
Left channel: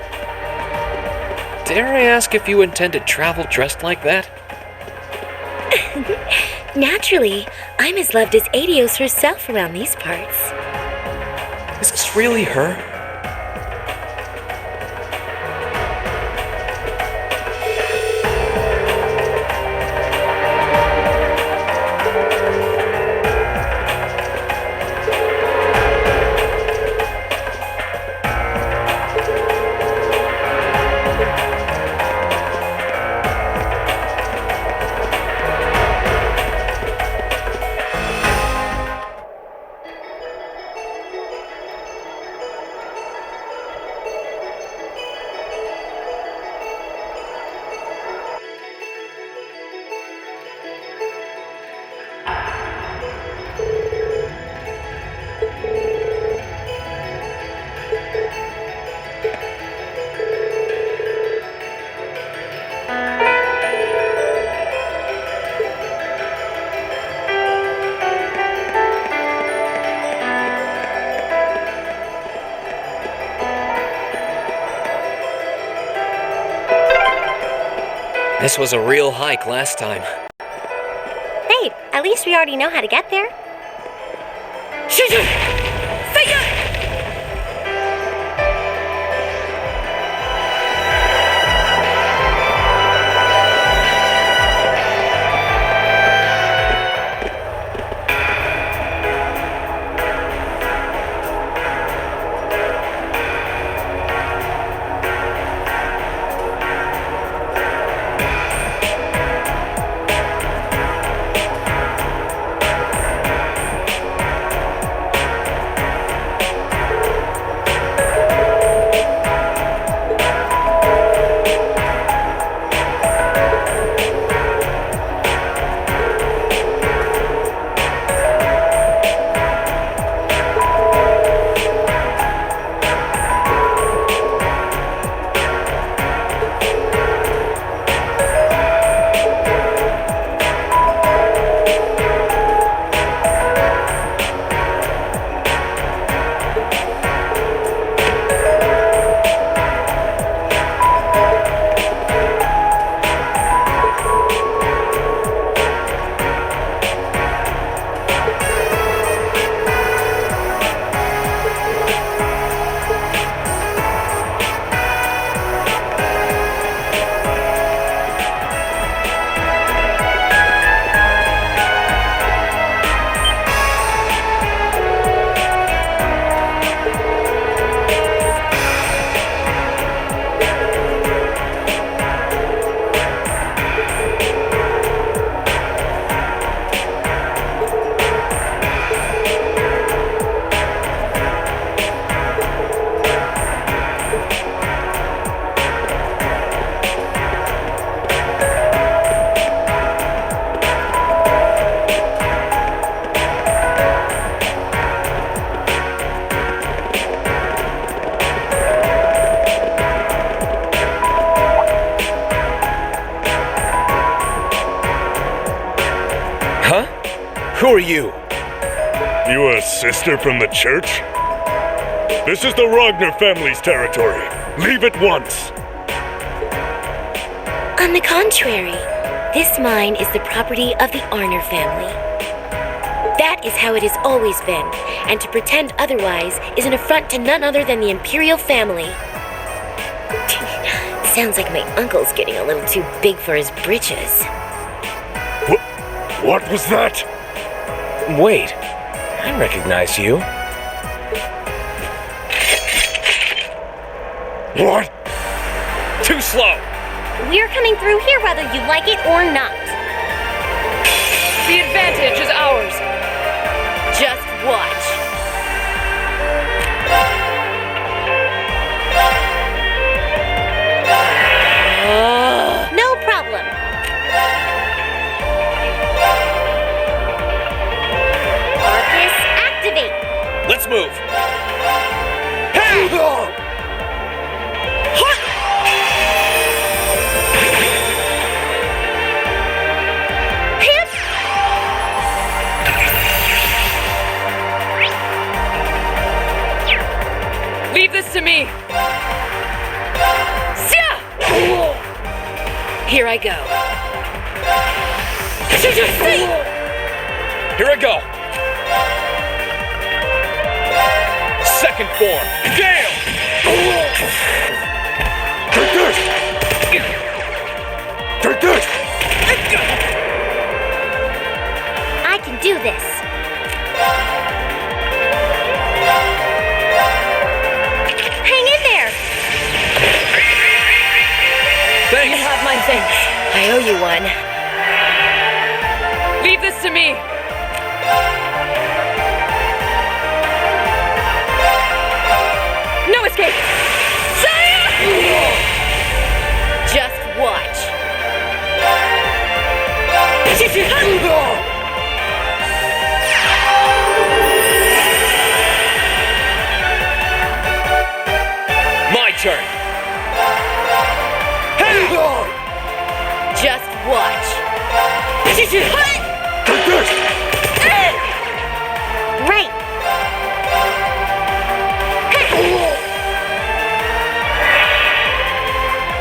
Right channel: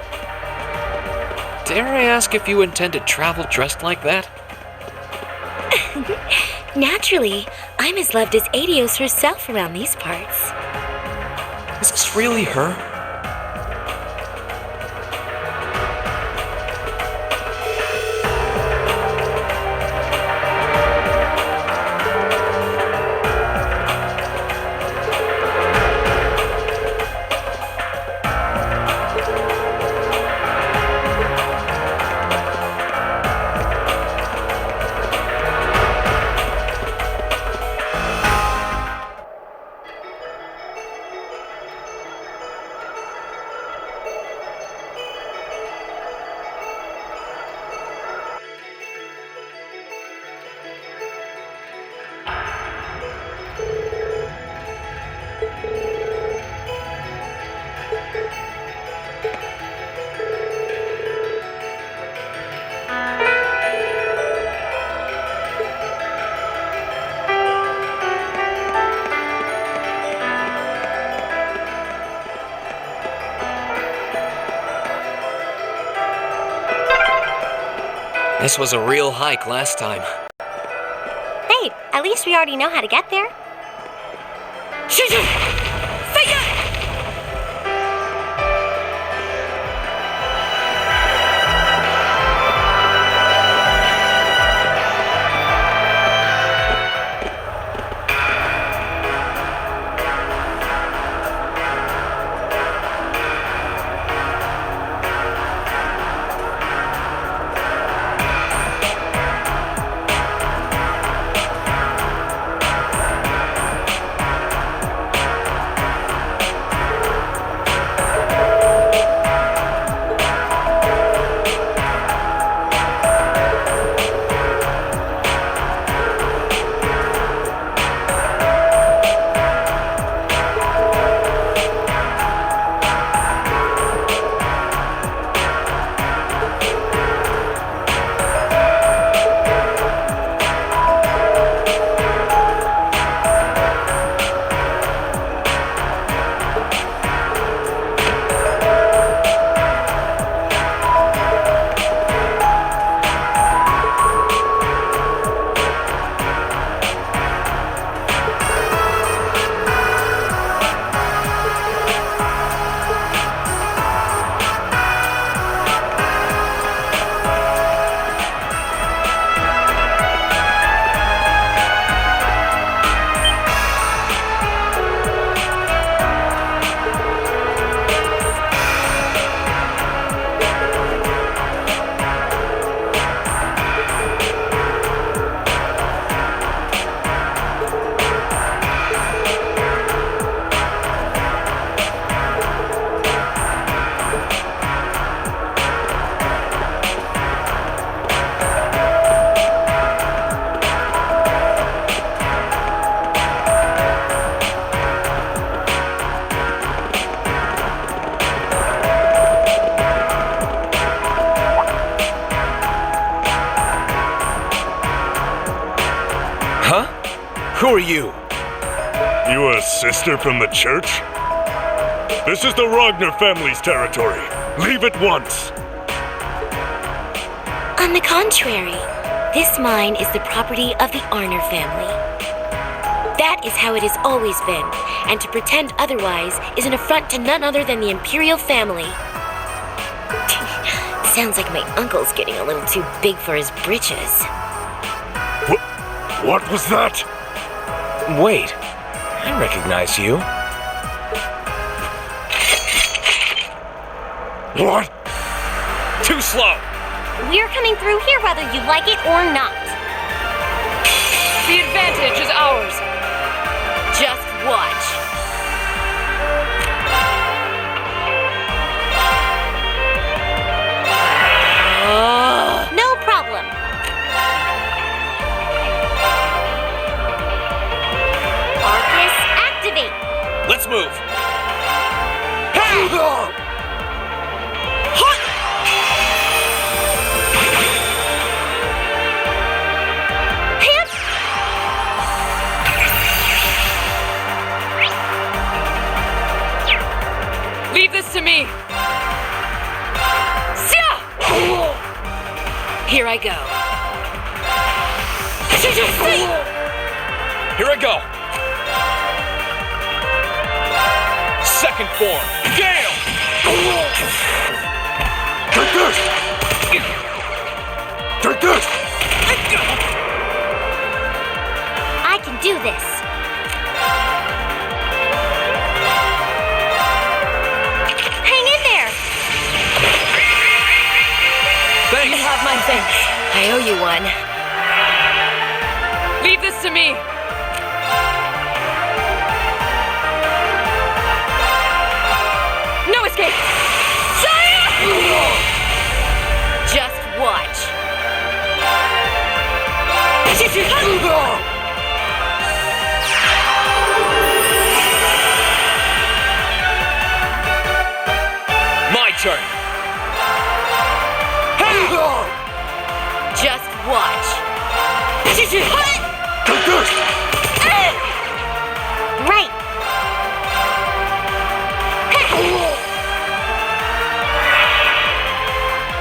Dare I ask if you intend to travel dressed like that? Naturally, I'm as loved as Adios herself around these parts. Is this really her? This was a real hike last time. Hey, at least we already know how to get there. Who are you? You a sister from the church? This is the Ragnar family's territory. Leave at once. On the contrary, this mine is the property of the Arner family. That is how it has always been, and to pretend otherwise is an affront to none other than the Imperial family. Sounds like my uncle's getting a little too big for his britches. What was that? Wait, I recognize you. What? Too slow! We're coming through here whether you like it or not. The advantage is ours. Just watch. No problem. Arcus, activate. Let's move. Here I go. Here I go. Second form. Gale! Take this! Take this! I can do this. Hang in there. Thanks. You have my thanks. I owe you one. Leave this to me. No escape! Just watch. My turn. Just watch. Take this! Right.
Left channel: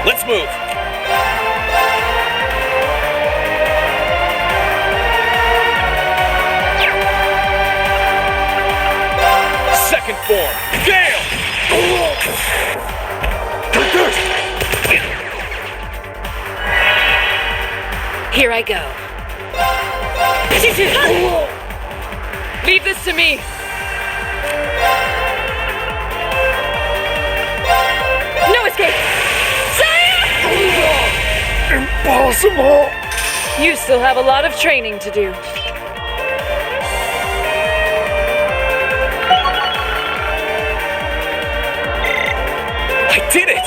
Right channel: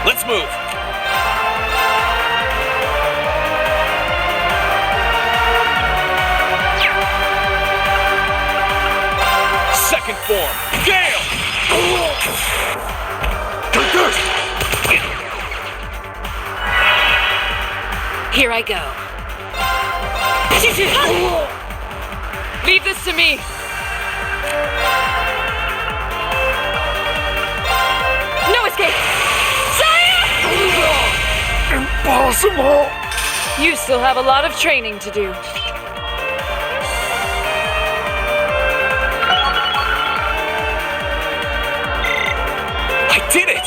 Let's move. Second form. Gale! Take this! Here I go. Leave this to me. No escape! Impossible! You still have a lot of training to do. I did it!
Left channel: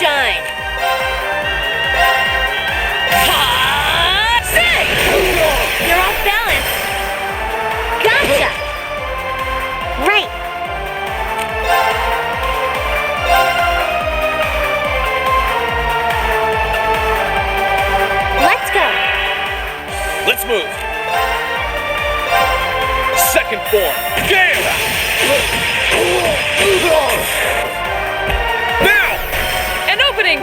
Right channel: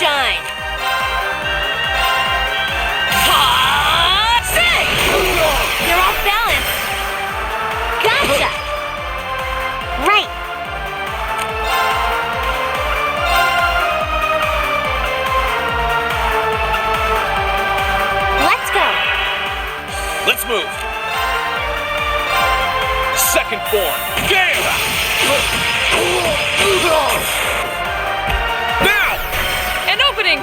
shine. You're off balance. Gotcha. Right. Let's go. Let's move. Second form. Game! Now! An opening!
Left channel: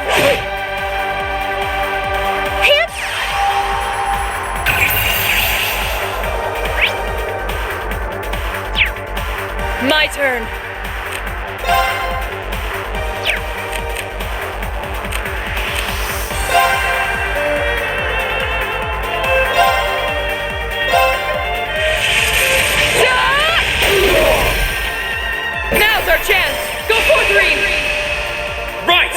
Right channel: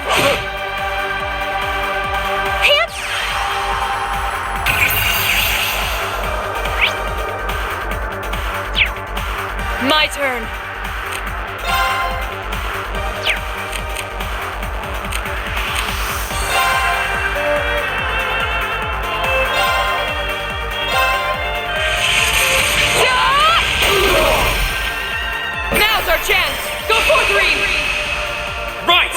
Hip. My turn. Now's our chance. Go 4-3. Right!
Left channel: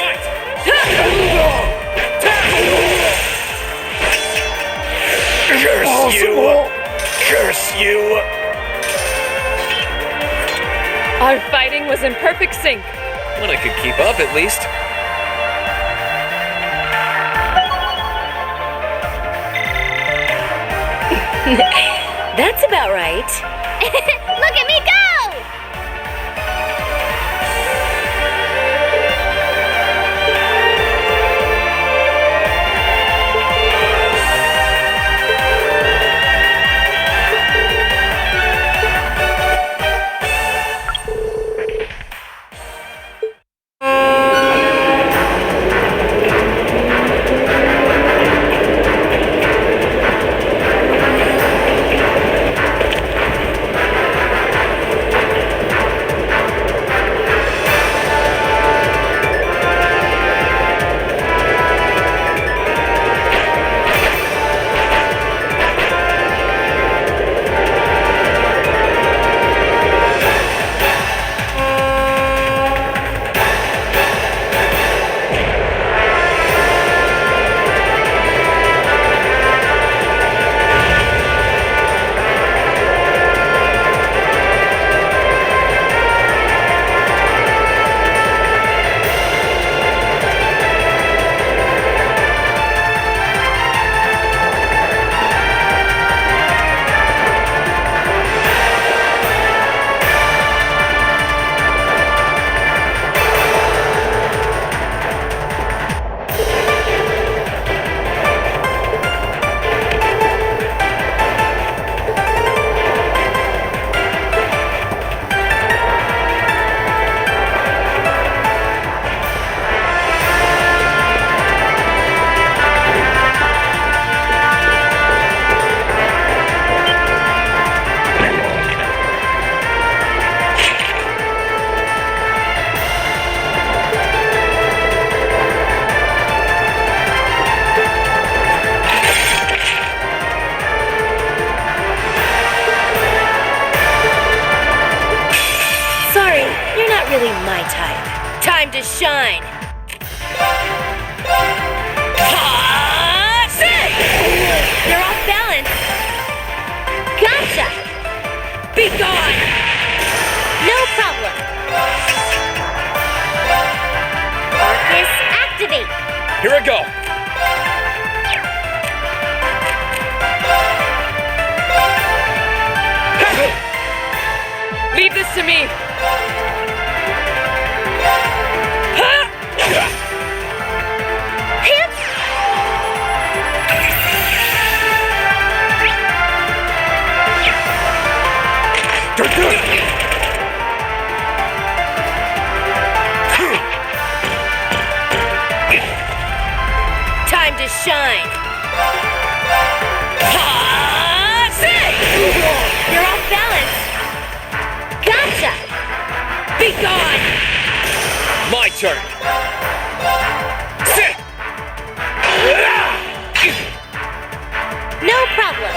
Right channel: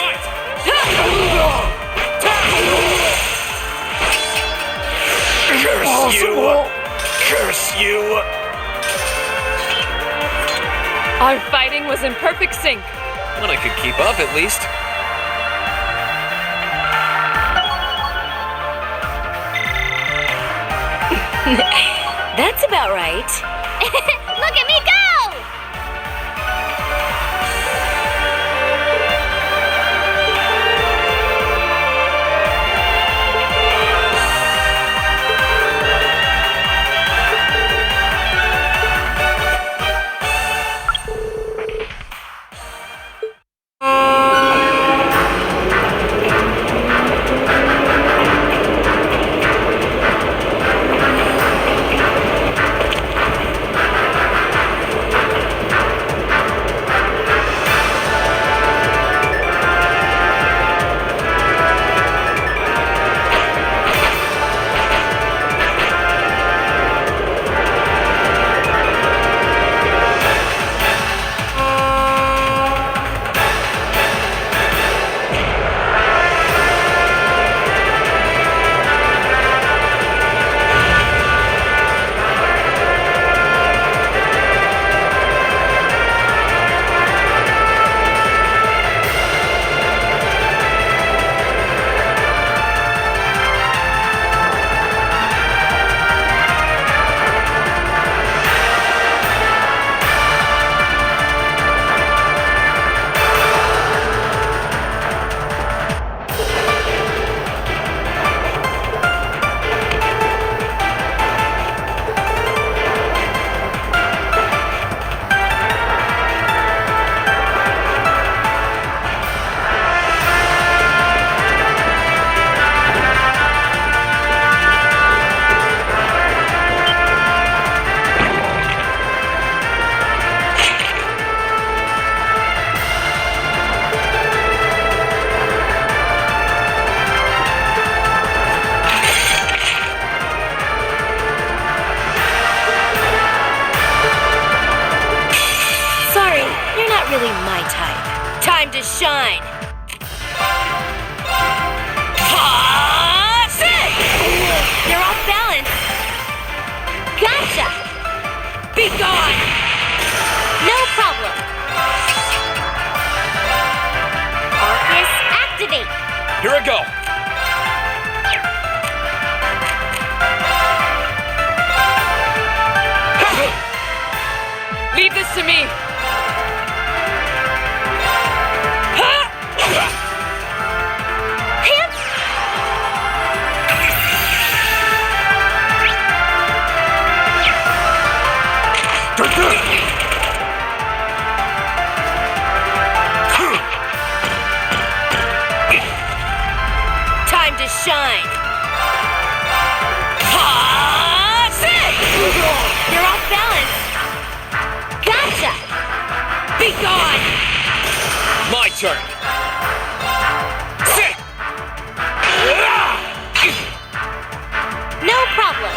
Curse you! Curse you! Our fighting was in perfect sync. When I could keep up, at least. That's about right. Look at me go! Really my type. Time to shine. You're off balance. Gotcha. Be gone. No problem. Arcus, activate. Here I go. Leave this to me. Time to shine. You're off balance. Gotcha. Be gone. My turn. No problem.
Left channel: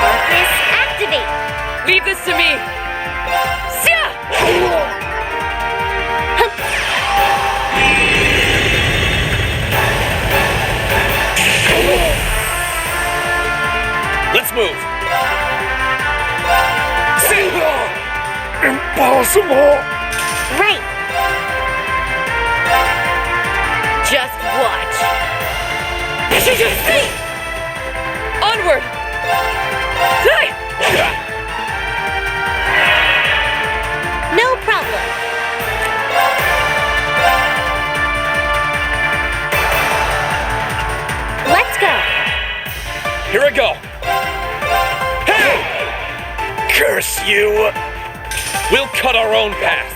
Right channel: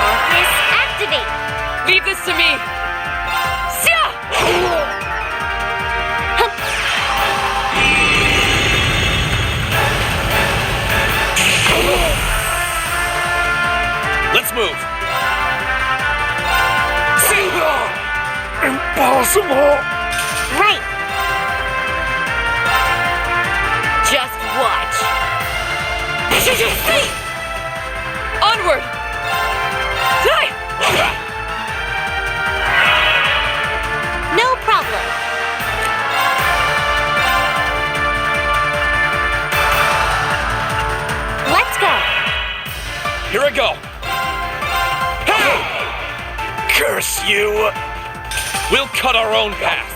Arcus, activate. Leave this to me. Let's move. Impossible! Right. Just watch. Onward! Die! No problem. Let's go. Here I go. Curse you! We'll cut our own path.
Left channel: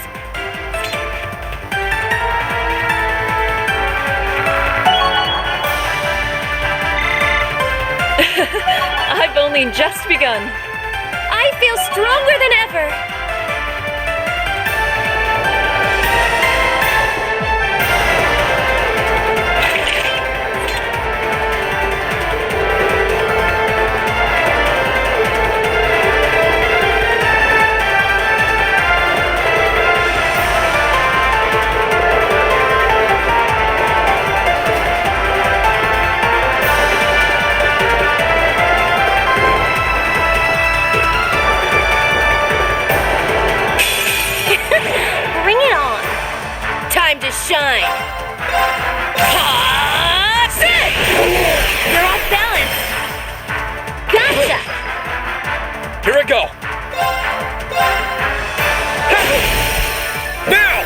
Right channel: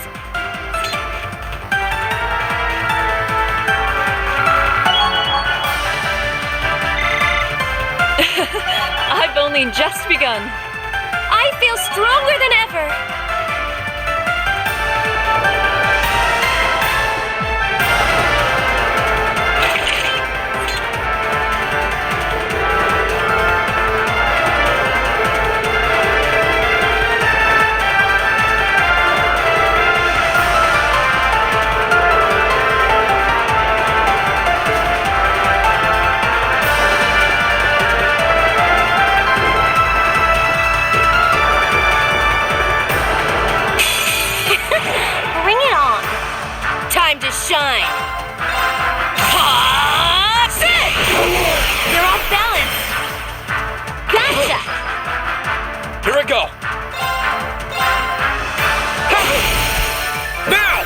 I've only just begun. I feel stronger than ever. Bring it on. Time to shine. You're off balance. Gotcha. Here I go. Now!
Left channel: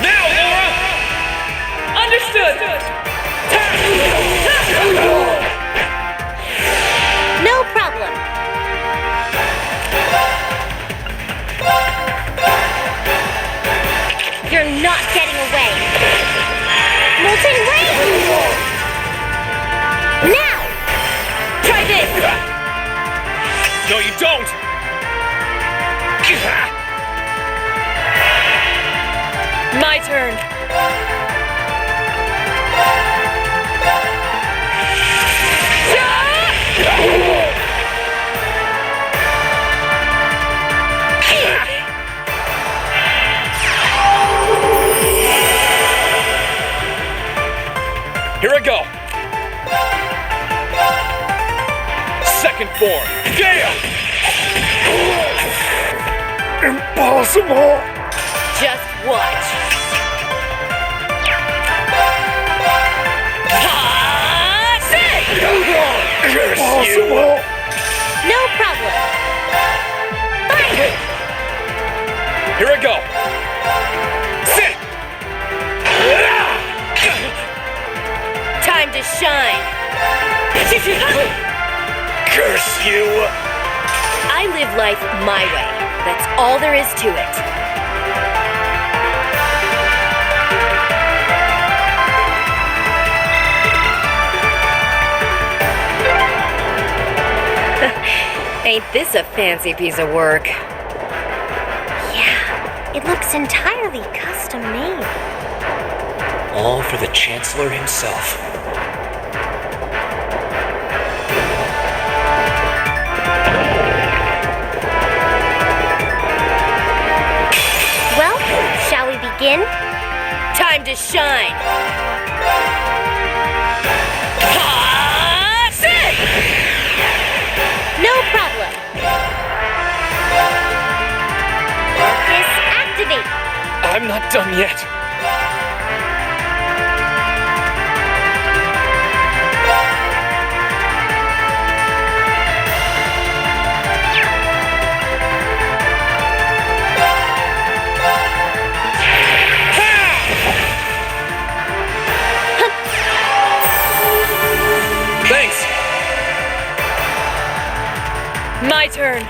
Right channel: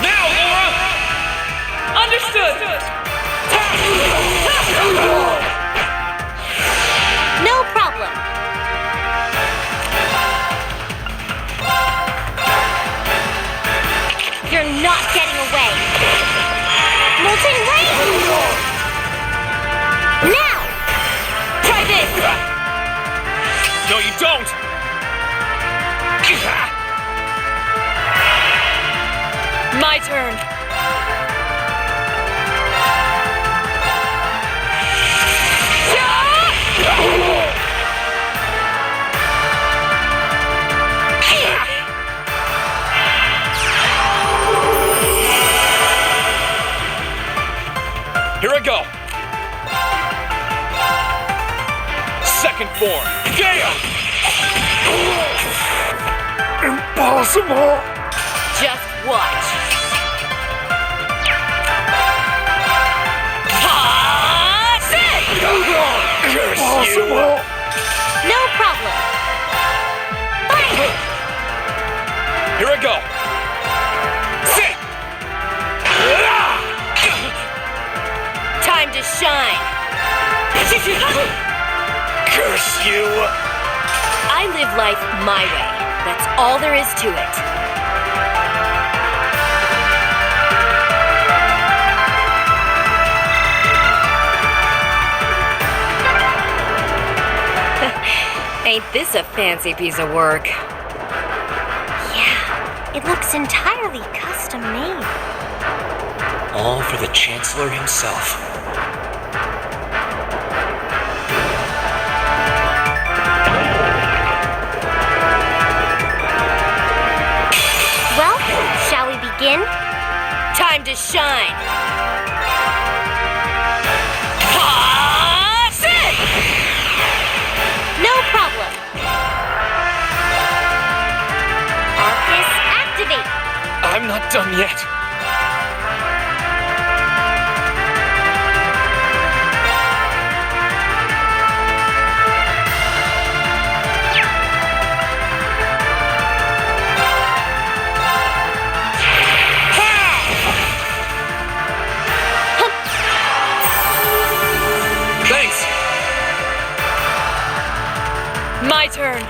Now, Laura! Understood! No problem. You're not getting away. Molten rain! Now! Try this. No, you don't! My turn. Here I go. Second form. Gale! Impossible! Just watch. Curse you! No problem. Fire! Here I go. Sit! Time to shine. Curse you! I live life my way. That's all there is to it. Ain't this a fancy piece of work? Yeah, it looks entirely custom made. All for the Chancellor himself. Well, shall we begin? Time to shine. No problem. Arcus, activate. I'm not done yet. Thanks. My turn.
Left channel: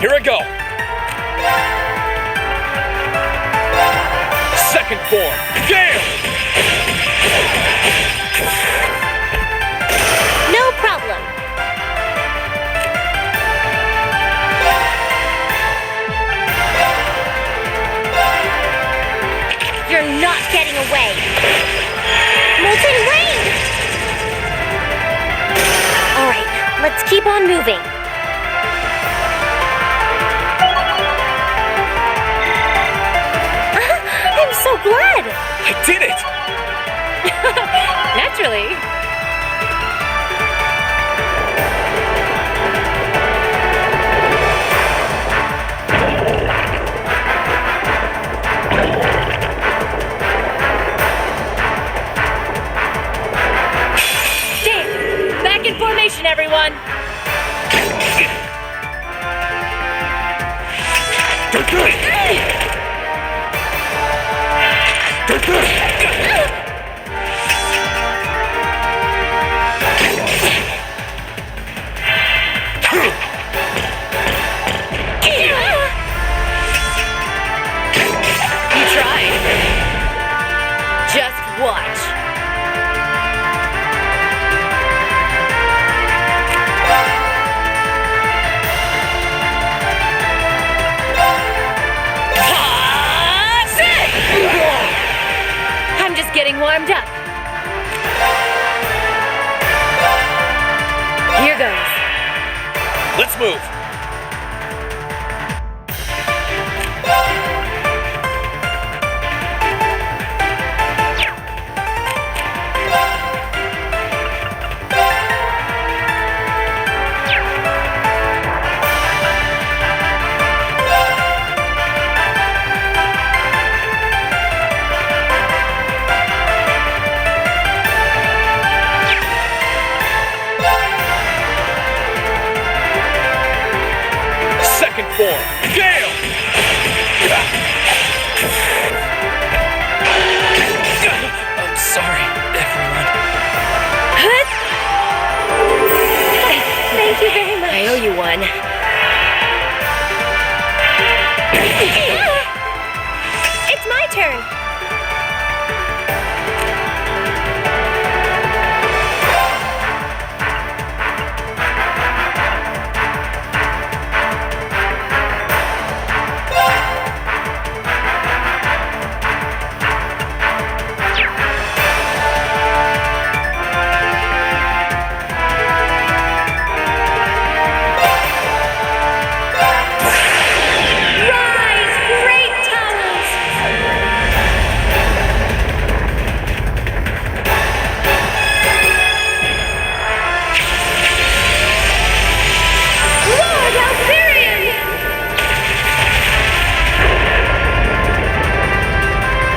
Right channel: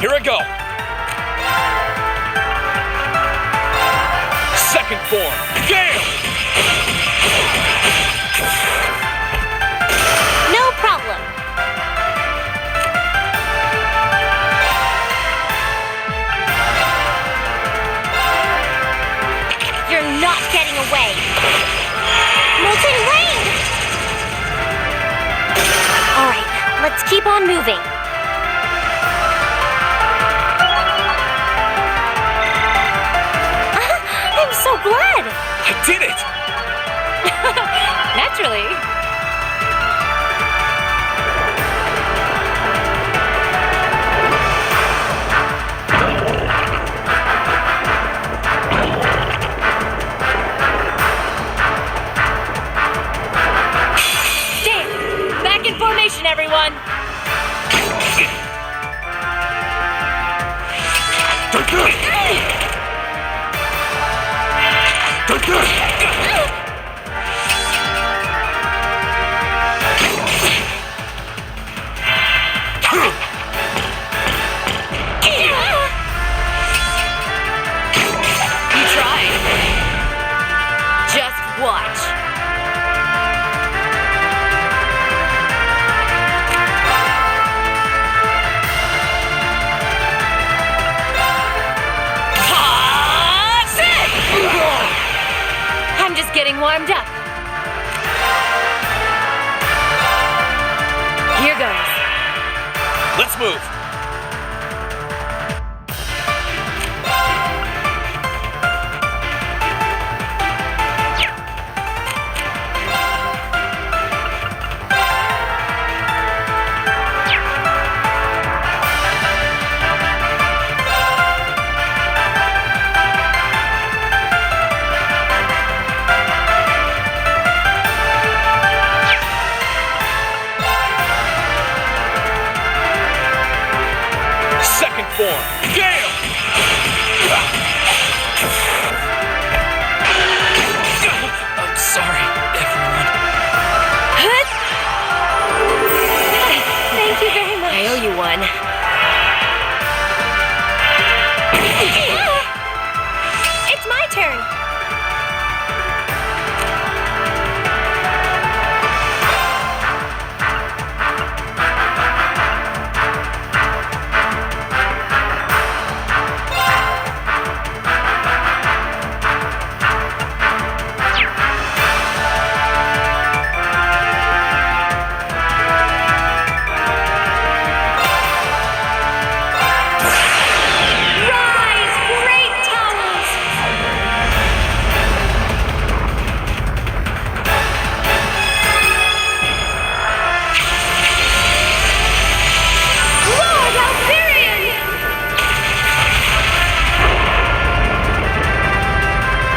Here I go. Second form. Gale! No problem. You're not getting away. Molten rain! All right, let's keep on moving. I'm so glad. I did it! Naturally. Damn! Back in formation, everyone! Take this! Take this! You tried. Just watch. I'm just getting warmed up. Here goes. Let's move. Second form, Gale! I'm sorry, everyone. Thank you very much. I owe you one. It's my turn.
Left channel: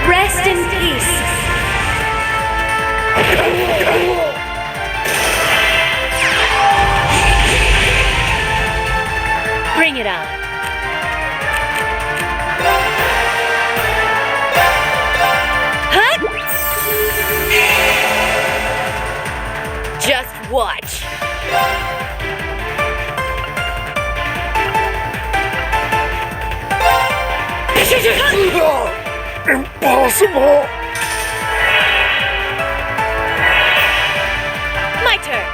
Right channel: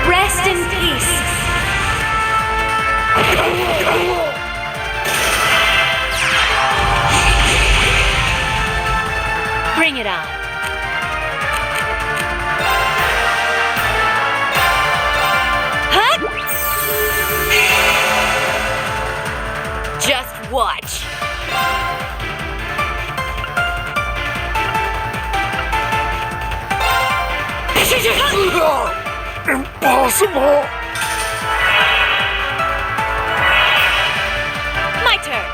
Rest in peace. Bring it on. Huh? Just watch. Impossible! My turn.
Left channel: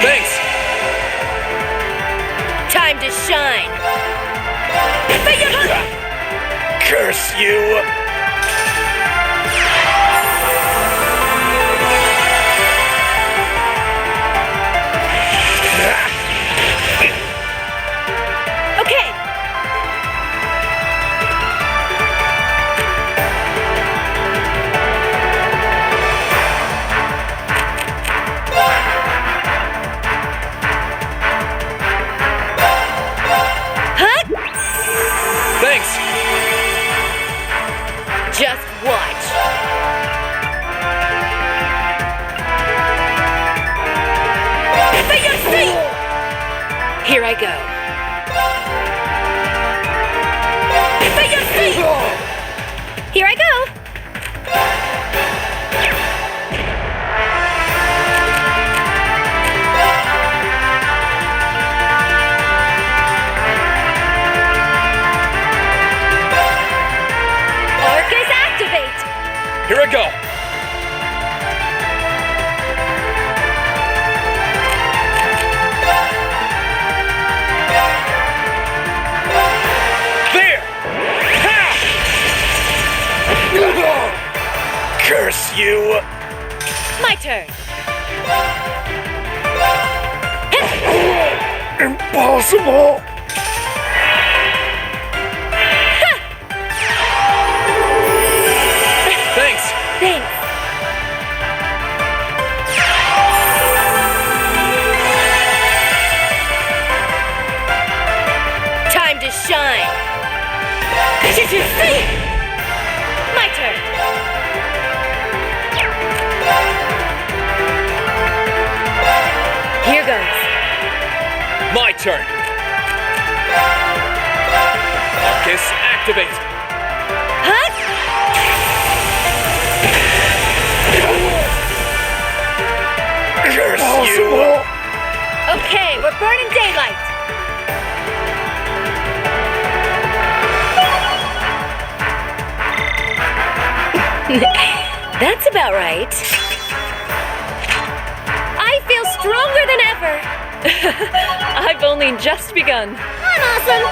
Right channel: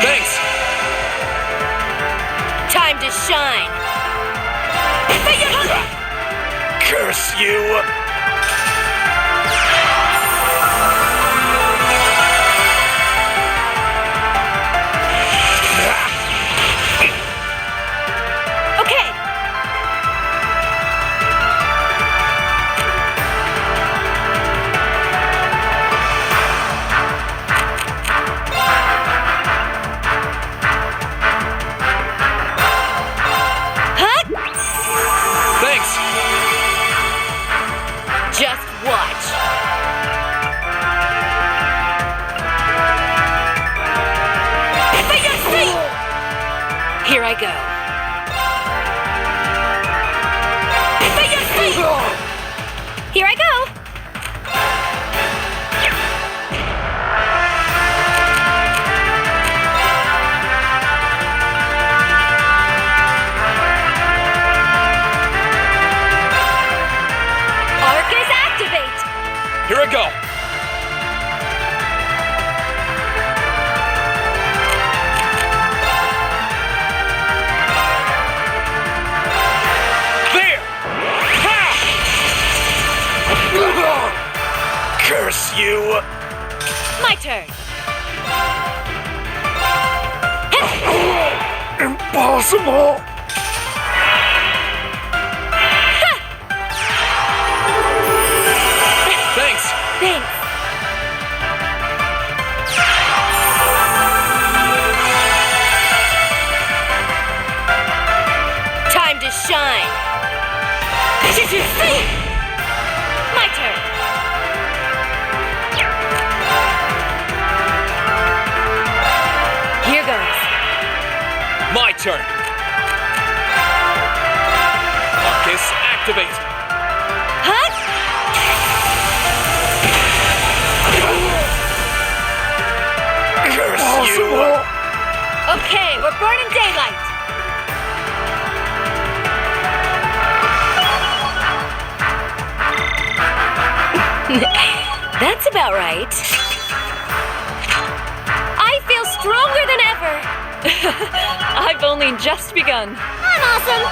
Thanks! Time to shine! Curse you! Okay. Thanks! Just watch. Here I go. Here I go. Arcus activate! Here I go! There! Ha! Curse you! My turn. Impossible! Thanks! Thanks. Time to shine. My turn. Here goes. My turn! Marcus, activate! Huh? Curse you! Okay, we're burning daylight. That's about right. I feel stronger than ever. I've only just begun. I'm awesome.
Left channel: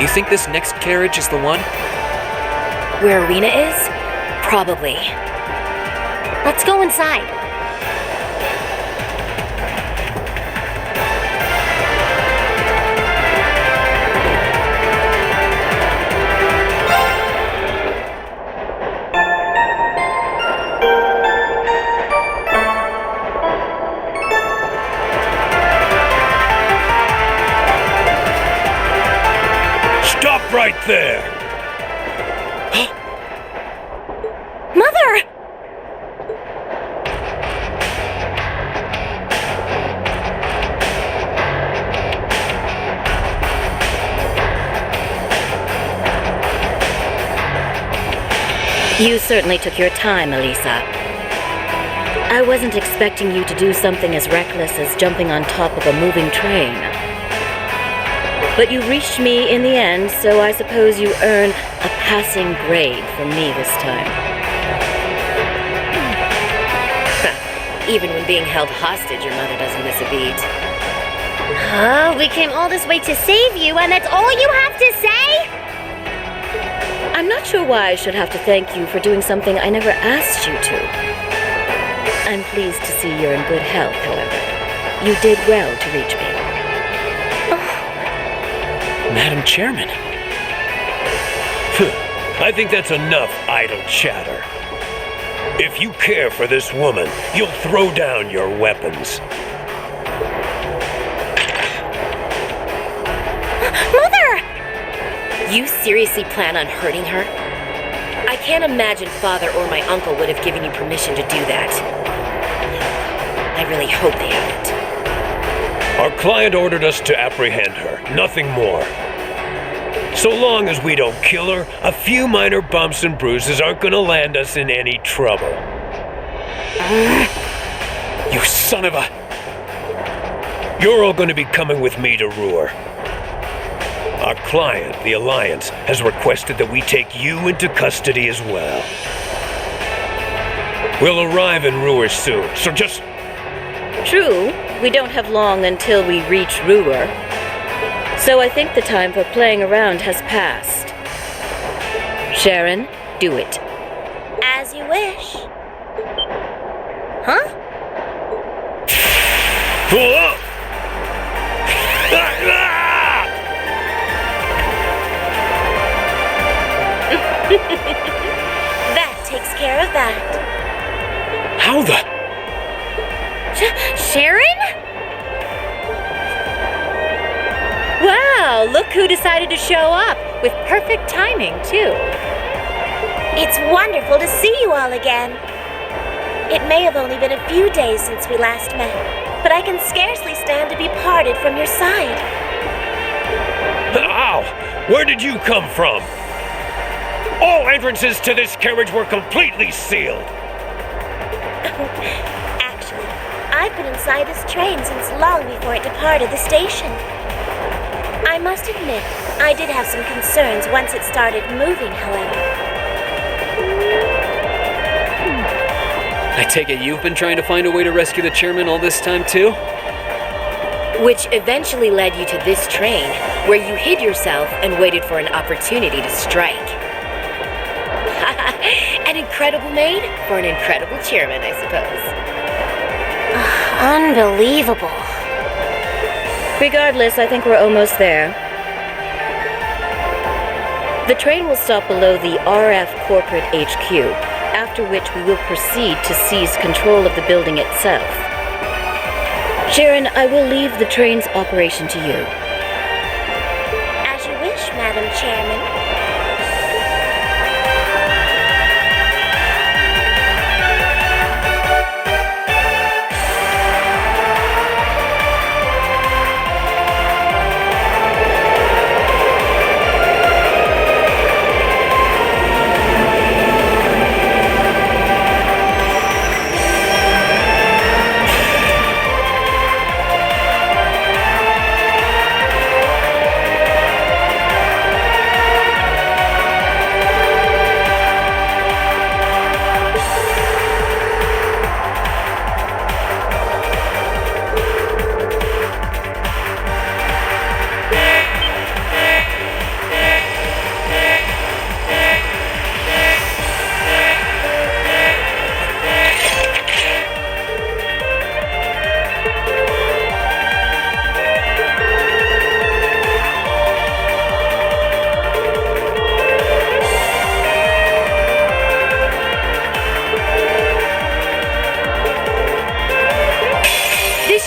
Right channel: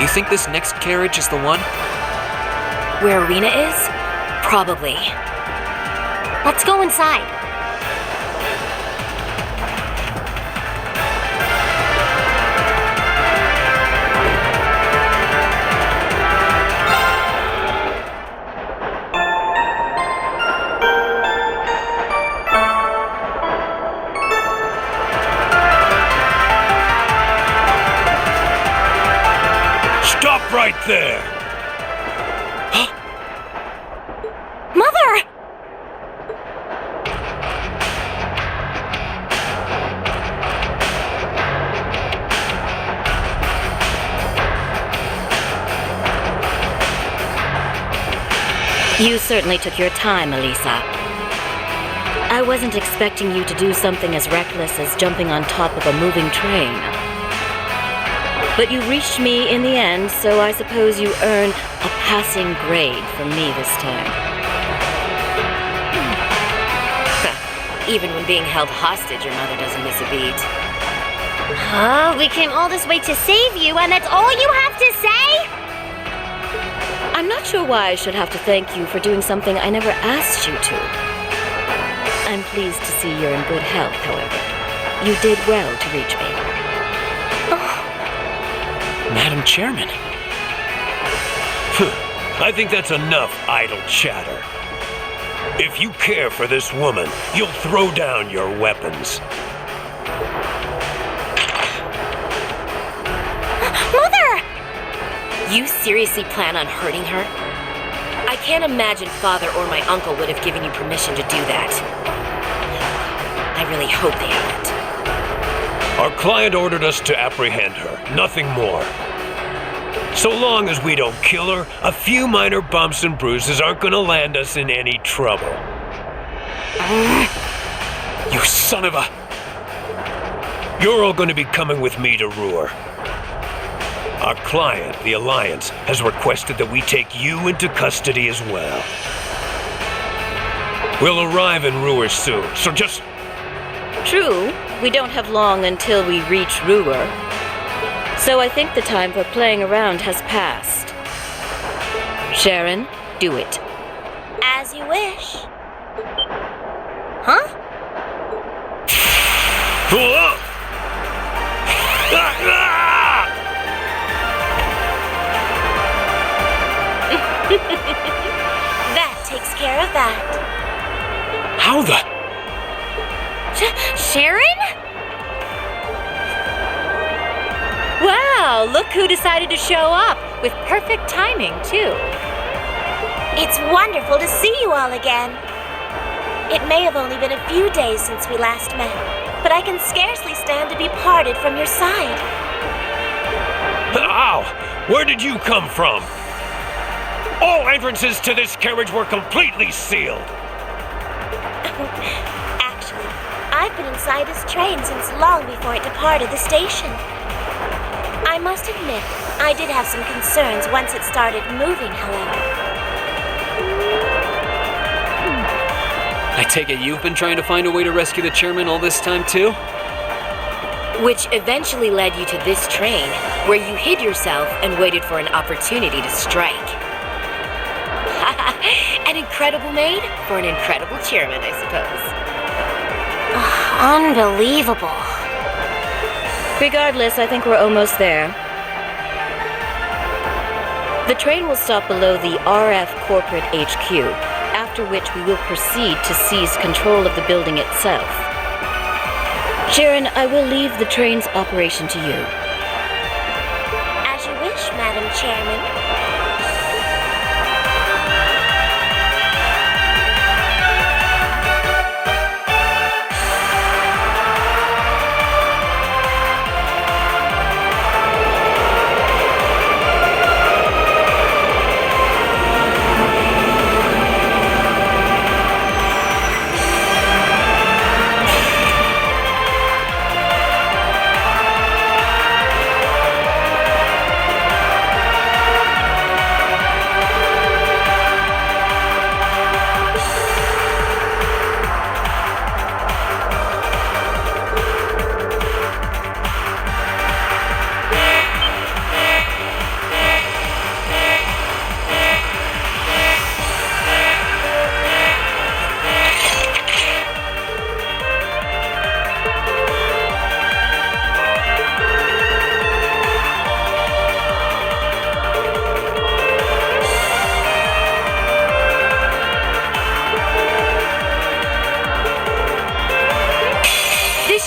You think this next carriage is the one? Where Arena is? Probably. Let's go inside. Stop right there! Mother! You certainly took your time, Alisa. I wasn't expecting you to do something as reckless as jumping on top of a moving train. But you reached me in the end, so I suppose you earn a passing grade from me this time. Even when being held hostage, your mother doesn't miss a beat. Oh, we came all this way to save you, and that's all you have to say? I'm not sure why I should have to thank you for doing something I never asked you to. I'm pleased to see you're in good health, however. You did well to reach me. Madam Chairman. I think that's enough idle chatter. If you care for this woman, you'll throw down your weapons. Mother! You seriously plan on hurting her? I can't imagine Father or my uncle would have given you permission to do that. I really hope they haven't. Our client ordered us to apprehend her, nothing more. So long as we don't kill her, a few minor bumps and bruises aren't gonna land us in any trouble. You son of a... You're all gonna be coming with me to Roer. Our client, the Alliance, has requested that we take you into custody as well. We'll arrive in Roer soon, so just... True, we don't have long until we reach Roer. So I think the time for playing around has passed. Sharon, do it. As you wish. Huh? That takes care of that. How the... Sharon? Wow, look who decided to show up, with perfect timing, too. It's wonderful to see you all again. It may have only been a few days since we last met, but I can scarcely stand to be parted from your side. Ow! Where did you come from? All entrances to this carriage were completely sealed. Actually, I've been inside this train since long before it departed the station. I must admit, I did have some concerns once it started moving, however. I take it you've been trying to find a way to rescue the chairman all this time, too? Which eventually led you to this train, where you hid yourself and waited for an opportunity to strike. An incredible maid for an incredible chairman, I suppose. Unbelievable. Regardless, I think we're almost there. The train will stop below the RF Corporate HQ, after which we will proceed to seize control of the building itself. Sharon, I will leave the train's operation to you. As you wish, Madam Chairman.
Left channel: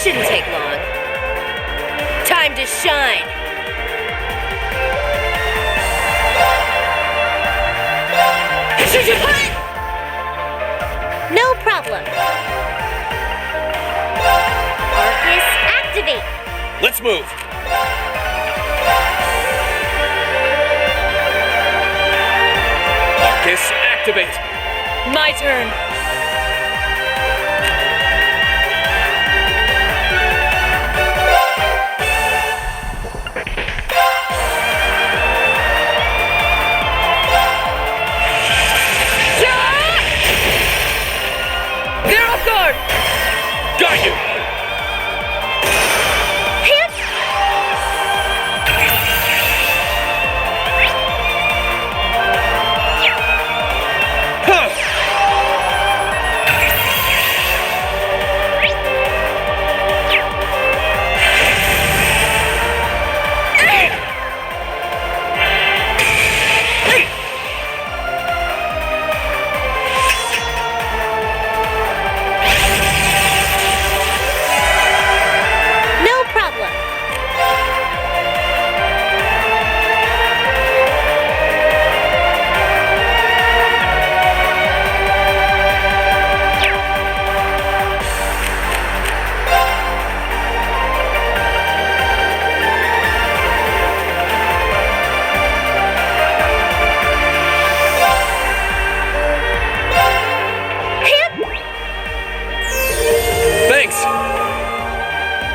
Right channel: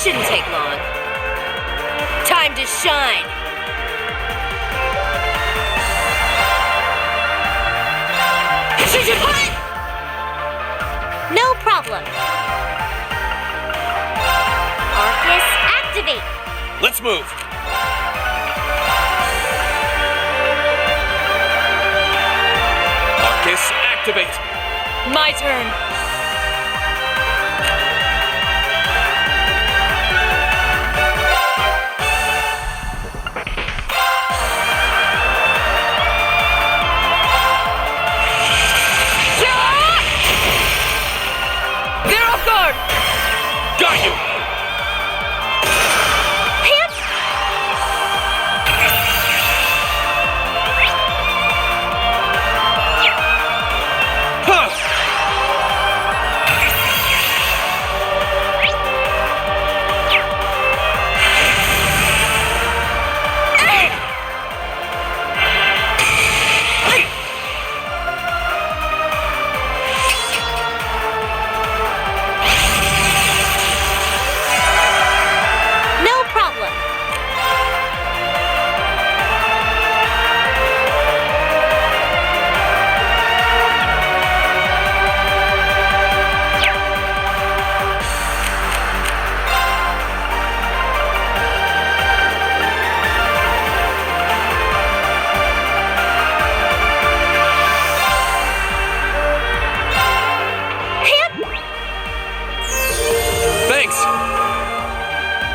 Shouldn't take long. Time to shine. Should you put? No problem. Arcus, activate. Let's move. Arcus, activate. My turn. Got you! Hit! Huh!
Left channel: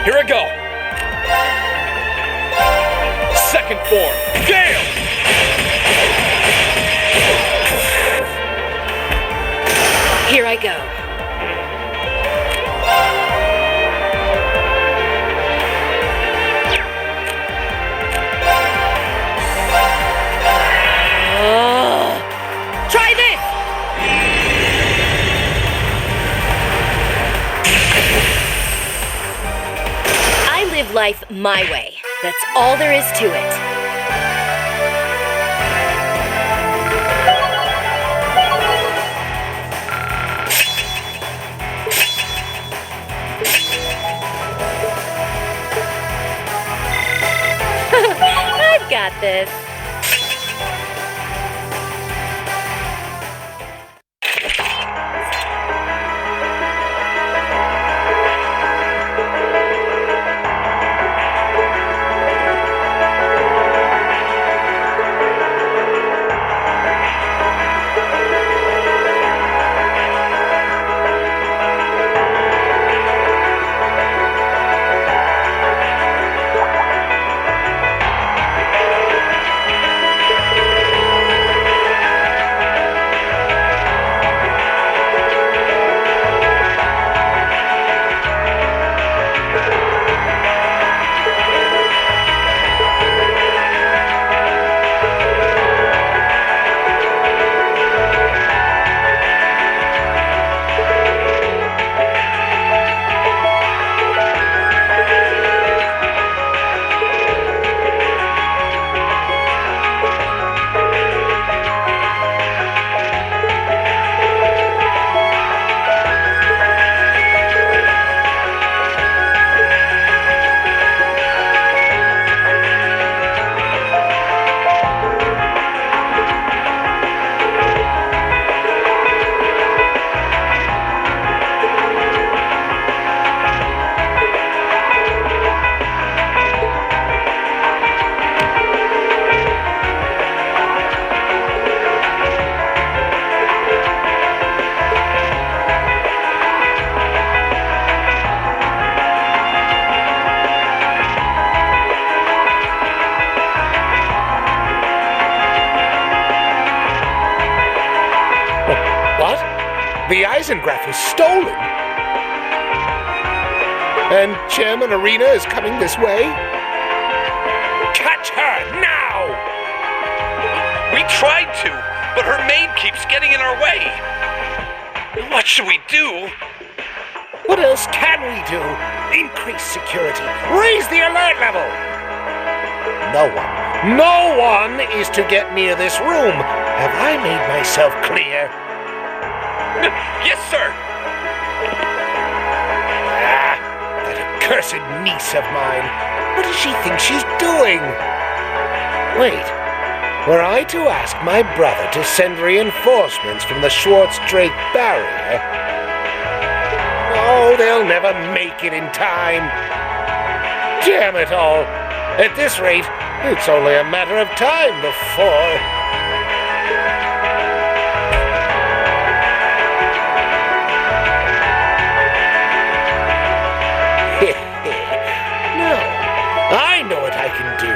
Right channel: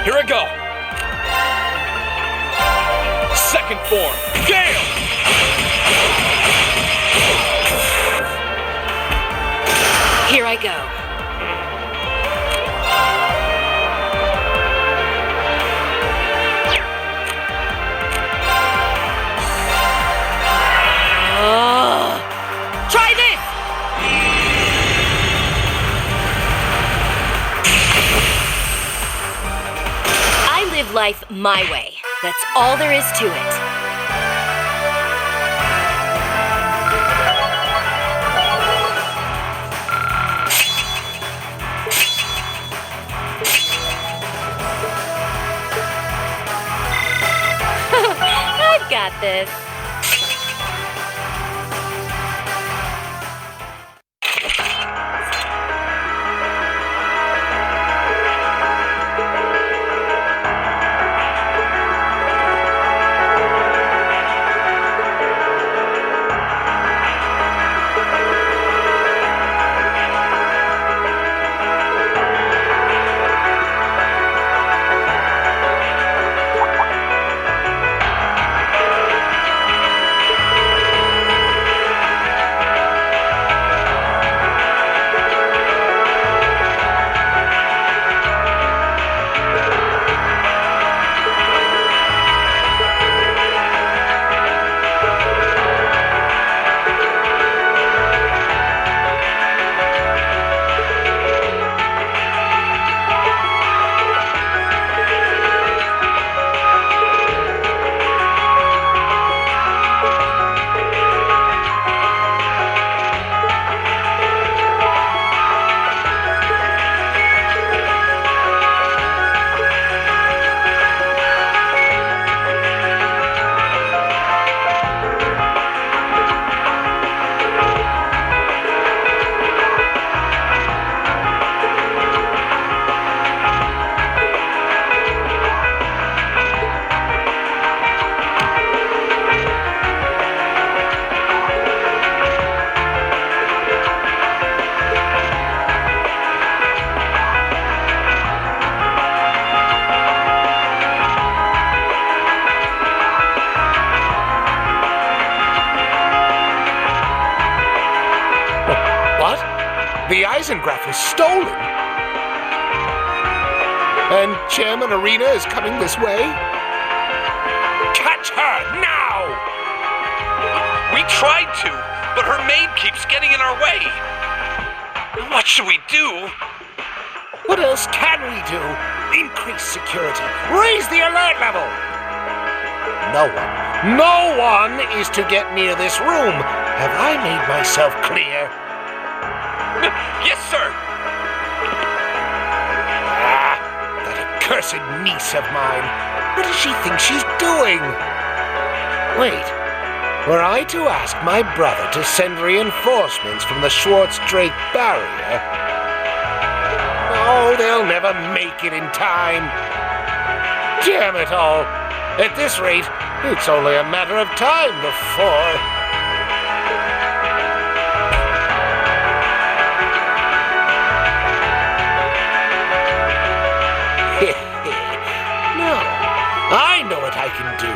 Here I go. Second form. Gale! Here I go. Try this! I live life my way. That's all there is to it. I've got this. What? The Eisengraph was stolen? And Chairman Arena is coming this way? Catch her, now! We tried to, but her maid keeps getting in our way. What should we do? What else can we do? Increase security. Raise the alert level. No one is to get near this room. Have I made myself clear? Yes, sir. That accursed niece of mine. What does she think she's doing? Wait, were I to ask my brother to send reinforcements from the Schwartz-Drake barrier? No, they'll never make it in time. Damn it all. At this rate, it's only a matter of time before... No, I know what I can do.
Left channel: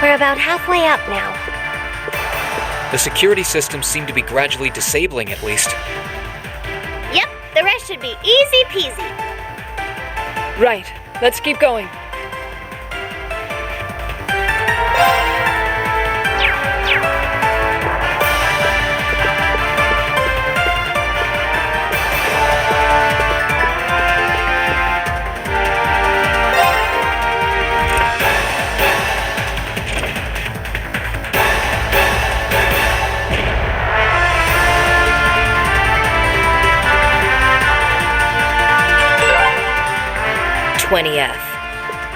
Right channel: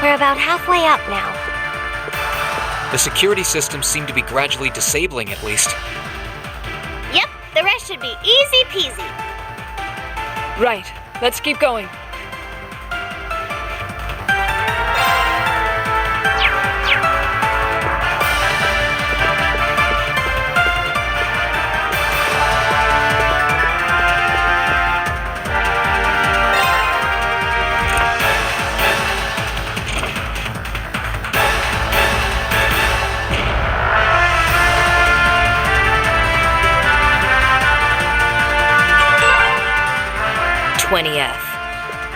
We're about halfway up now. The security systems seem to be gradually disabling, at least. Yep, the rest should be easy peasy. Right, let's keep going. F.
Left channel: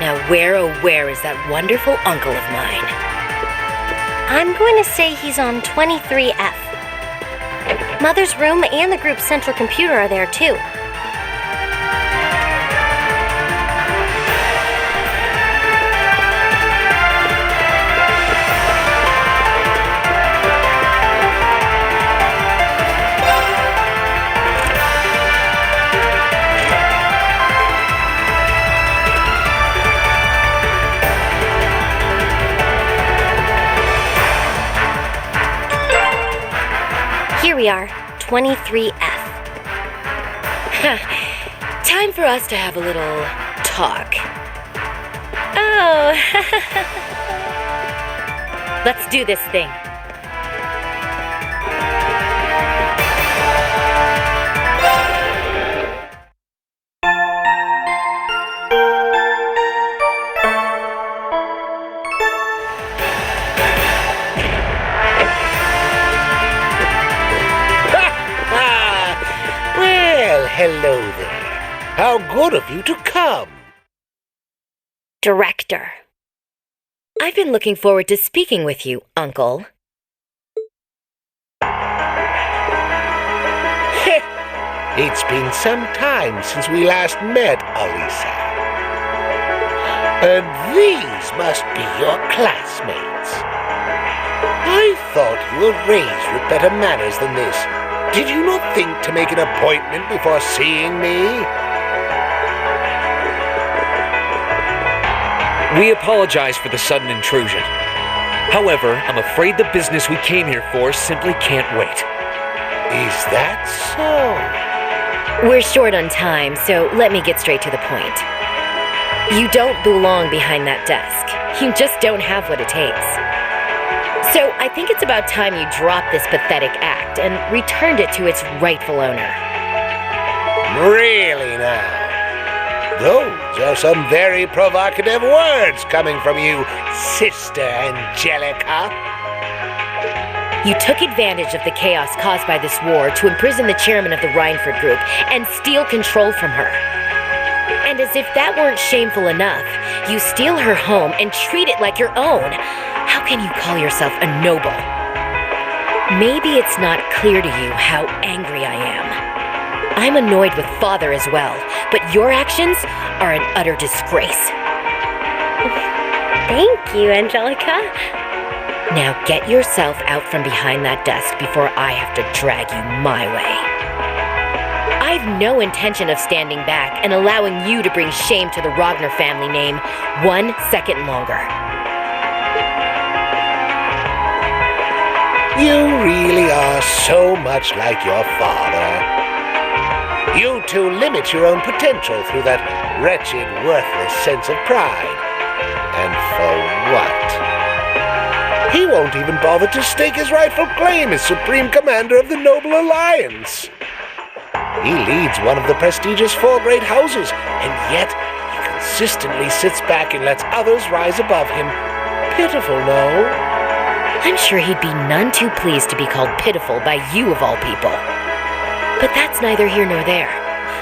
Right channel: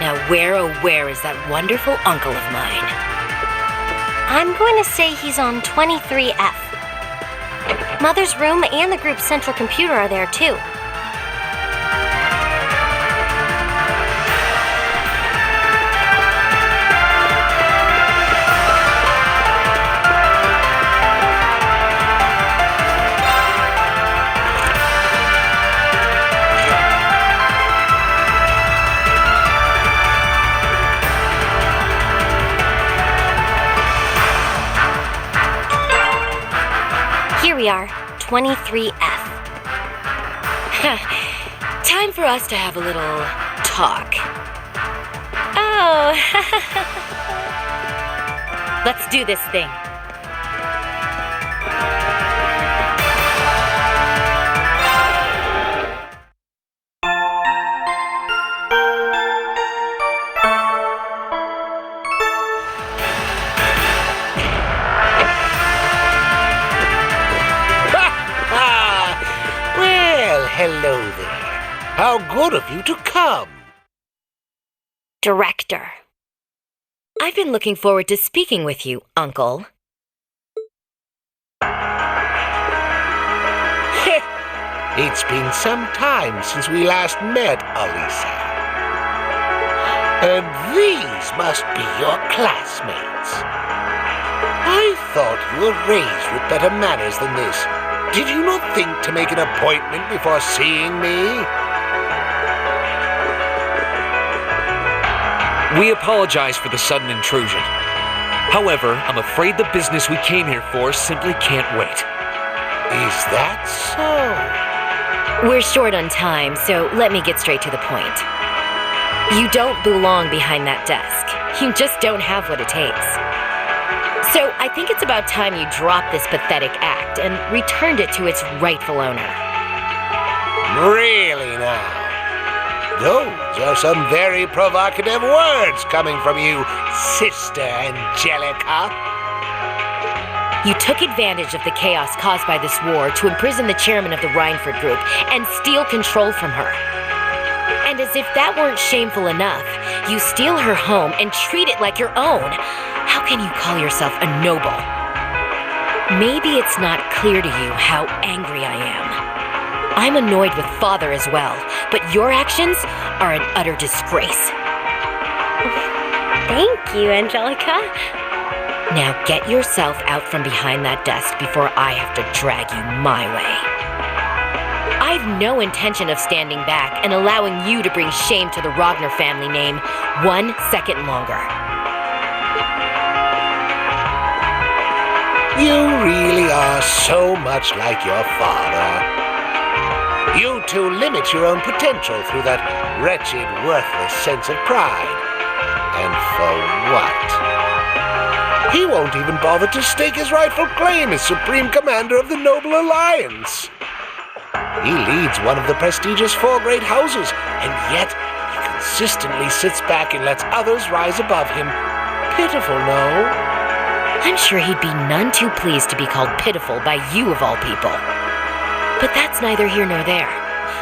Now where, oh where is that wonderful uncle of mine? I'm going to say he's on 23F. Mother's room and the group's central computer are there too. Here we are, 23F. Time for us to have a little talk. Oh, let's do this thing. Hello there. How good of you to come. Director. I've been looking forward to speaking with you, Uncle. It's been some time since we last met, Alisa. And these must be your classmates. I thought you were raised with better manners than this. Did you not think to make an appointment before seeing me? We apologize for the sudden intrusion. However, I'm afraid the business we came here for simply can't wait. Is that so? We're short on time, so let me get straight to the point. You don't belong behind that desk. You just don't have what it takes. So I think it's about time you drop this pathetic act and returned it to its rightful owner. Really now? Those are some very provocative words coming from you, Sister Angelica. You took advantage of the chaos caused by this war to imprison the chairman of the Rhineford Group and steal control from her. And as if that weren't shameful enough, you steal her home and treat it like your own. How can you call yourself a noble? Maybe it's not clear to you how angry I am. I'm annoyed with Father as well, but your actions are an utter disgrace. Thank you, Angelica. Now get yourself out from behind that desk before I have to drag you my way. I've no intention of standing back and allowing you to bring shame to the Rogner family name 1 second longer. You really are so much like your father. You two limit your own potential through that wretched, worthless sense of pride. And for what? He won't even bother to stake his rightful claim as Supreme Commander of the Noble Alliance. He leads one of the prestigious 4 great houses, and yet he consistently sits back and lets others rise above him. Pitiful, no? I'm sure he'd be none too pleased to be called pitiful by you of all people. But that's neither here nor there.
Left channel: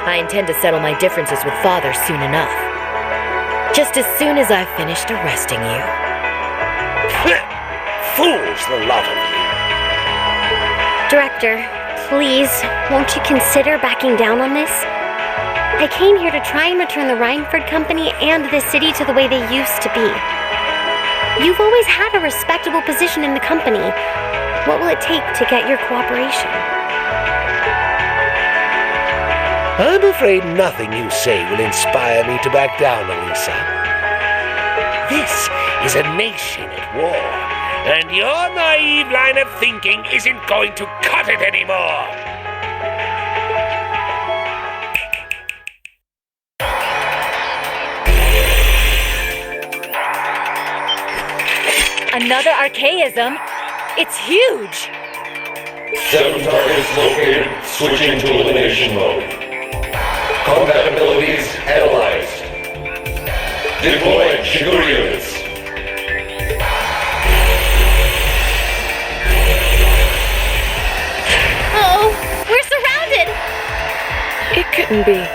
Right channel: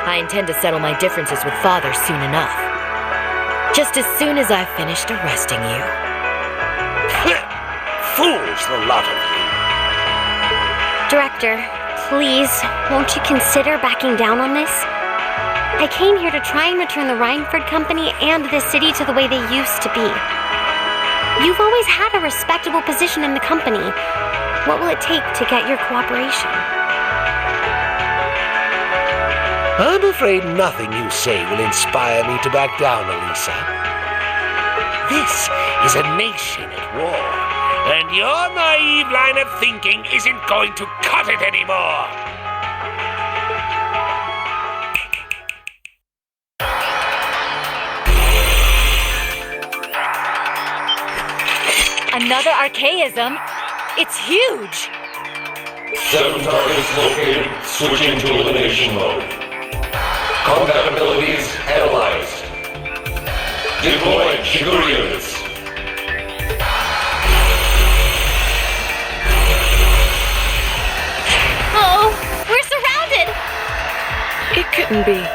I intend to settle my differences with Father soon enough. Just as soon as I've finished arresting you. Fools, the lot of you. Director, please, won't you consider backing down on this? I came here to try and return the Rhineford Company and the city to the way they used to be. You've always had a respectable position in the company. What will it take to get your cooperation? I'm afraid nothing you say will inspire me to back down, Alisa. This is a nation at war, and your naive line of thinking isn't going to cut it anymore. Another archaism? It's huge! 7 targets located, switching to elimination mode. Combat abilities analyzed. Deploying Shigure units. Oh, we're surrounded! It couldn't be.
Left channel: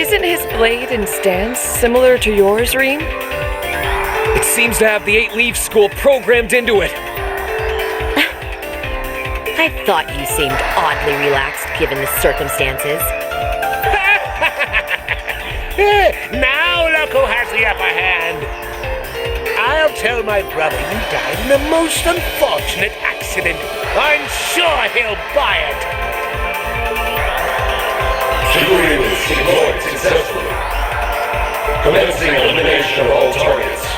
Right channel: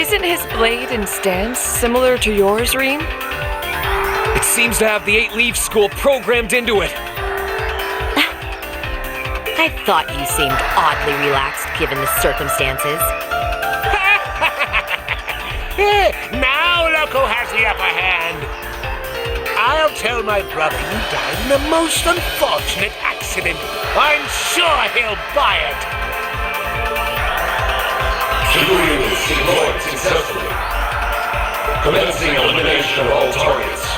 Isn't his blade and stance similar to yours, Reem? It seems to have the 8-leaf school programmed into it. I thought you seemed oddly relaxed given the circumstances. Now look who has the upper hand. I'll tell my brother you died in a most unfortunate accident. I'm sure he'll buy it. Shigure units deployed successfully. Commencing elimination of all targets.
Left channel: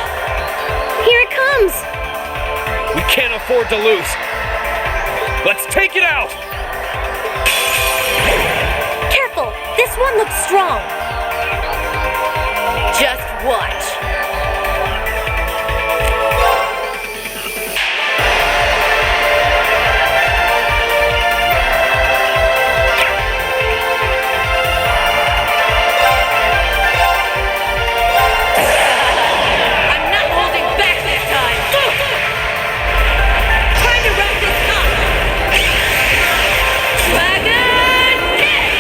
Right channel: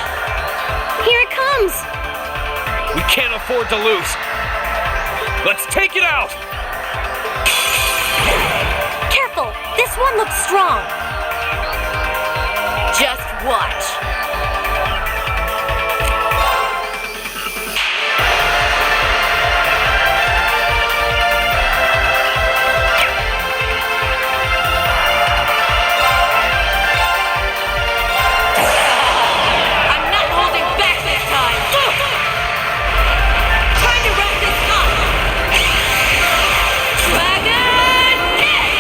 Here it comes! We can't afford to lose. Let's take it out! Careful! This one looks strong! Just watch. I'm not holding back this time! Time to wrap this up! Dragon Mech!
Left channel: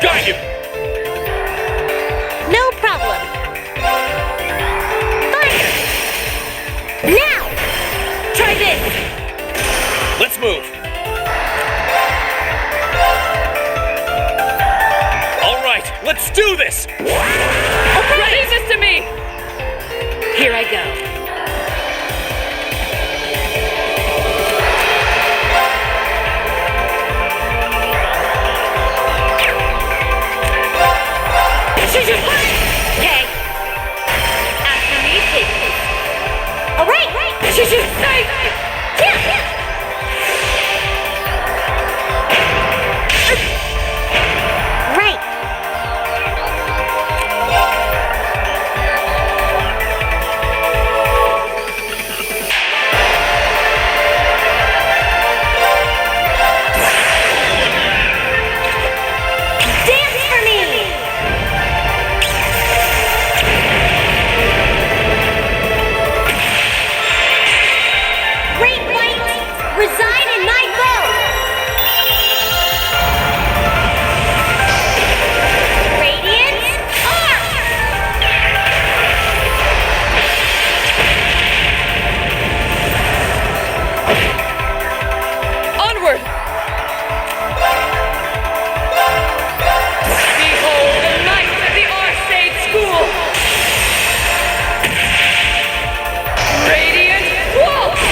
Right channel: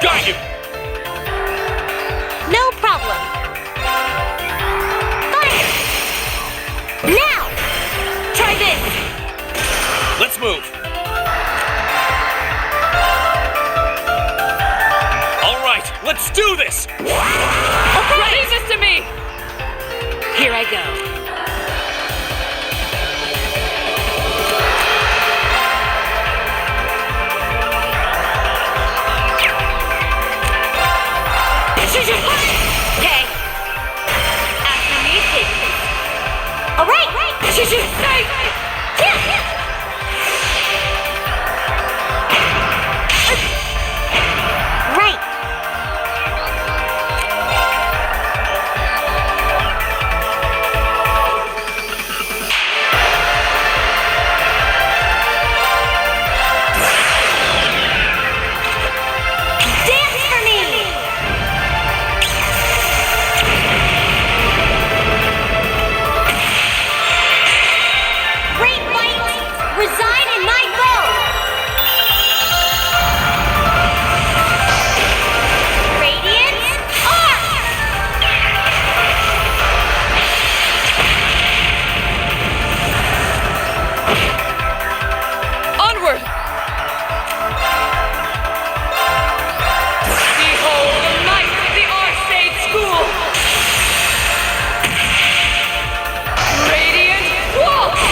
Got you! No problem. Fire! Now! Try this! Let's move. All right, let's do this! Okay. Leave this to me! Here I go. Okay. After me, kids. All right. Yeah. Right. Dance for me. Great light reside in my bow. Radiant arc. Onward! Behold the might of the Arcade School! Radiant Waltz!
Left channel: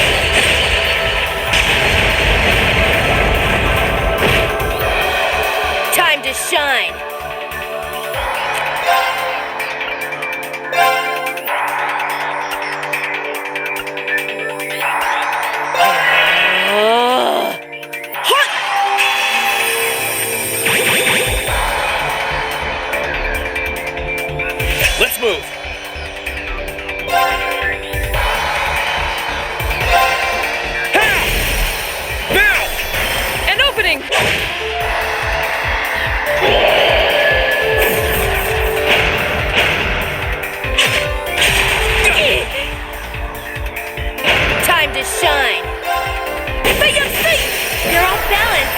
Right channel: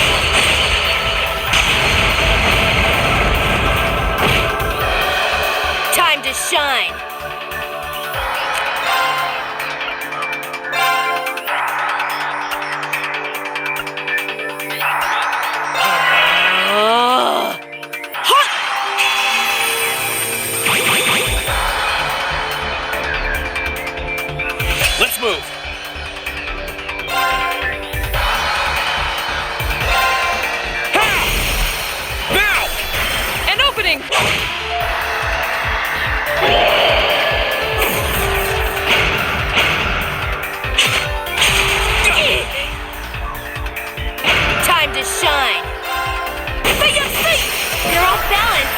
Time to shine. Let's move. Ha! Now! An opening! Time to shine. You're off balance.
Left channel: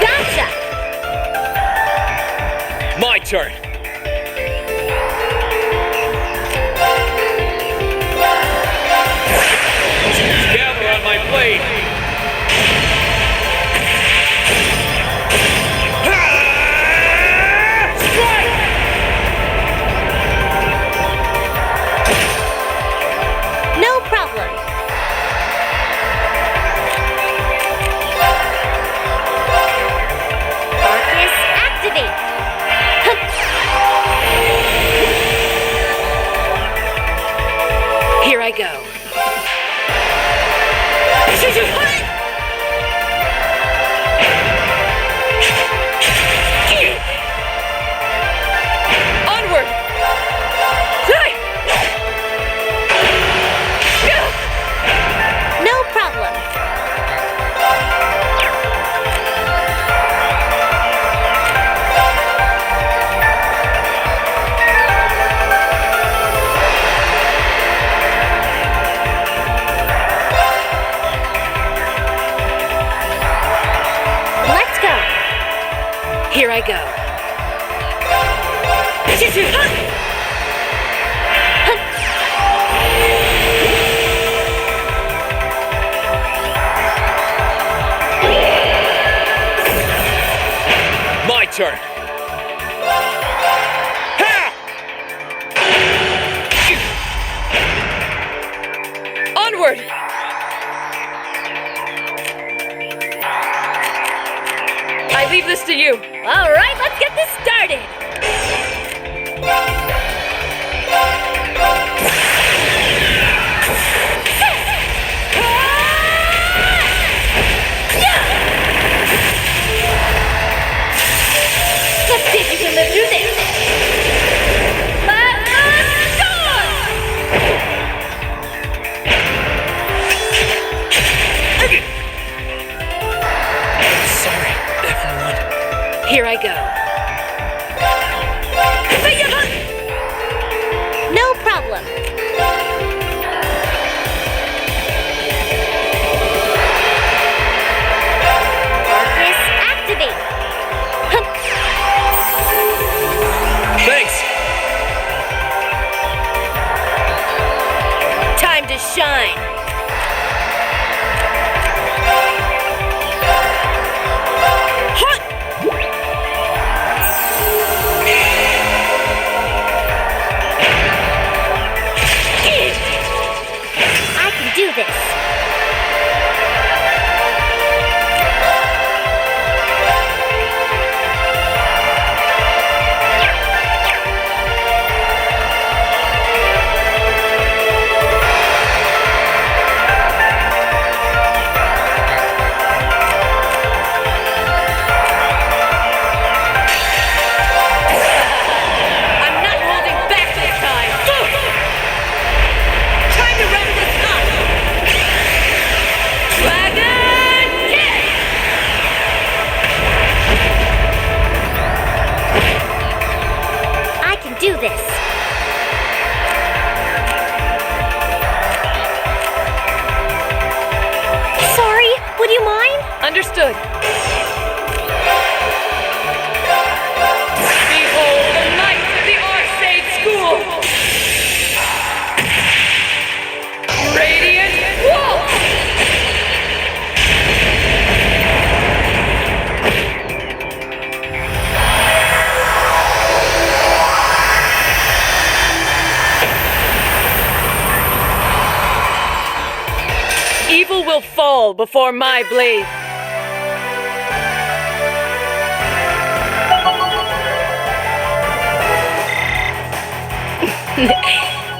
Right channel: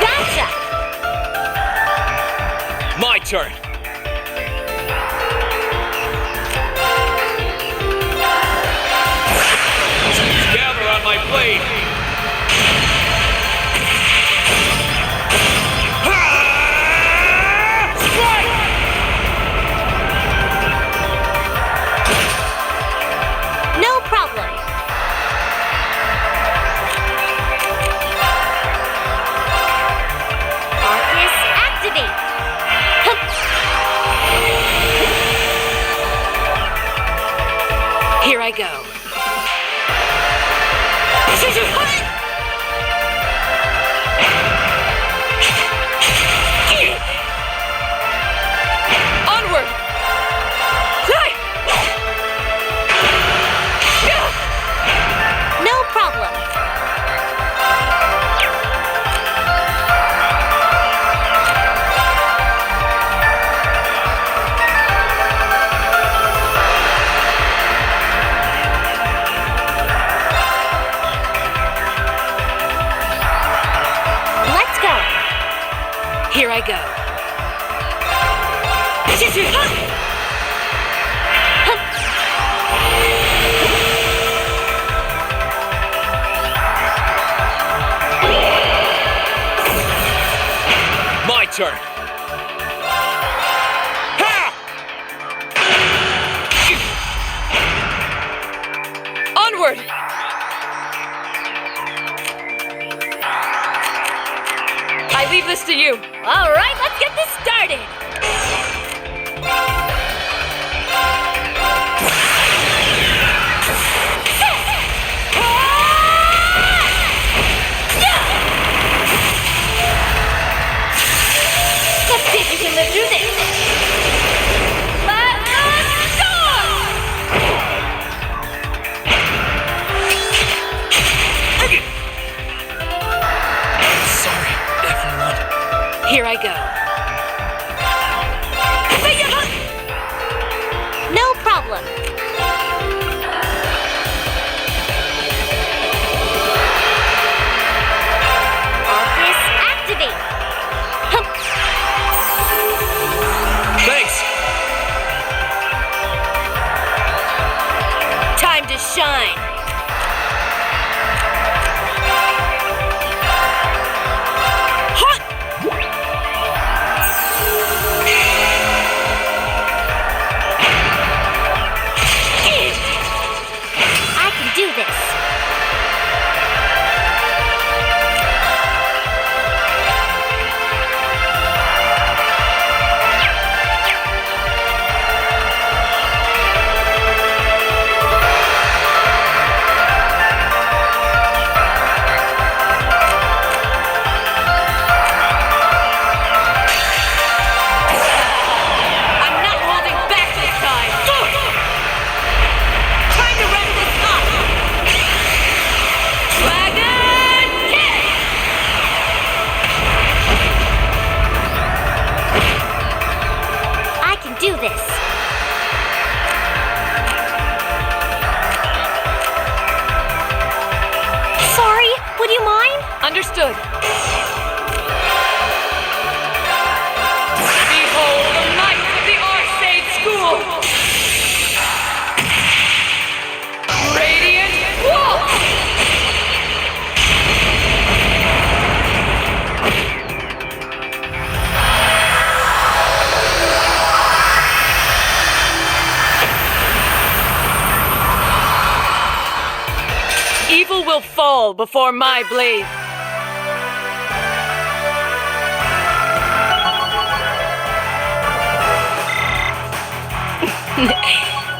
Gotcha. My turn. Gather on my blade. No problem. Arcus activate. Here I go. Onward! No problem. Let's go. Here I go. My turn. Ha! Onward! I leave this to you. All right, let's get this started. Let's see if you can live through this. Let us go! Sorry, everyone. Here I go. No problem. Arcus activate. to shine. I can do this. Do this. Sorry, would you mind? Understood. Behold the might of the Arcade School! Radiant Walk! Evil will fall before my blade.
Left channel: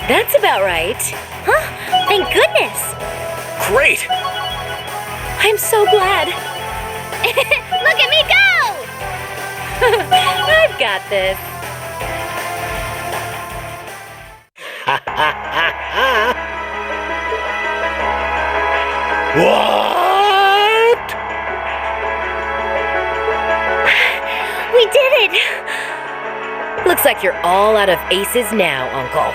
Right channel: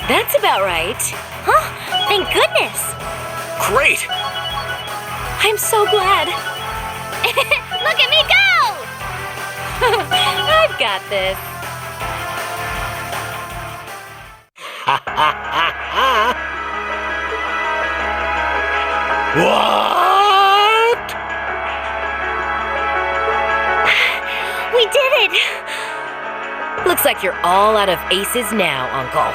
That's about right. Huh? Thank goodness. Great! I'm so glad. Look at me go! I've got this. What? We did it! Looks like you're all out of aces now, Uncle.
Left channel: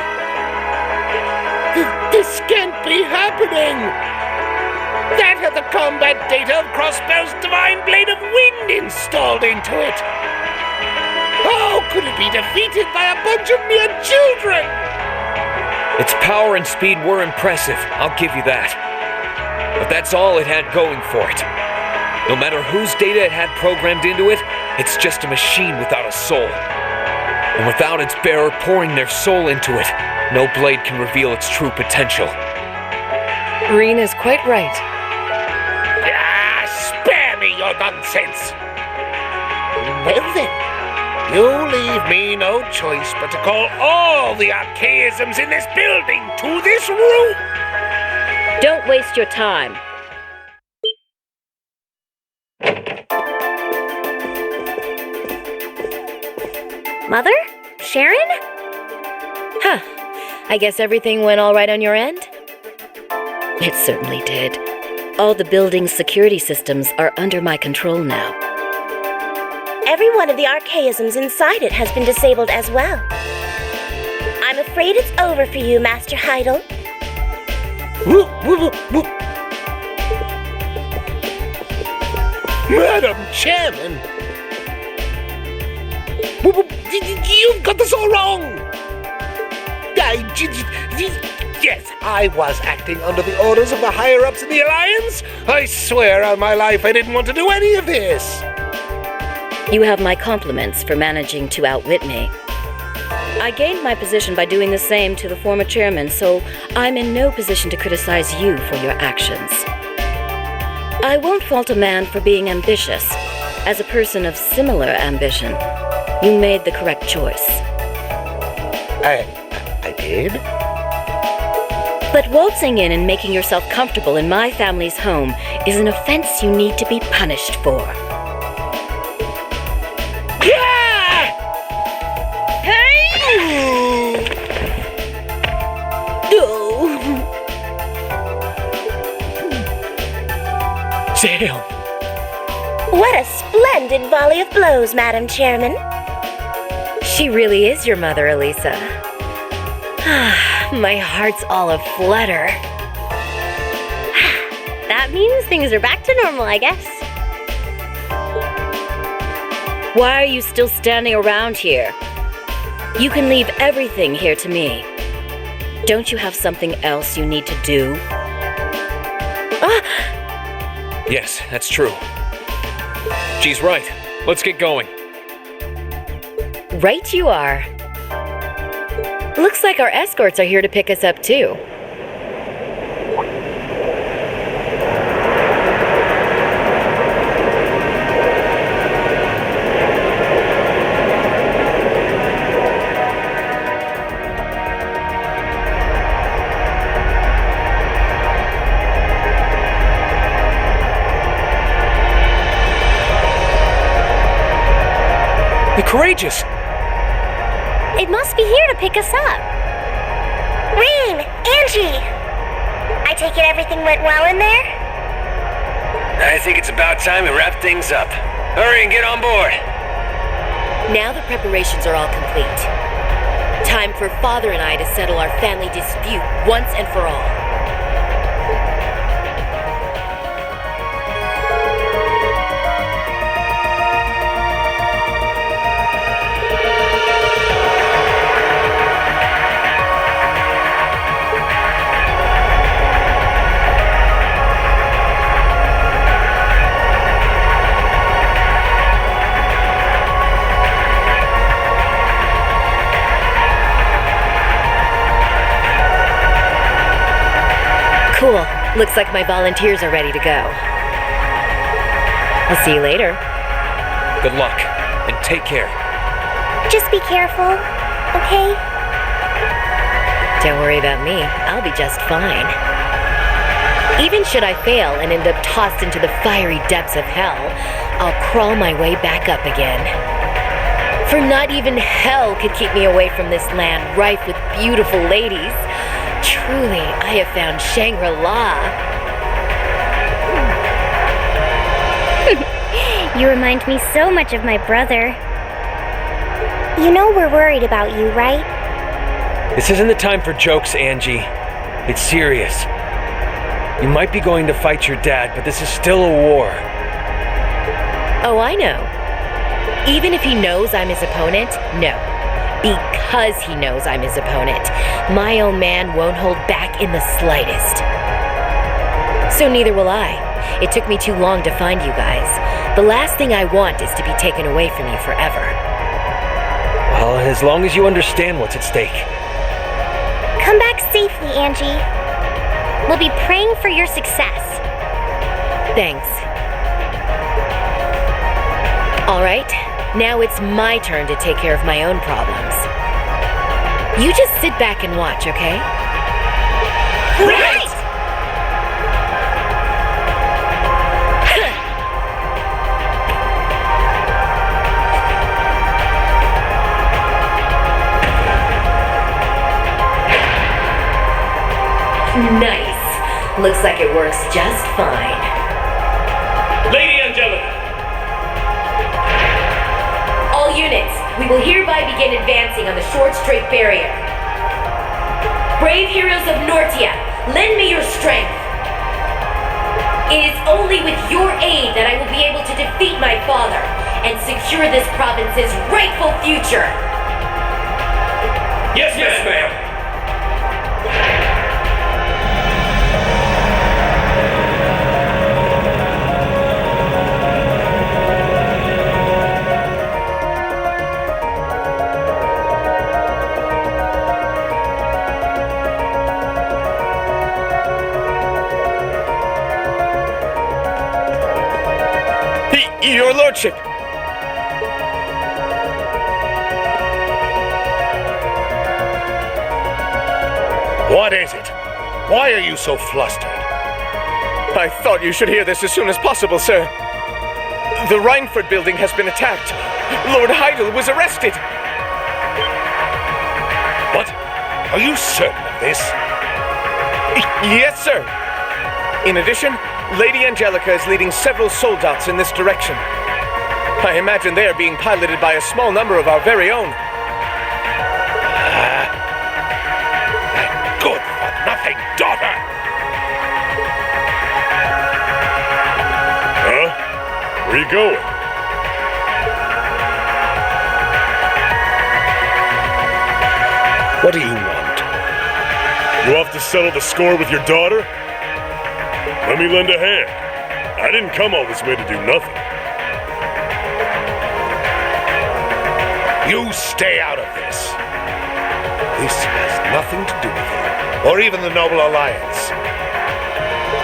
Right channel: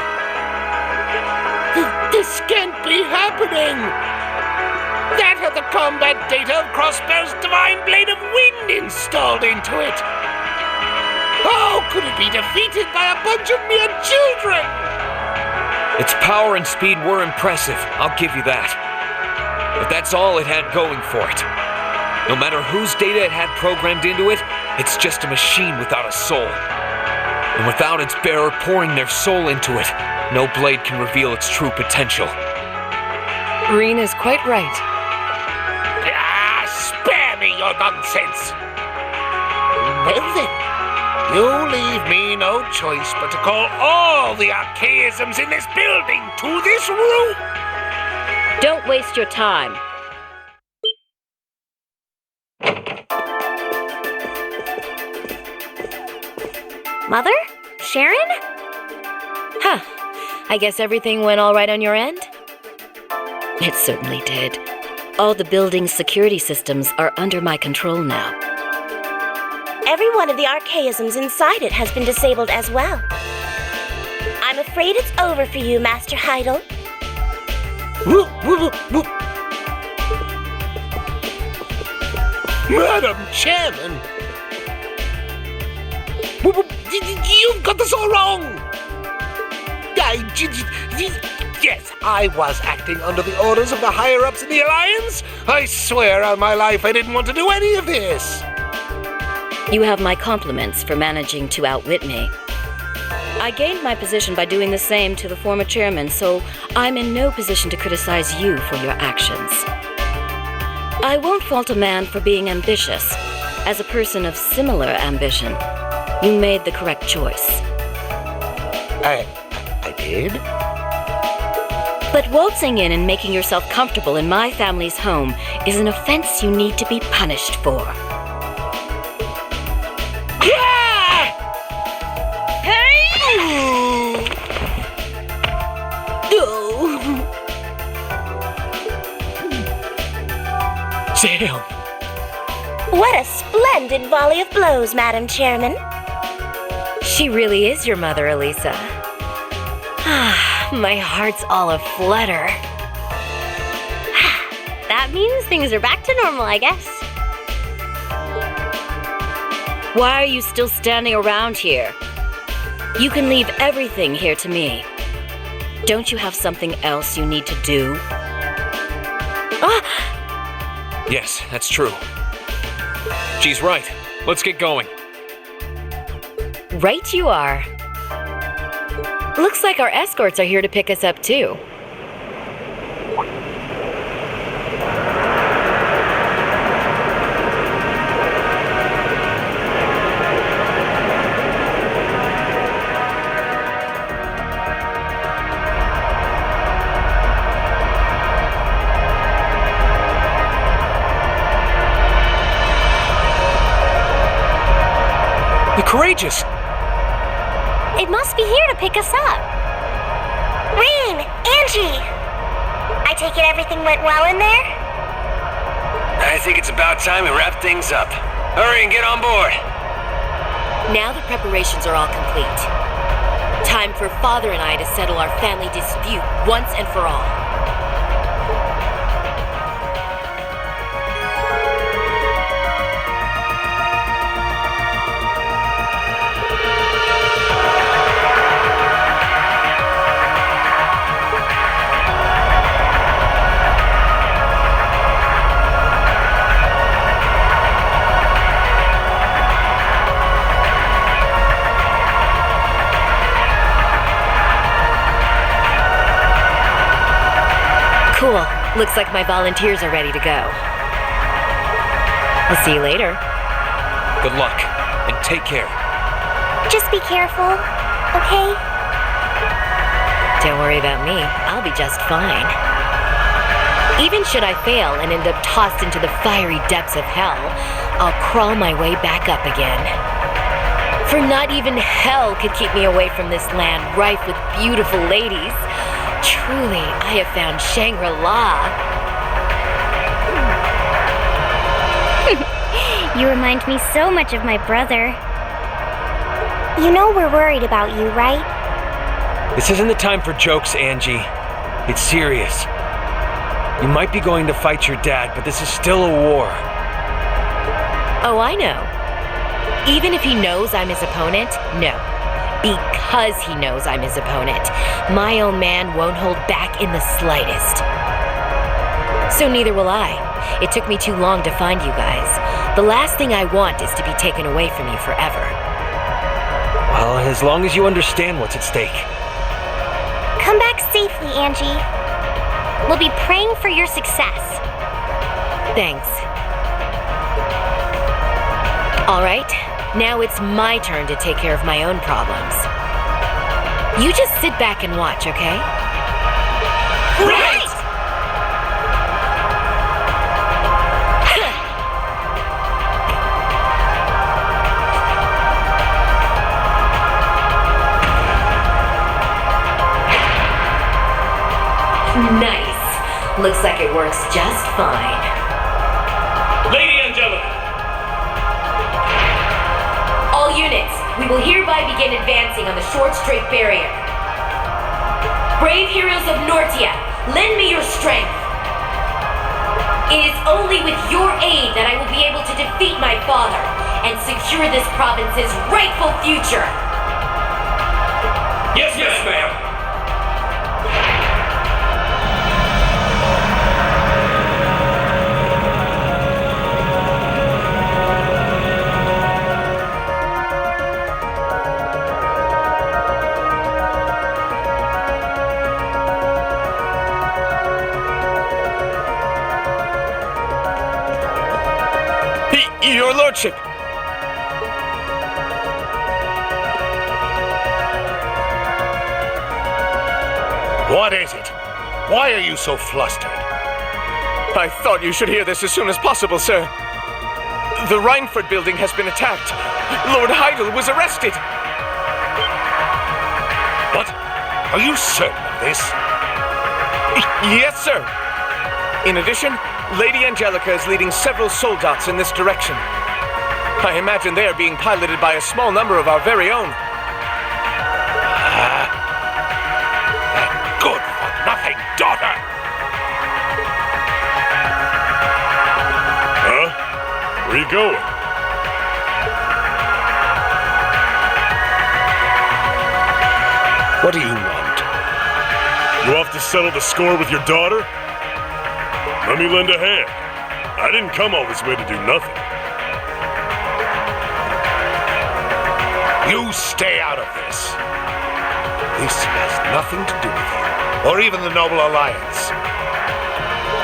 This can't be happening! That had the combat data of Crossbow's Divine Blade of Wind installed into it! How could it be defeated by a bunch of mere children? Its power and speed were impressive, I'll give you that. But that's all it had going for it. No matter whose data it had programmed into it, it's just a machine without a soul. And without its bearer pouring their soul into it, no blade can reveal its true potential. Reen is quite right. Spare me your nonsense! Well then, you leave me no choice but to call all the archaisms in this building to this room! Don't waste your time. Mother? Sharon? Huh. I guess everything went all right on your end? It certainly did. All the building's security systems are under my control now. Every one of the archaisms inside it has been disabled as well. I'm afraid it's over for you, Master Heidel. Madam Chairman! You've got this all wrong! Yes, I was acting under the orders of the higher-ups in the Alliance. I swear on my life I didn't want to do any of this. You have my compliments for managing to outwit me. I gained my position by doing the same to the former chairman, so I'm in no position to criticize you for your actions. I won't fault a man for being ambitious. As a person of similar ambition, you made the correct choice. I did? But waltzing in and making yourself comfortable in my family's home is an offense you need to be punished for. Damn! What a splendid volley of blows, Madam Chairman. She really is your mother, Alisa. My heart's all aflutter. That means things are back to normal, I guess. Why are you still standing around here? You can leave everything here to me. Don't you have something else you need to do? Yes, that's true. She's right. Let's get going. Right you are. Looks like our escorts are here to pick us up too. The Courageous! It must be here to pick us up. Reem! Angie! I take it everything went well in there? I think it's about time we wrap things up. Hurry and get on board. Now the preparations are all complete. Time for Father and I to settle our family dispute once and for all. Cool. Looks like my volunteers are ready to go. I'll see you later. Good luck, and take care. Just be careful, okay? Don't worry about me. I'll be just fine. Even should I fail and end up tossed into the fiery depths of hell, I'll crawl my way back up again. For not even hell could keep me away from this land rife with beautiful ladies. Truly, I have found Shangri-La. You remind me so much of my brother. You know we're worried about you, right? This isn't the time for jokes, Angie. It's serious. You might be going to fight your dad, but this is still a war. Oh, I know. Even if he knows I'm his opponent, no. Because he knows I'm his opponent, my own man won't hold back in the slightest. So neither will I. It took me too long to find you guys. The last thing I want is to be taken away from you forever. Well, as long as you understand what's at stake. Come back safely, Angie. We'll be praying for your success. Thanks. All right. Now it's my turn to take care of my own problems. You just sit back and watch, okay? Right! Nice. Looks like it works just fine. Lady Angelica! All units, we will hereby begin advancing on the short straight barrier. Brave heroes of Nortia, lend me your strength. It is only with your aid that I will be able to defeat my father and secure this province's rightful future. Yes, ma'am. Your Lordship! What is it? Why are you so flustered? I thought you should hear this as soon as possible, sir. The Rhineford building has been attacked. Lord Heidel was arrested. What? Are you certain of this? Yes, sir. In addition, Lady Angelica is leading several soldats in this direction. I imagine they are being piloted by a small number of our very own. That good-for-nothing daughter! Huh? Where you going? What do you want? You off to settle the score with your daughter? Let me lend a hand. I didn't come all this way to do nothing. You stay out of this. This has nothing to do with you, or even the Noble Alliance.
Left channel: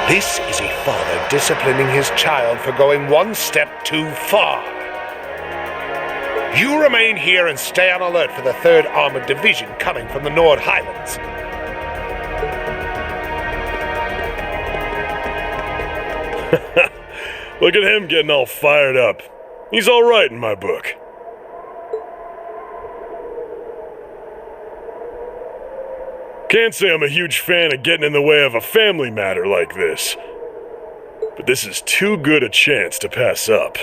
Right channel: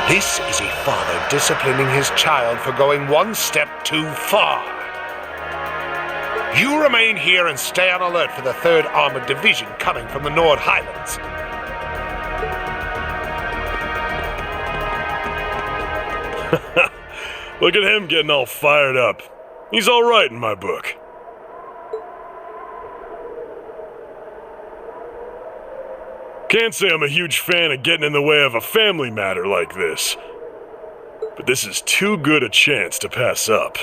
This is a father disciplining his child for going one step too far. You remain here and stay on alert for the 3rd Armored Division coming from the Nord Highlands. Look at him getting all fired up. He's all right in my book. Can't say I'm a huge fan of getting in the way of a family matter like this. But this is too good a chance to pass up.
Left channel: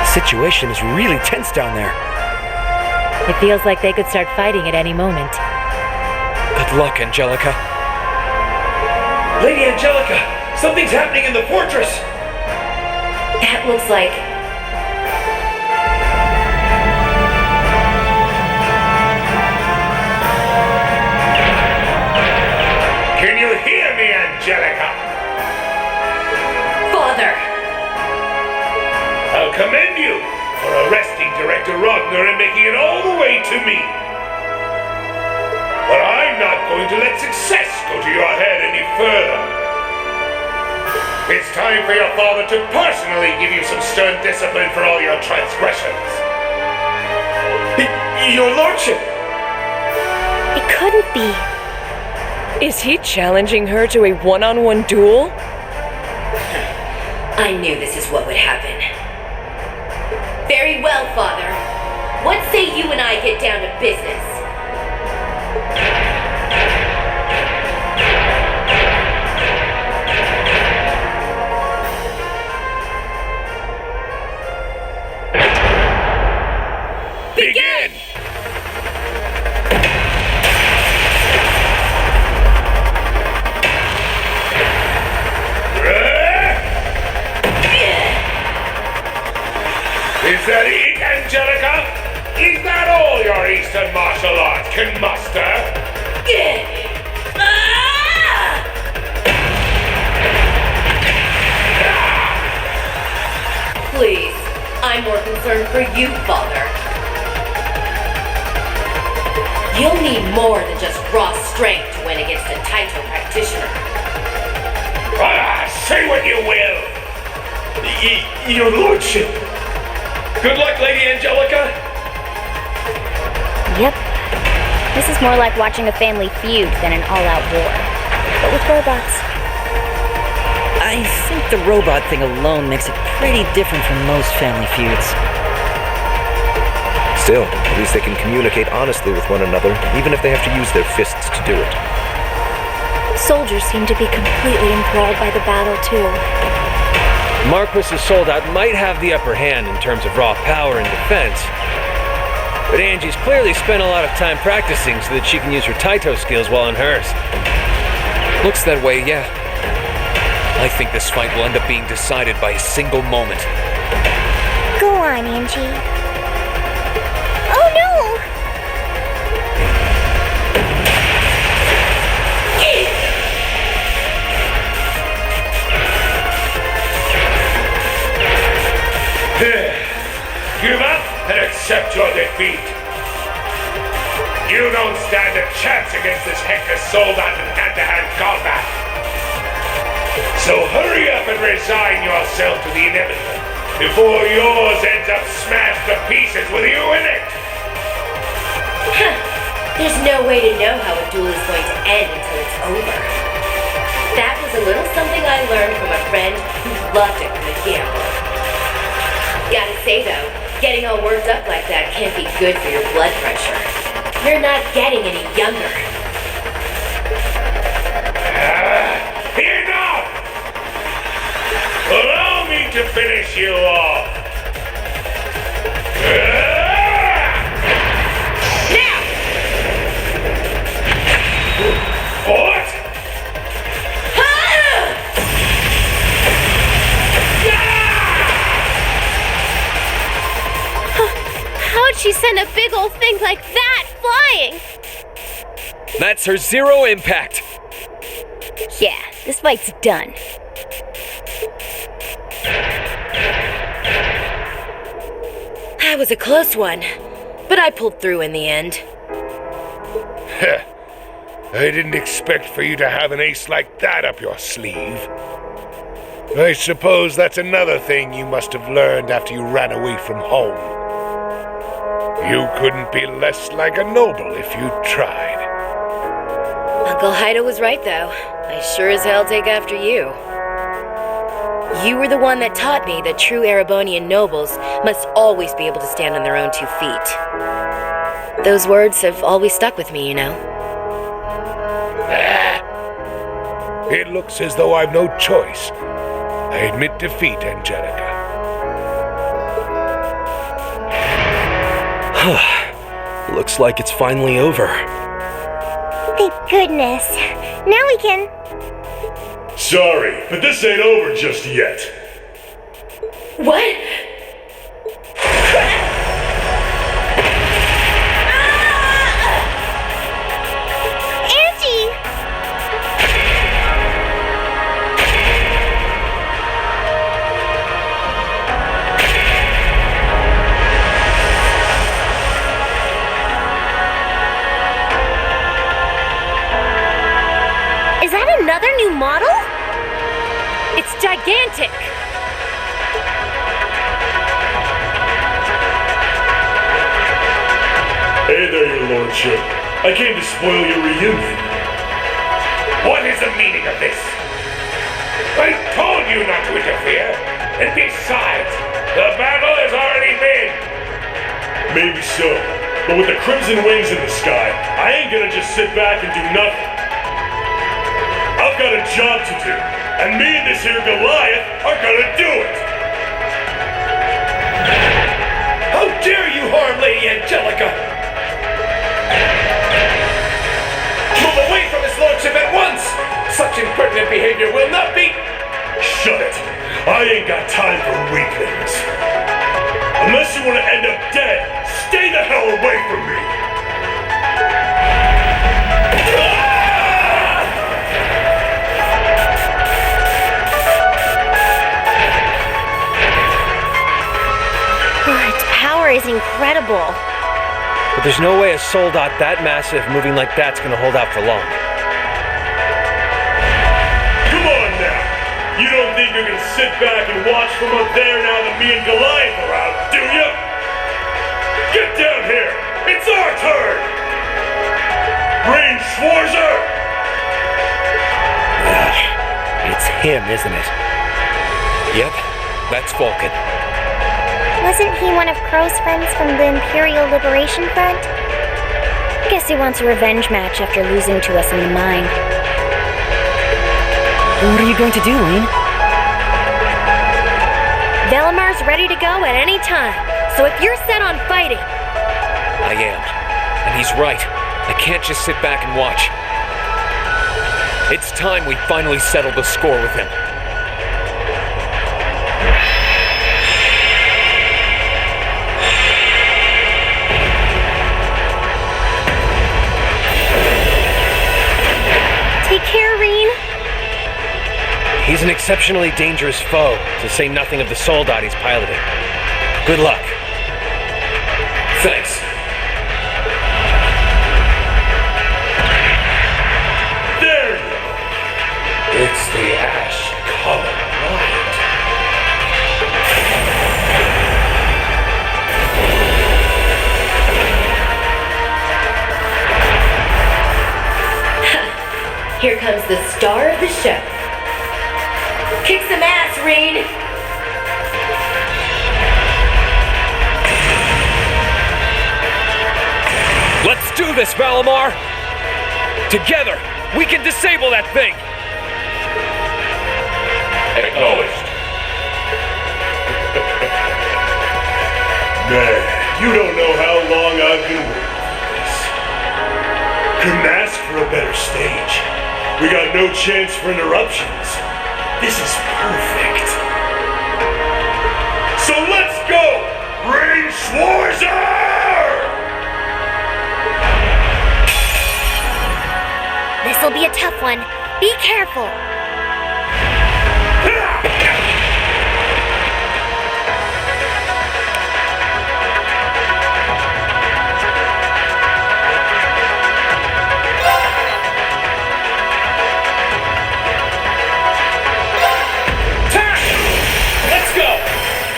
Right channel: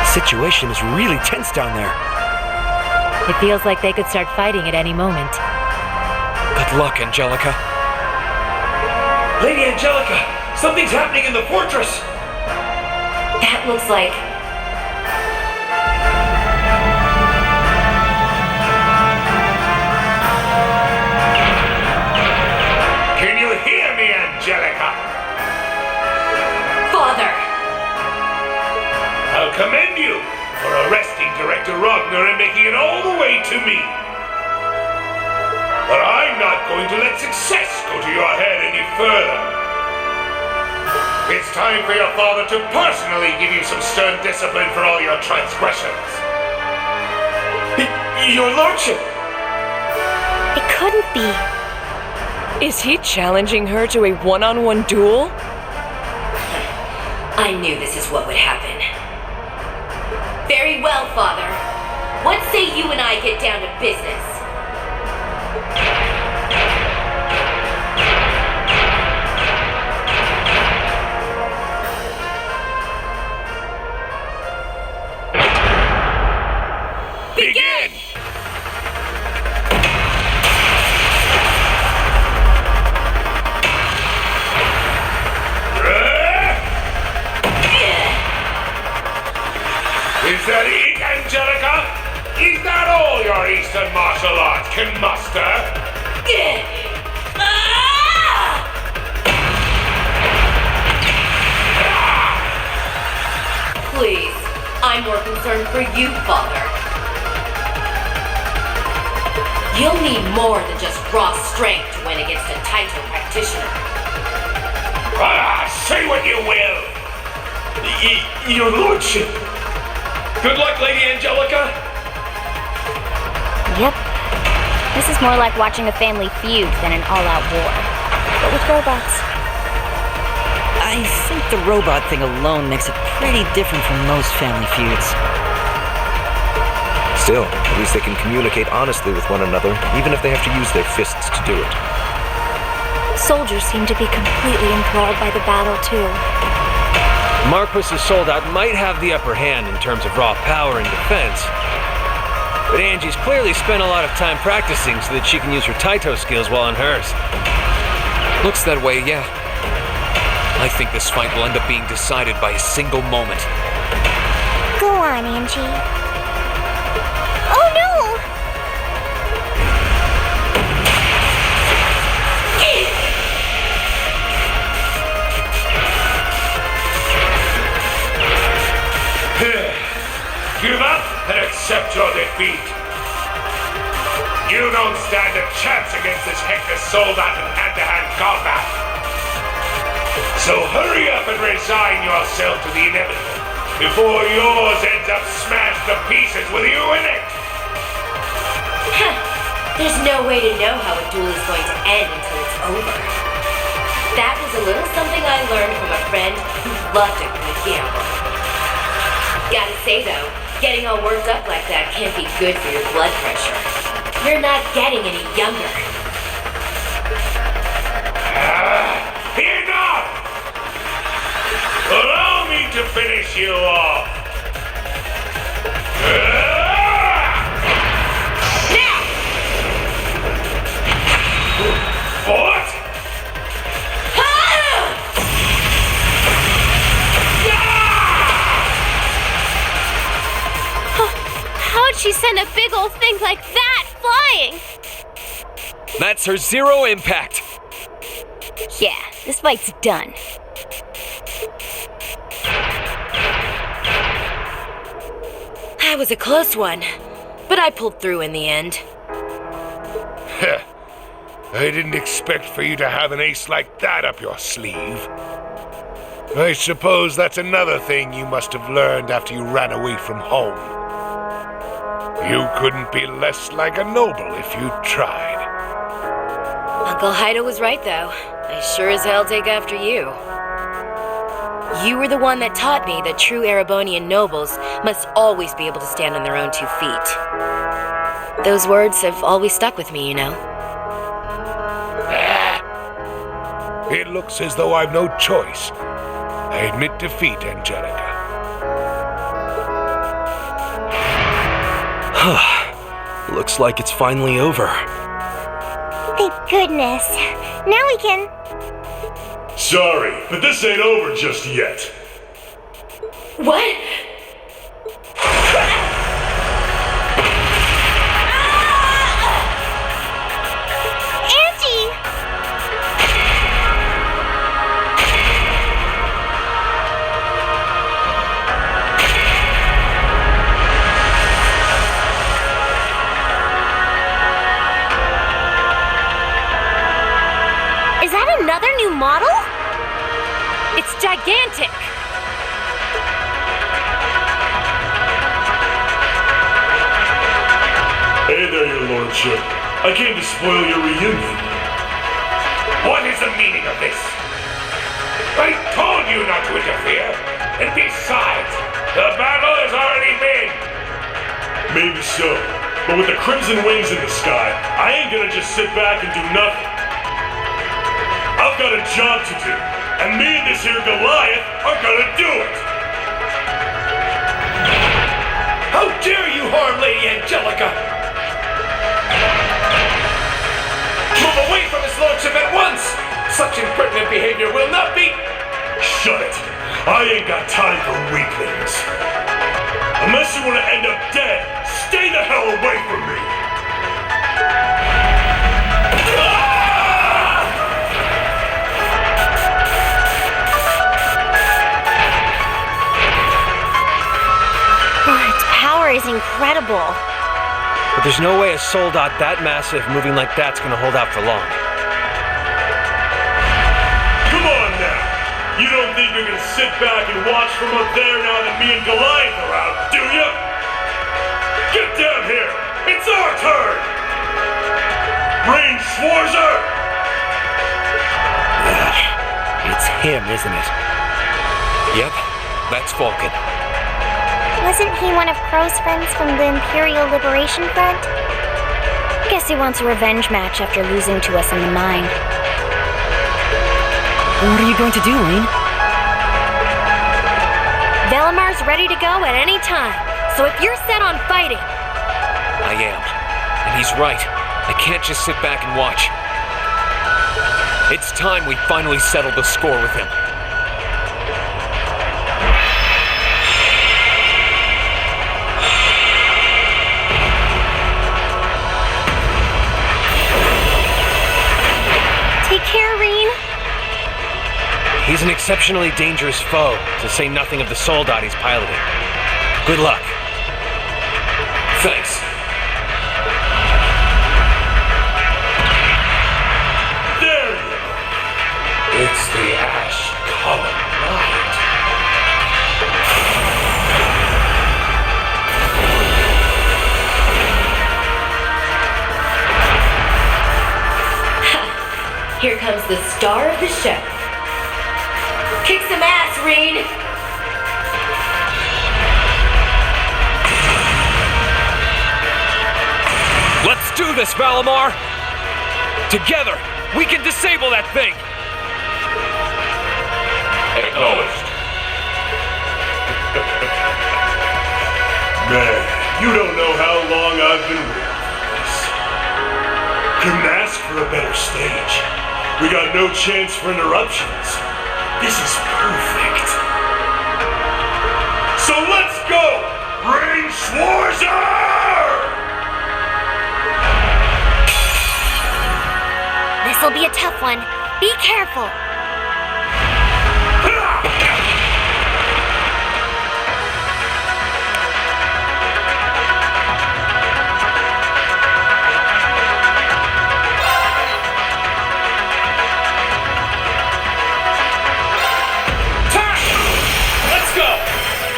The situation is really tense down there. It feels like they could start fighting at any moment. Good luck, Angelica. Lady Angelica, something's happening in the fortress! That looks like... Can you hear me, Angelica? Father! I'll commend you for arresting Director Rogner and making it all the way to me. But I'm not going to let success go to your head any further. It's time for your father to personally give you some stern discipline for all your transgressions. Your Lordship! It couldn't be. Is he challenging her to a one-on-one duel? I knew this is what would happen. Very well, Father. What say you and I get down to business? Begin! Is that it, Angelica? Is that all your Eastern martial arts can muster? Please, I'm more concerned for you, Father. You'll need more than just raw strength to win against a Taito practitioner. Say what you will! Your Lordship! Good luck, Lady Angelica! Yep. This is more like watching a family feud than an all-out war. But with robots. I think the robot thing alone makes it pretty different from most family feuds. Still, at least they can communicate honestly with one another, even if they have to use their fists to do it. Soldiers seem to be completely enthralled by the battle, too. Marquis's soldat might have the upper hand in terms of raw power and defense, but Angie's clearly spent a lot of time practicing so that she can use her Taito skills while on hers. Looks that way, yeah. I think this fight will end up being decided by a single moment. Go on, Angie. Oh no! Give up and accept your defeat. You don't stand a chance against this Hector soldat in hand-to-hand combat. So hurry up and resign yourself to the inevitable before yours ends up smashed to pieces with you in it. There's no way to know how a duel is going to end until it's over. That was a little something I learned from a friend who loved a good gamble. Gotta say though, Getting all worked up like that can't be good for your blood pressure. You're not getting any younger. Enough! Allow me to finish you off. Now! What? How'd she send a big old thing like that flying? That's her zero impact. Yeah, this fight's done. That was a close one, but I pulled through in the end. I didn't expect for you to have an ace like that up your sleeve. I suppose that's another thing you must have learned after you ran away from home. You couldn't be less like a noble if you tried. Uncle Haida was right, though. I sure as hell take after you. You were the one that taught me that true Erebonian nobles must always be able to stand on their own 2 feet. Those words have always stuck with me, you know. It looks as though I've no choice. I admit defeat, Angelica. Looks like it's finally over. Thank goodness. Now we can... Sorry, but this ain't over just yet. What? Angie! Is that another new model? It's gigantic! Hey there, your lordship. I came to spoil your reunion. What is the meaning of this? I told you not to interfere. And besides, the battle has already been. Maybe so, but with the crimson wings in the sky, I ain't gonna just sit back and do nothing. I've got a job to do, and me and this here Goliath are gonna do it! How dare you harm Lady Angelica! Move away from his lordship at once! Such impertinent behavior will not be... Shut it! I ain't got time for weaklings. Unless you want to end up dead, stay the hell away from me! Its power is incredible. But there's no way a soldat that massive moving like that's gonna hold out for long. Come on now! You don't think you can sit back and watch from up there now that me and Goliath are out, do you? Get down here! It's our turn! Range Schwarzer! It's him, isn't it? Yep, that's Vulcan. Wasn't he one of Crow's friends from the Imperial Liberation Front? Guess he wants a revenge match after losing to us in the mine. What are you going to do, Lane? Velamar's ready to go at any time, so if you're set on fighting... I am. And he's right. I can't just sit back and watch. It's time we finally settle the score with him. Take care, Reen. He's an exceptionally dangerous foe, to say nothing of the soldat he's piloting. Good luck. Thanks. There you go. It's the Ash Common Night. Here comes the star of the show. Kick some ass, Reen! do this, Valimar! Together, we can disable that thing! Acknowledged. Man, you don't know how long I've been waiting for this. Couldn't ask for a better stage. We got no chance for interruptions. This is perfect. So let's go! Rain Schwarzer! This'll be a tough one. Be careful. Let's go!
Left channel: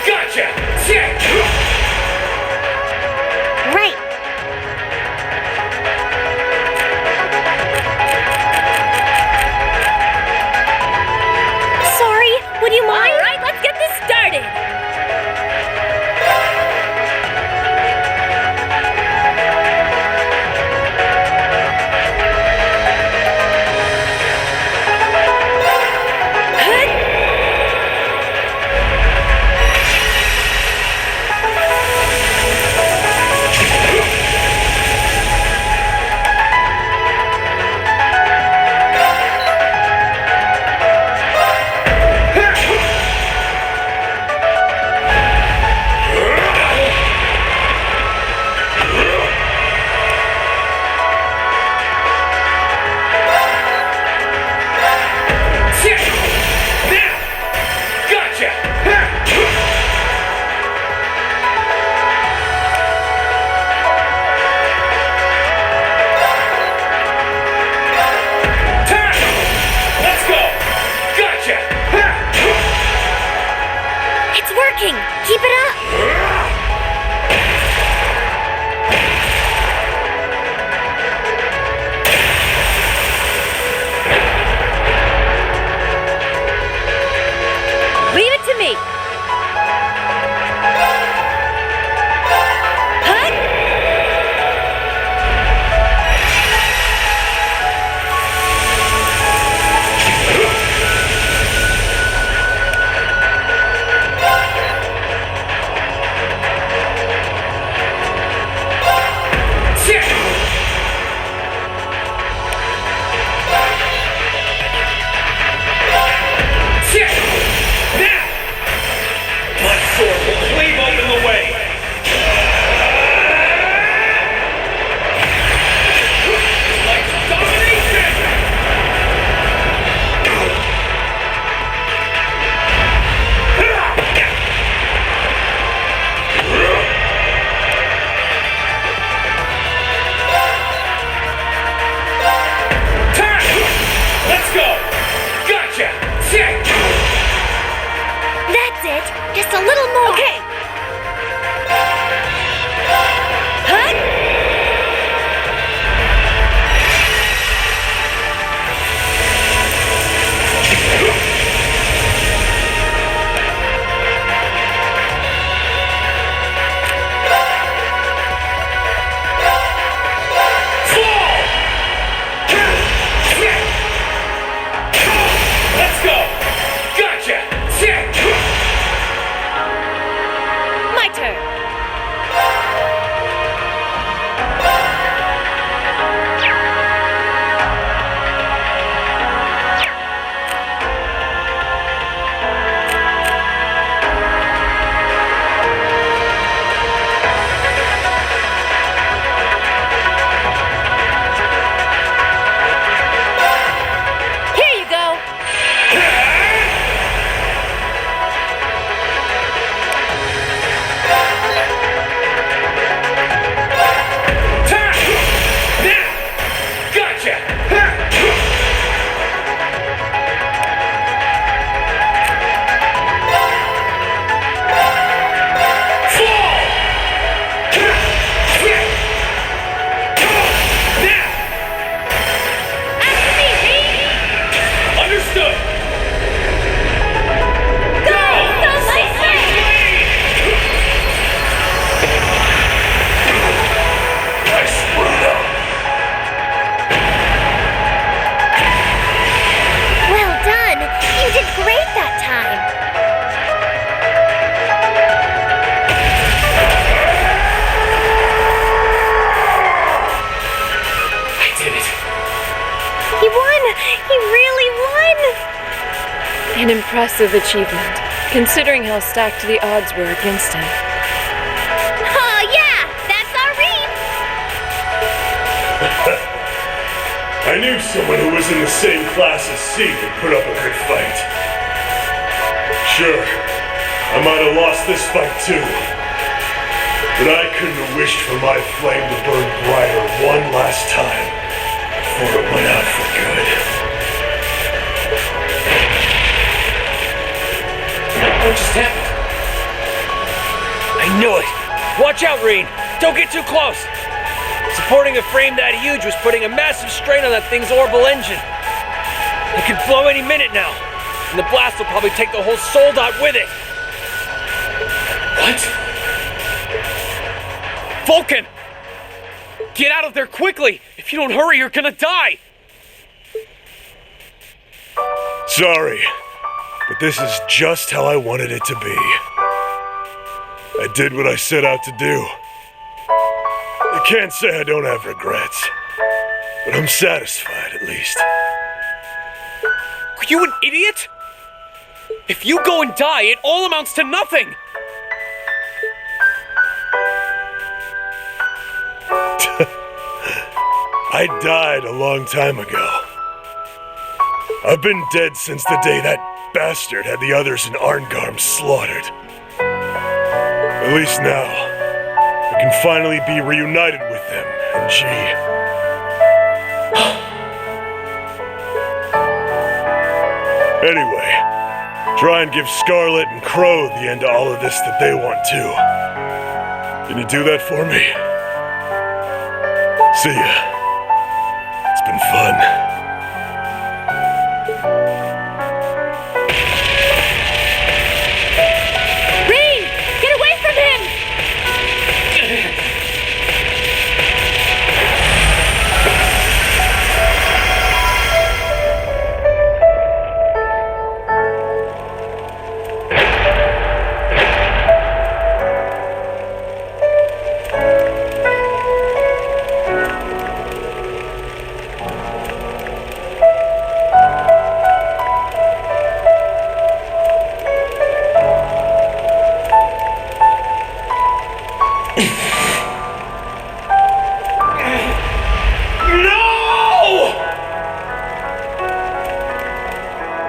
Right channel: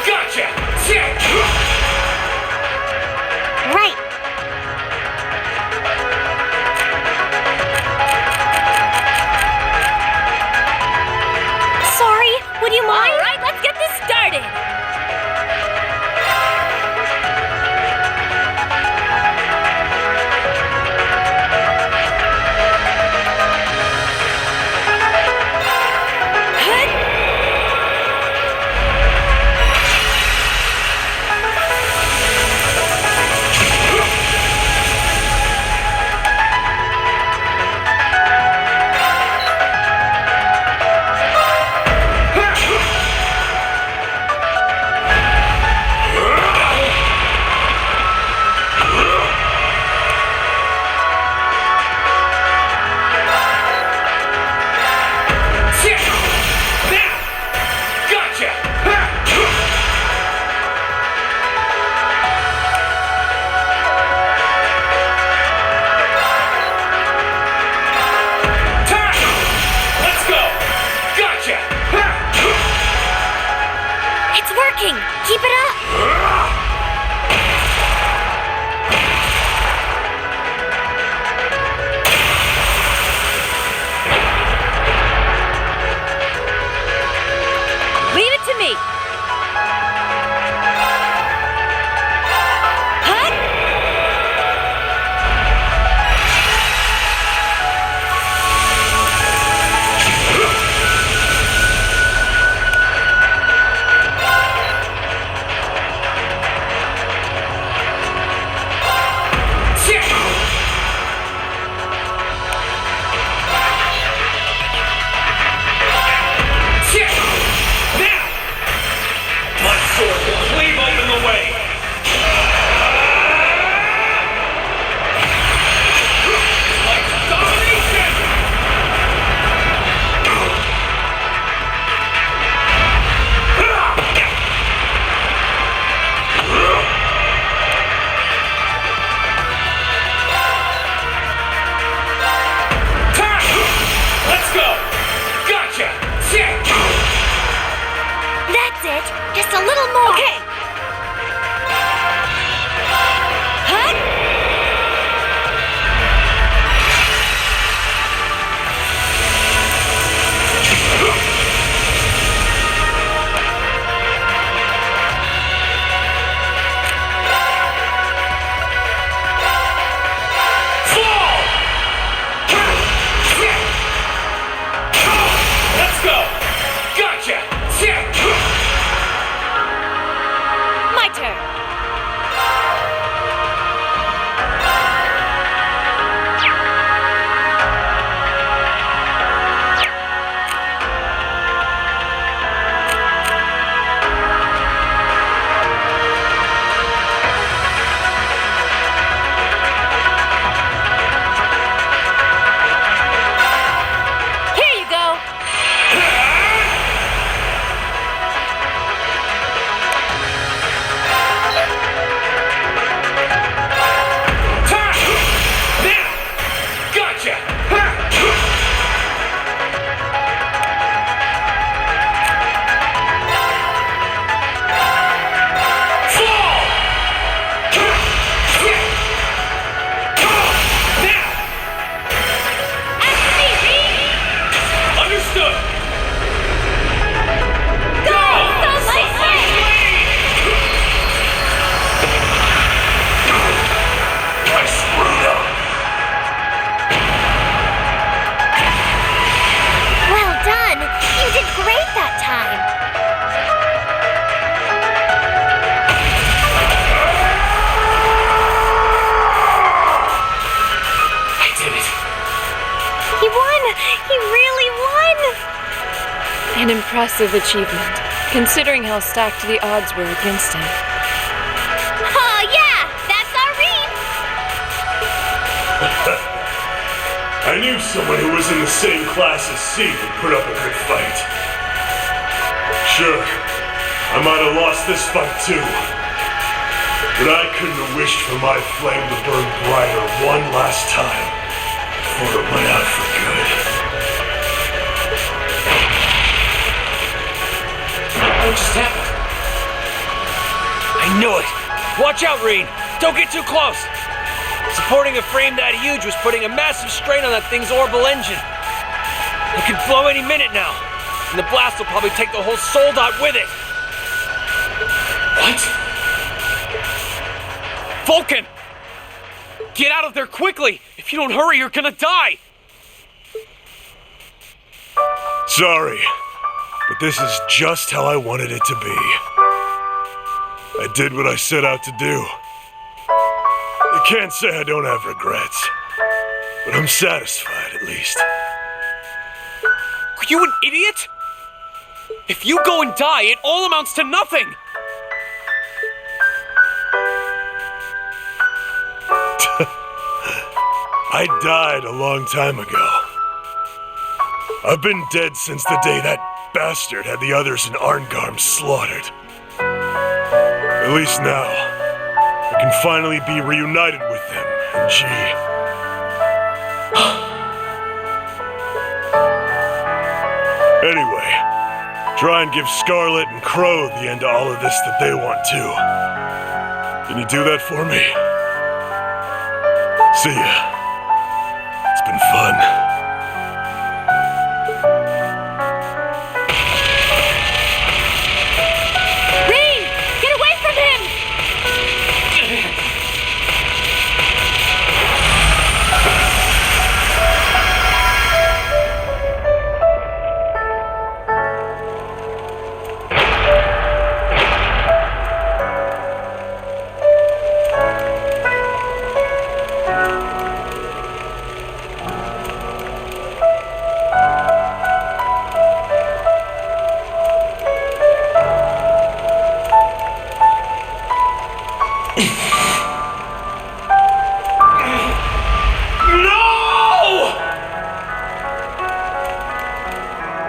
Gotcha! Sick! Right. Sorry, would you mind? All right, let's get this started. It's working! Keep it up! Leave it to me. Hut! Sword will cleave open the way! Like domination! Let's go! Gotcha! Sick! That's it! Just a little more! Okay! Hut! Let's go! Gotcha! Sick! An impressive achievement, considering how stacked the odds were against him. Oh yeah, that's our Reem! I knew someone who was in the same class as C would put up a good fight. Sure, I might have lost this fight too. But I couldn't have wished for my flame to burn brighter one last time before it went out for good. What just happened? I knew it! Watch out, Reen! Don't get too close! Supporting a frame that huge was putting a massive strain on that thing's orbital engine. It could blow any minute now, and the blast will probably take the whole soul dot with it. What? Vulcan! Get out of there quickly! If you don't hurry, you're gonna die! Sorry, but this is just how I wanted it to be. I did what I set out to do. I can't say I don't have regrets, but I'm satisfied at least. Are you an idiot? If you go and die, it all amounts to nothing! I died a long time ago. I've been dead since the day that bastard had the others in Arngarm slaughtered. At least now, I can finally be reunited with them and G. Anyway, try and give Scarlet and Crow the end to all of this that they want too. Can you do that for me? See ya. It's been fun. Reem! Get away from him!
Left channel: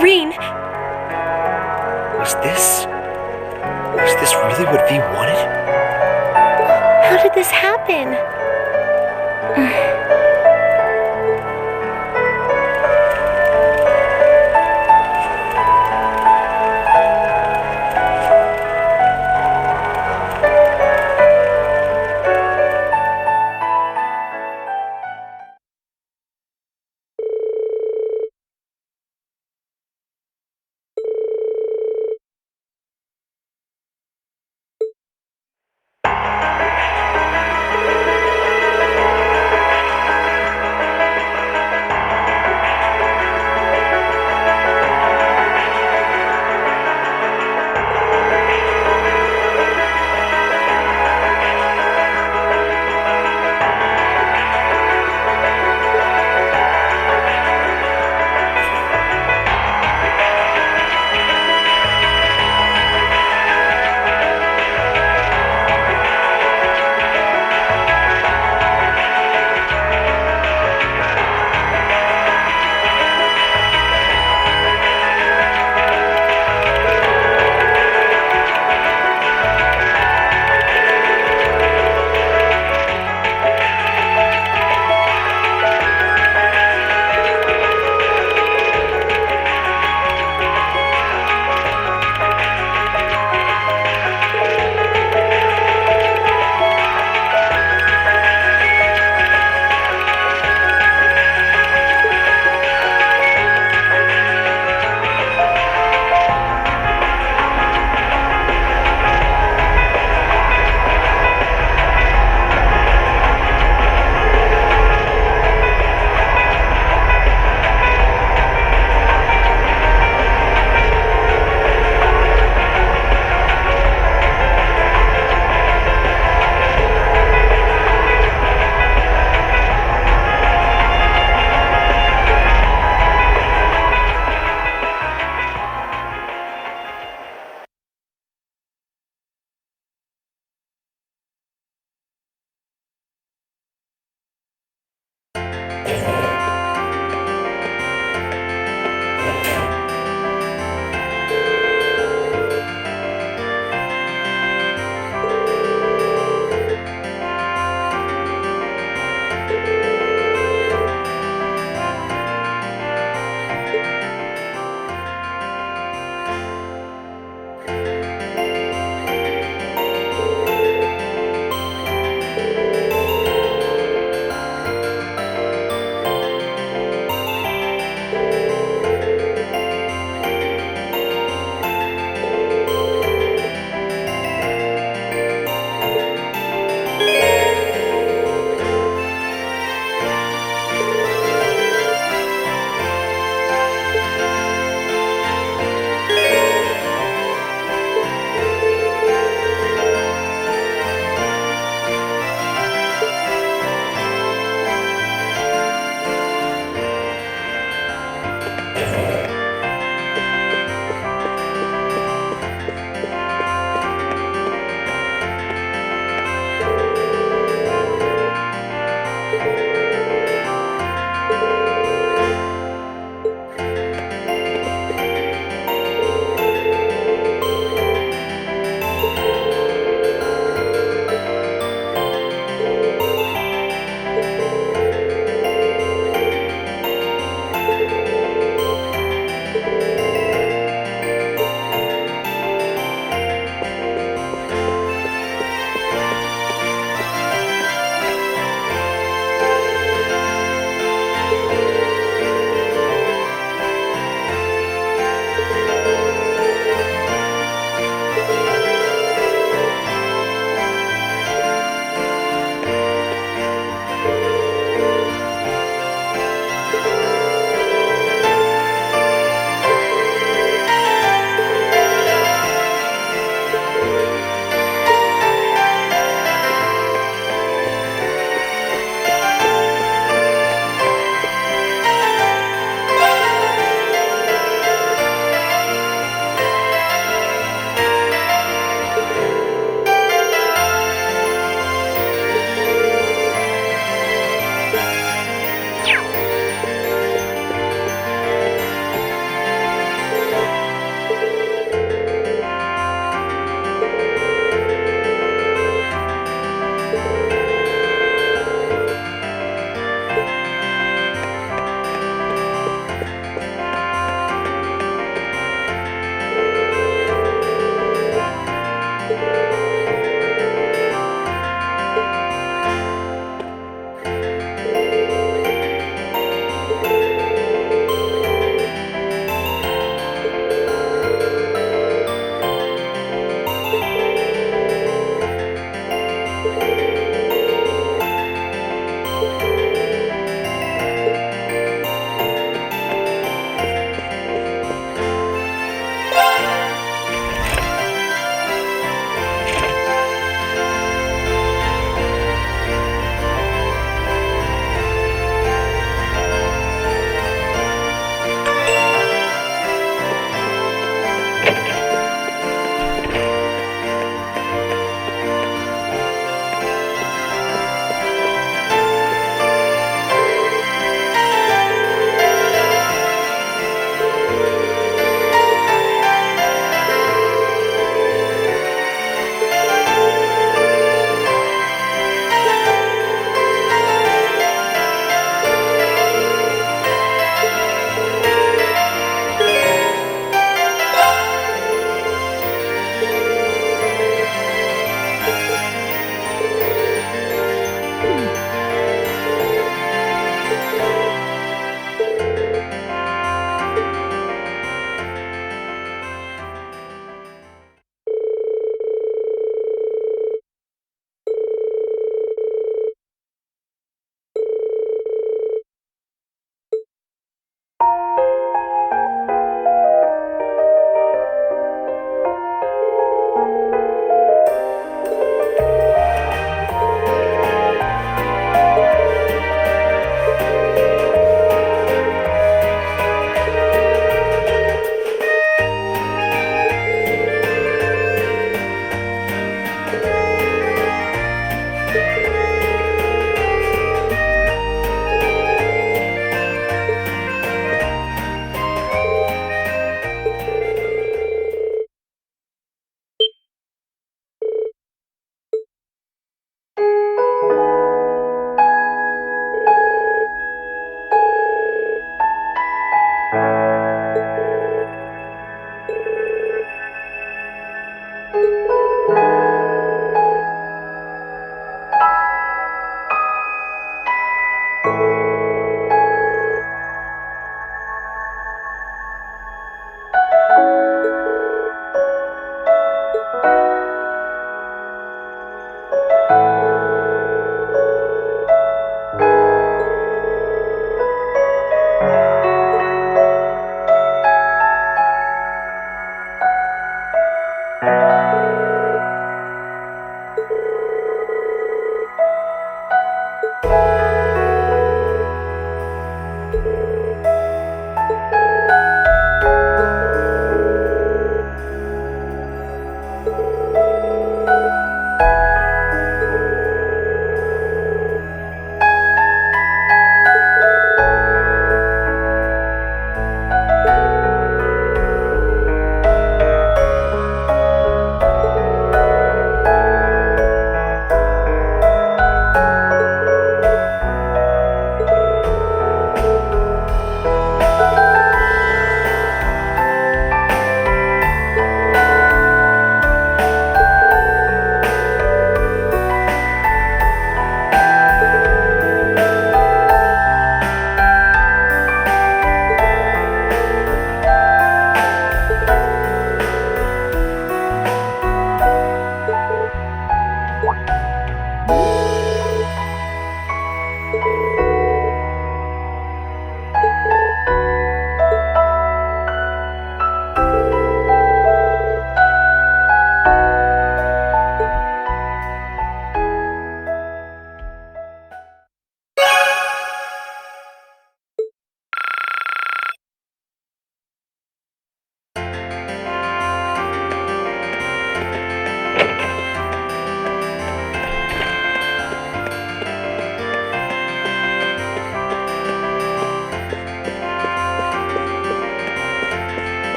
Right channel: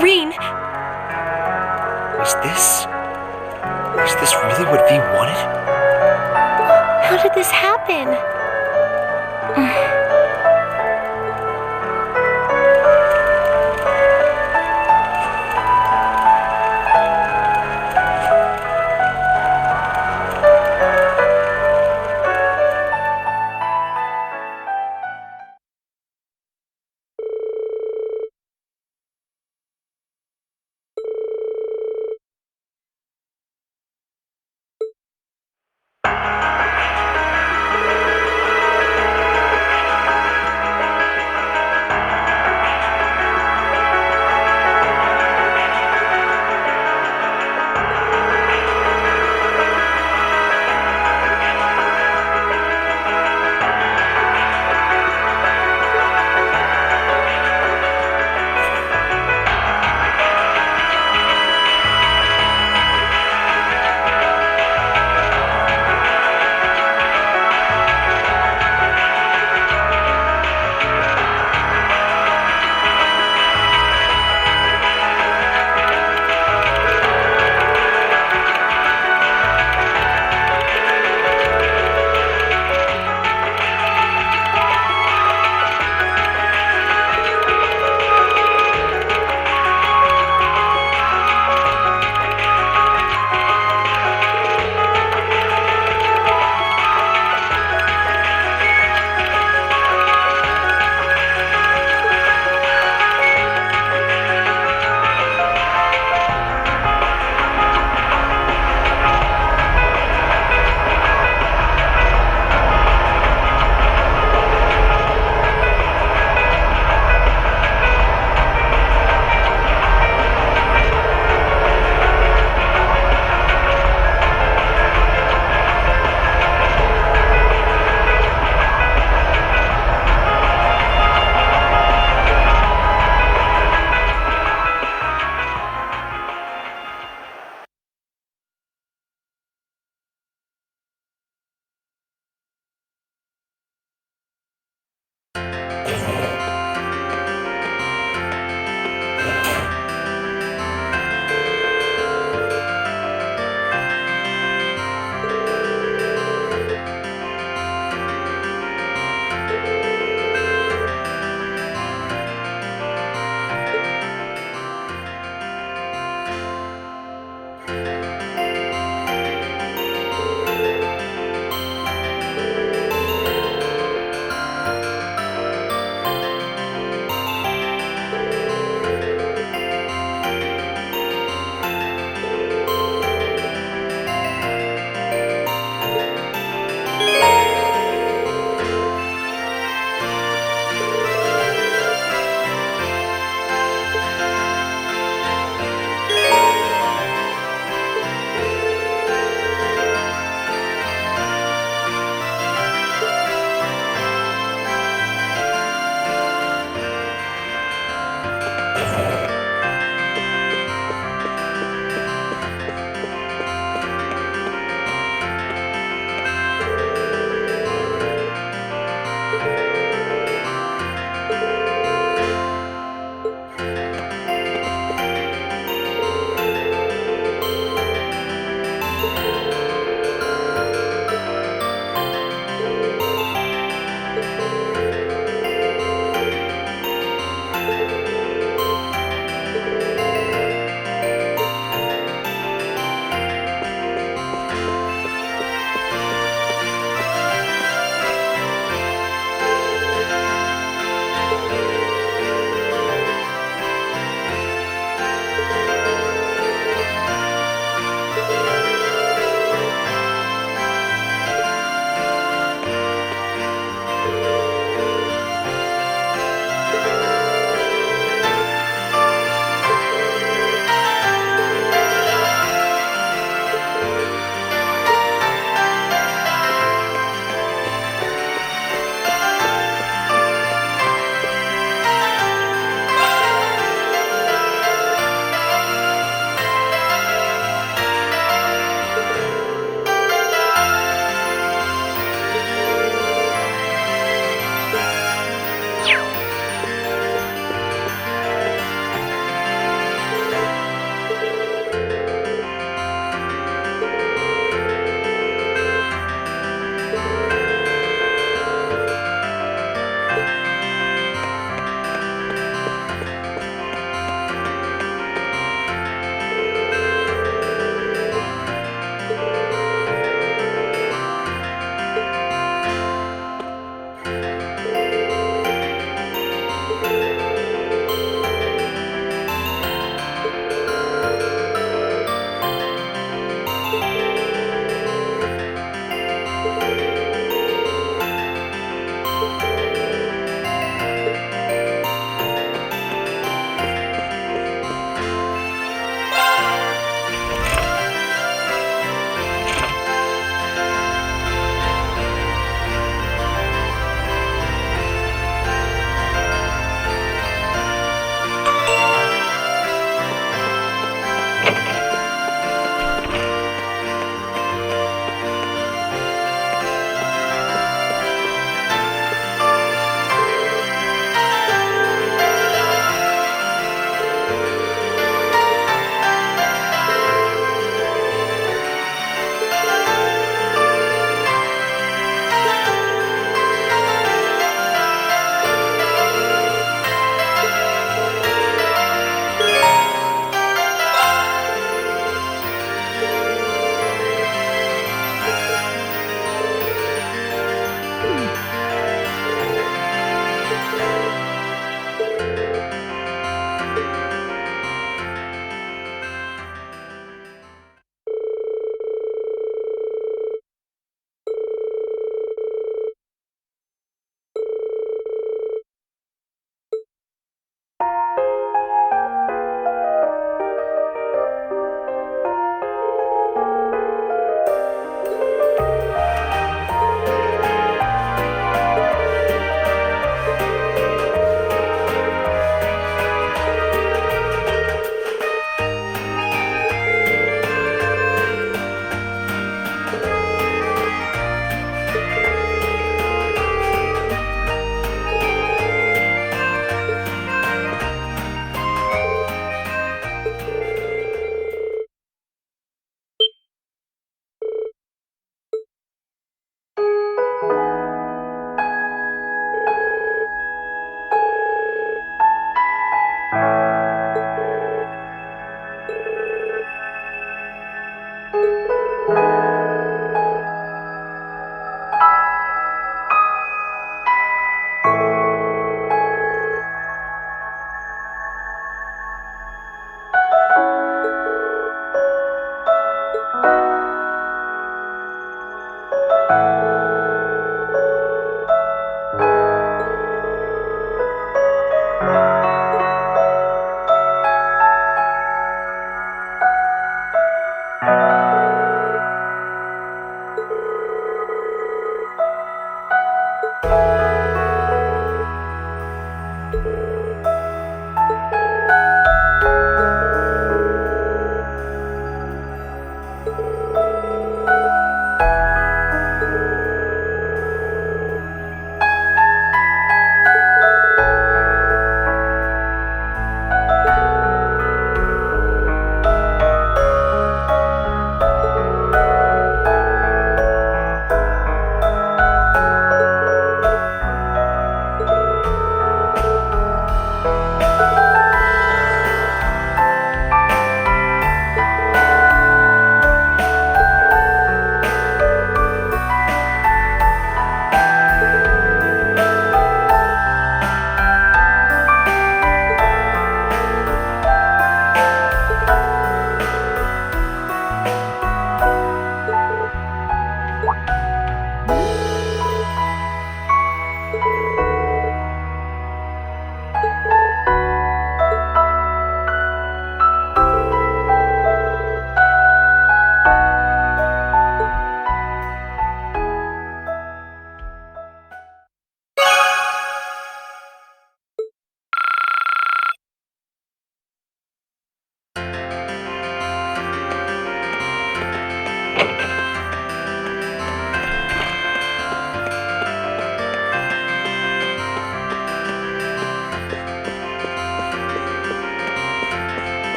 Reen! Was this really what V wanted? How did this happen?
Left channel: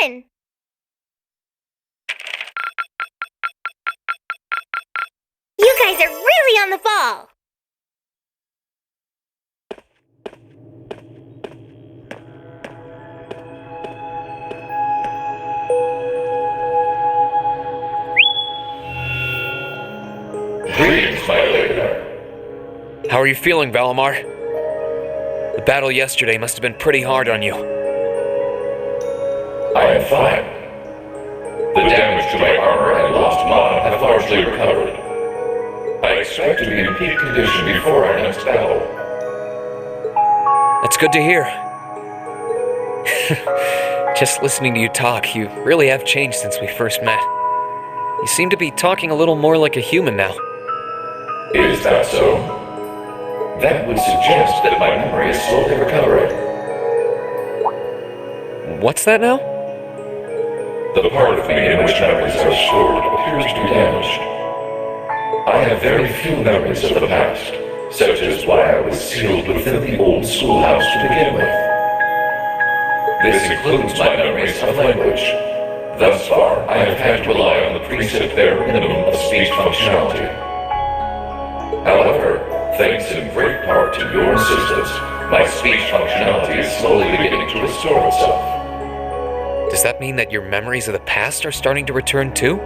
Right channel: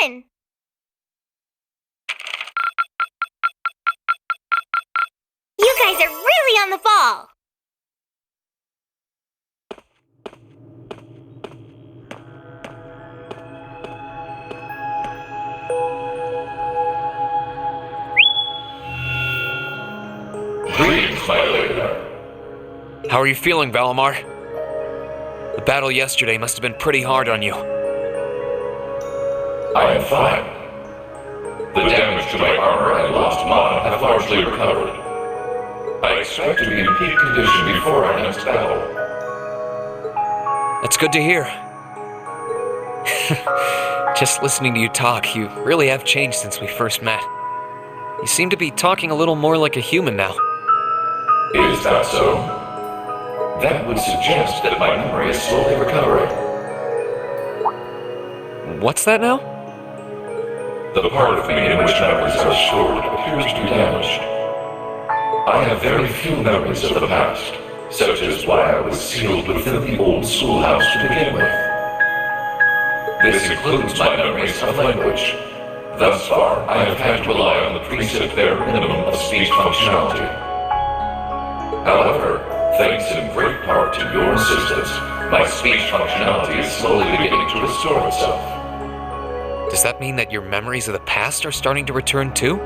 fun! You guys are really on the ball! Greetings, my Lady. How are you feeling, Valimar? The battle yesterday must have been pretty hard on you. I am fine. The damage to my armor and lost mana have largely recovered. I expect to be in peak condition before our next battle. That's good to hear. Just listening to you talk, you really have changed since we first met. You seem to be talking a little more like a human now. Is that so? That would suggest that my memory is slowly recovering. What's that now? The part of me in which memories are stored appears to be damaged. I have very few memories of the past, such as why I was sealed within the old schoolhouse to begin with. This includes my memories of language. Thus far, I have had to rely on the preset bare minimum of speech functionality. However, thanks in great part to your assistance, my speech functionality is slowly beginning to restore itself. Does that mean that your memories of the past are starting to return too?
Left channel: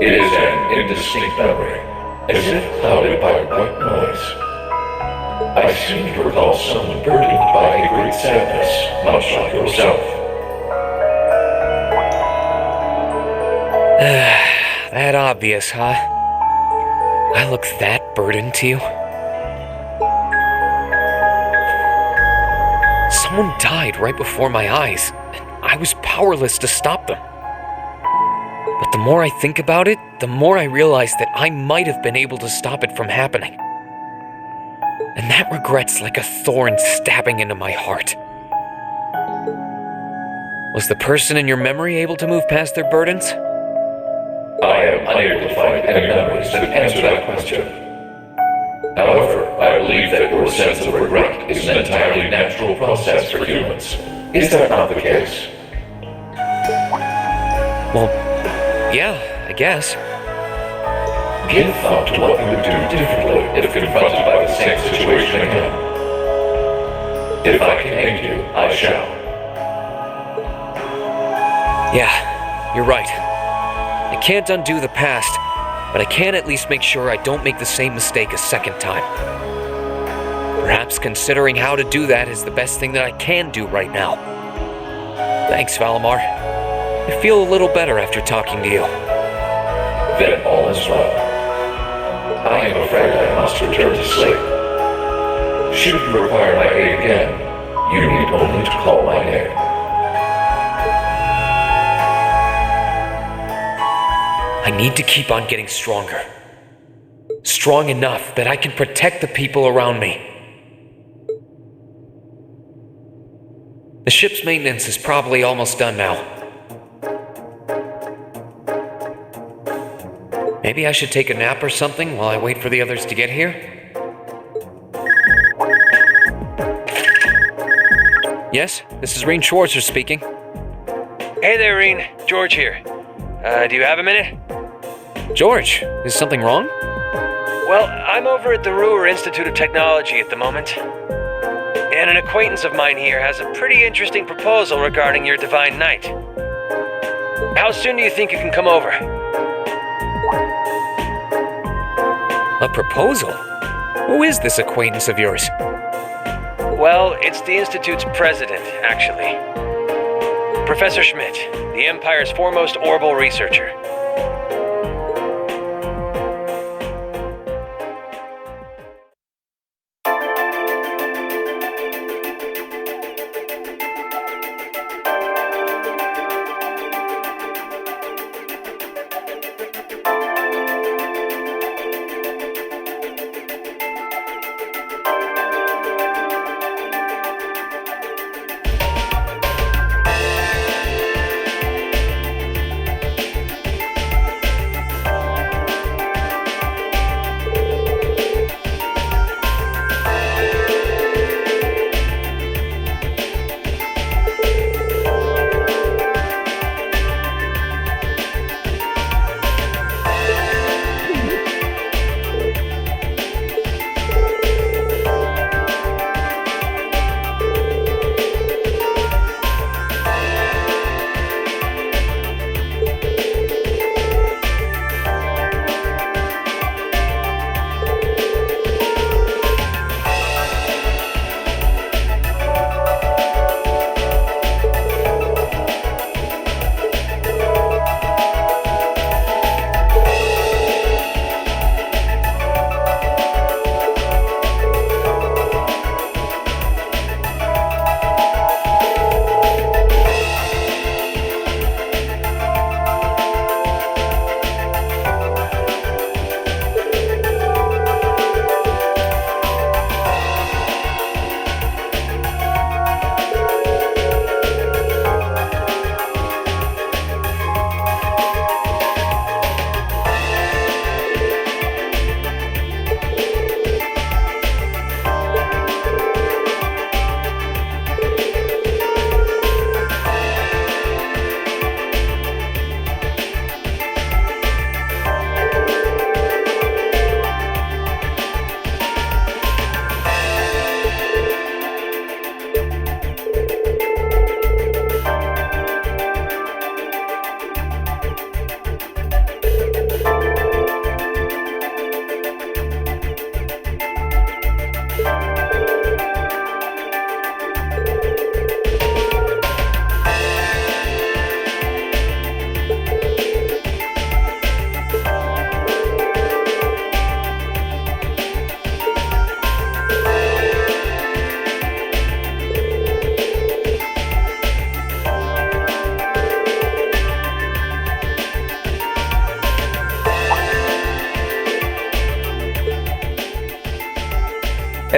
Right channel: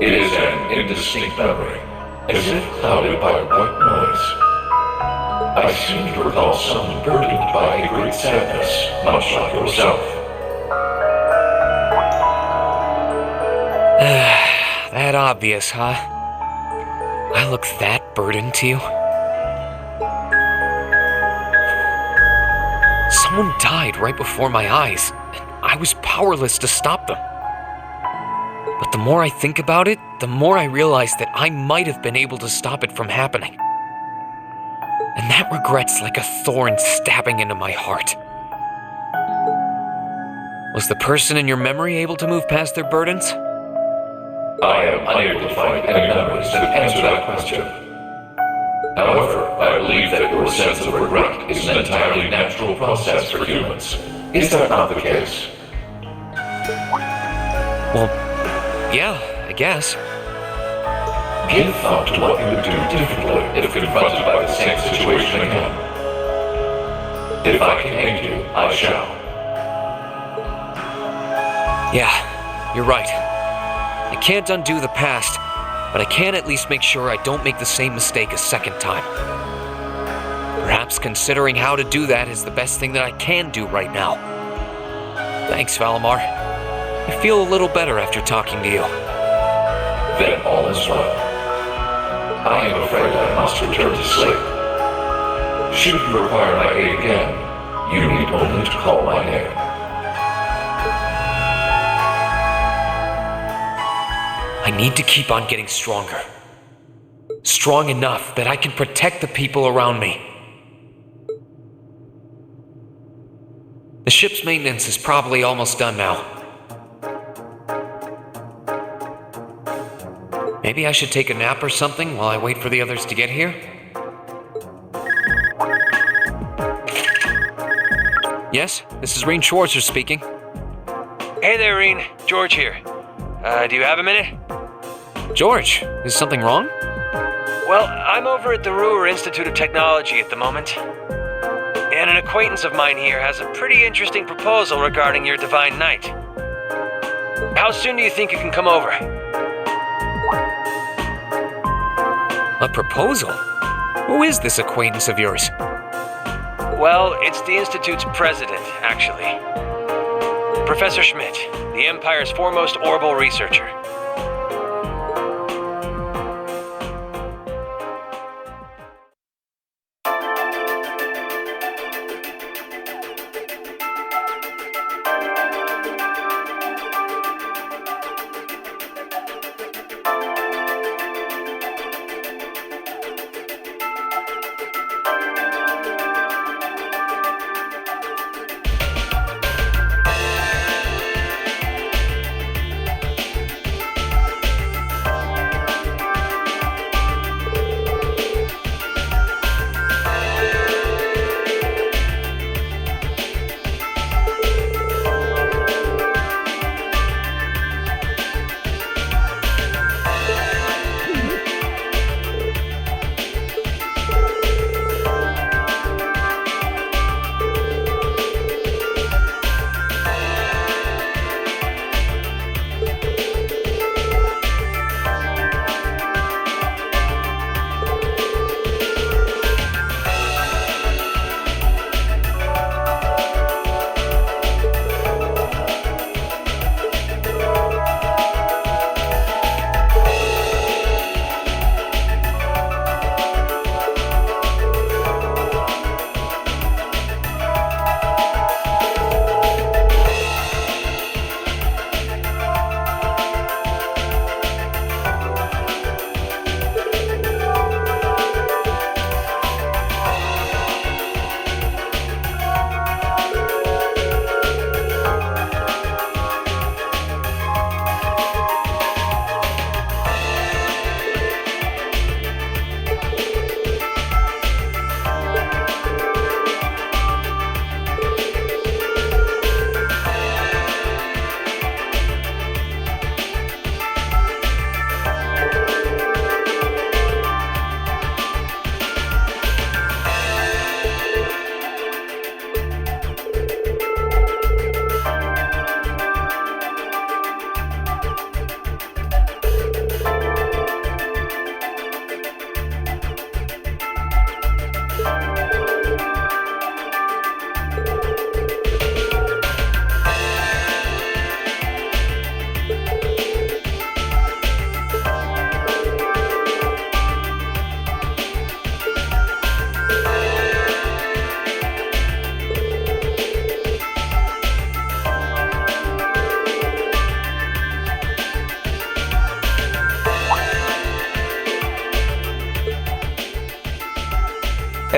It is an indistinct memory, as if clouded by white noise. I seem to recall someone burdened by a great sadness, much like yourself. That obvious, huh? I look that burdened to you? Someone died right before my eyes, and I was powerless to stop them. But the more I think about it, the more I realize that I might have been able to stop it from happening. And that regret's like a thorn stabbing into my heart. Was the person in your memory able to move past their burdens? I am unable to find any memories to answer that question. However, I believe that your sense of regret is an entirely natural process for humans. Is that not the case? Well, yeah, I guess. Give thought to what you would do differently if confronted by the same situation again. If I can aid you, I shall. Yeah, you're right. I can't undo the past, but I can at least make sure I don't make the same mistake a second time. Perhaps considering how to do that is the best thing that I can do right now. Thanks, Valimar. I feel a little better after talking to you. Then all is well. I am afraid I must return to sleep. Should you require my aid again, you need only to call my name. I need to keep on getting stronger. Strong enough that I can protect the people around me. The ship's maintenance is probably almost done now. Maybe I should take a nap or something while I wait for the others to get here? Yes, this is Reen Schwarzer speaking. Hey there, Reen. George here. Do you have a minute? George, is something wrong? Well, I'm over at the Roer Institute of Technology at the moment. And an acquaintance of mine here has a pretty interesting proposal regarding your Divine Knight. How soon do you think you can come over? A proposal? Who is this acquaintance of yours? Well, it's the Institute's president, actually. Professor Schmidt, the Empire's foremost orbital researcher.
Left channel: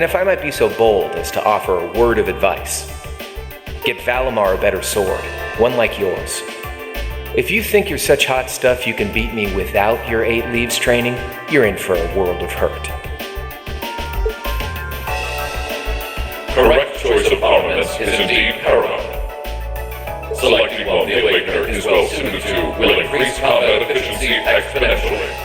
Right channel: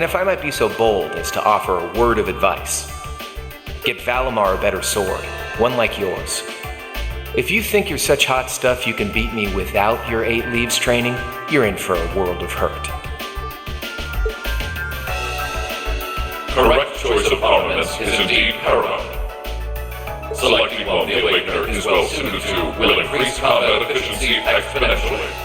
And if I might be so bold as to offer a word of advice, get Valimar a better sword, one like yours. If you think you're such hot stuff you can beat me without your 8 leaves training, you're in for a world of hurt. Correct choice of armaments is indeed paramount. Selecting one the Awakener is well suited to will increase combat efficiency exponentially.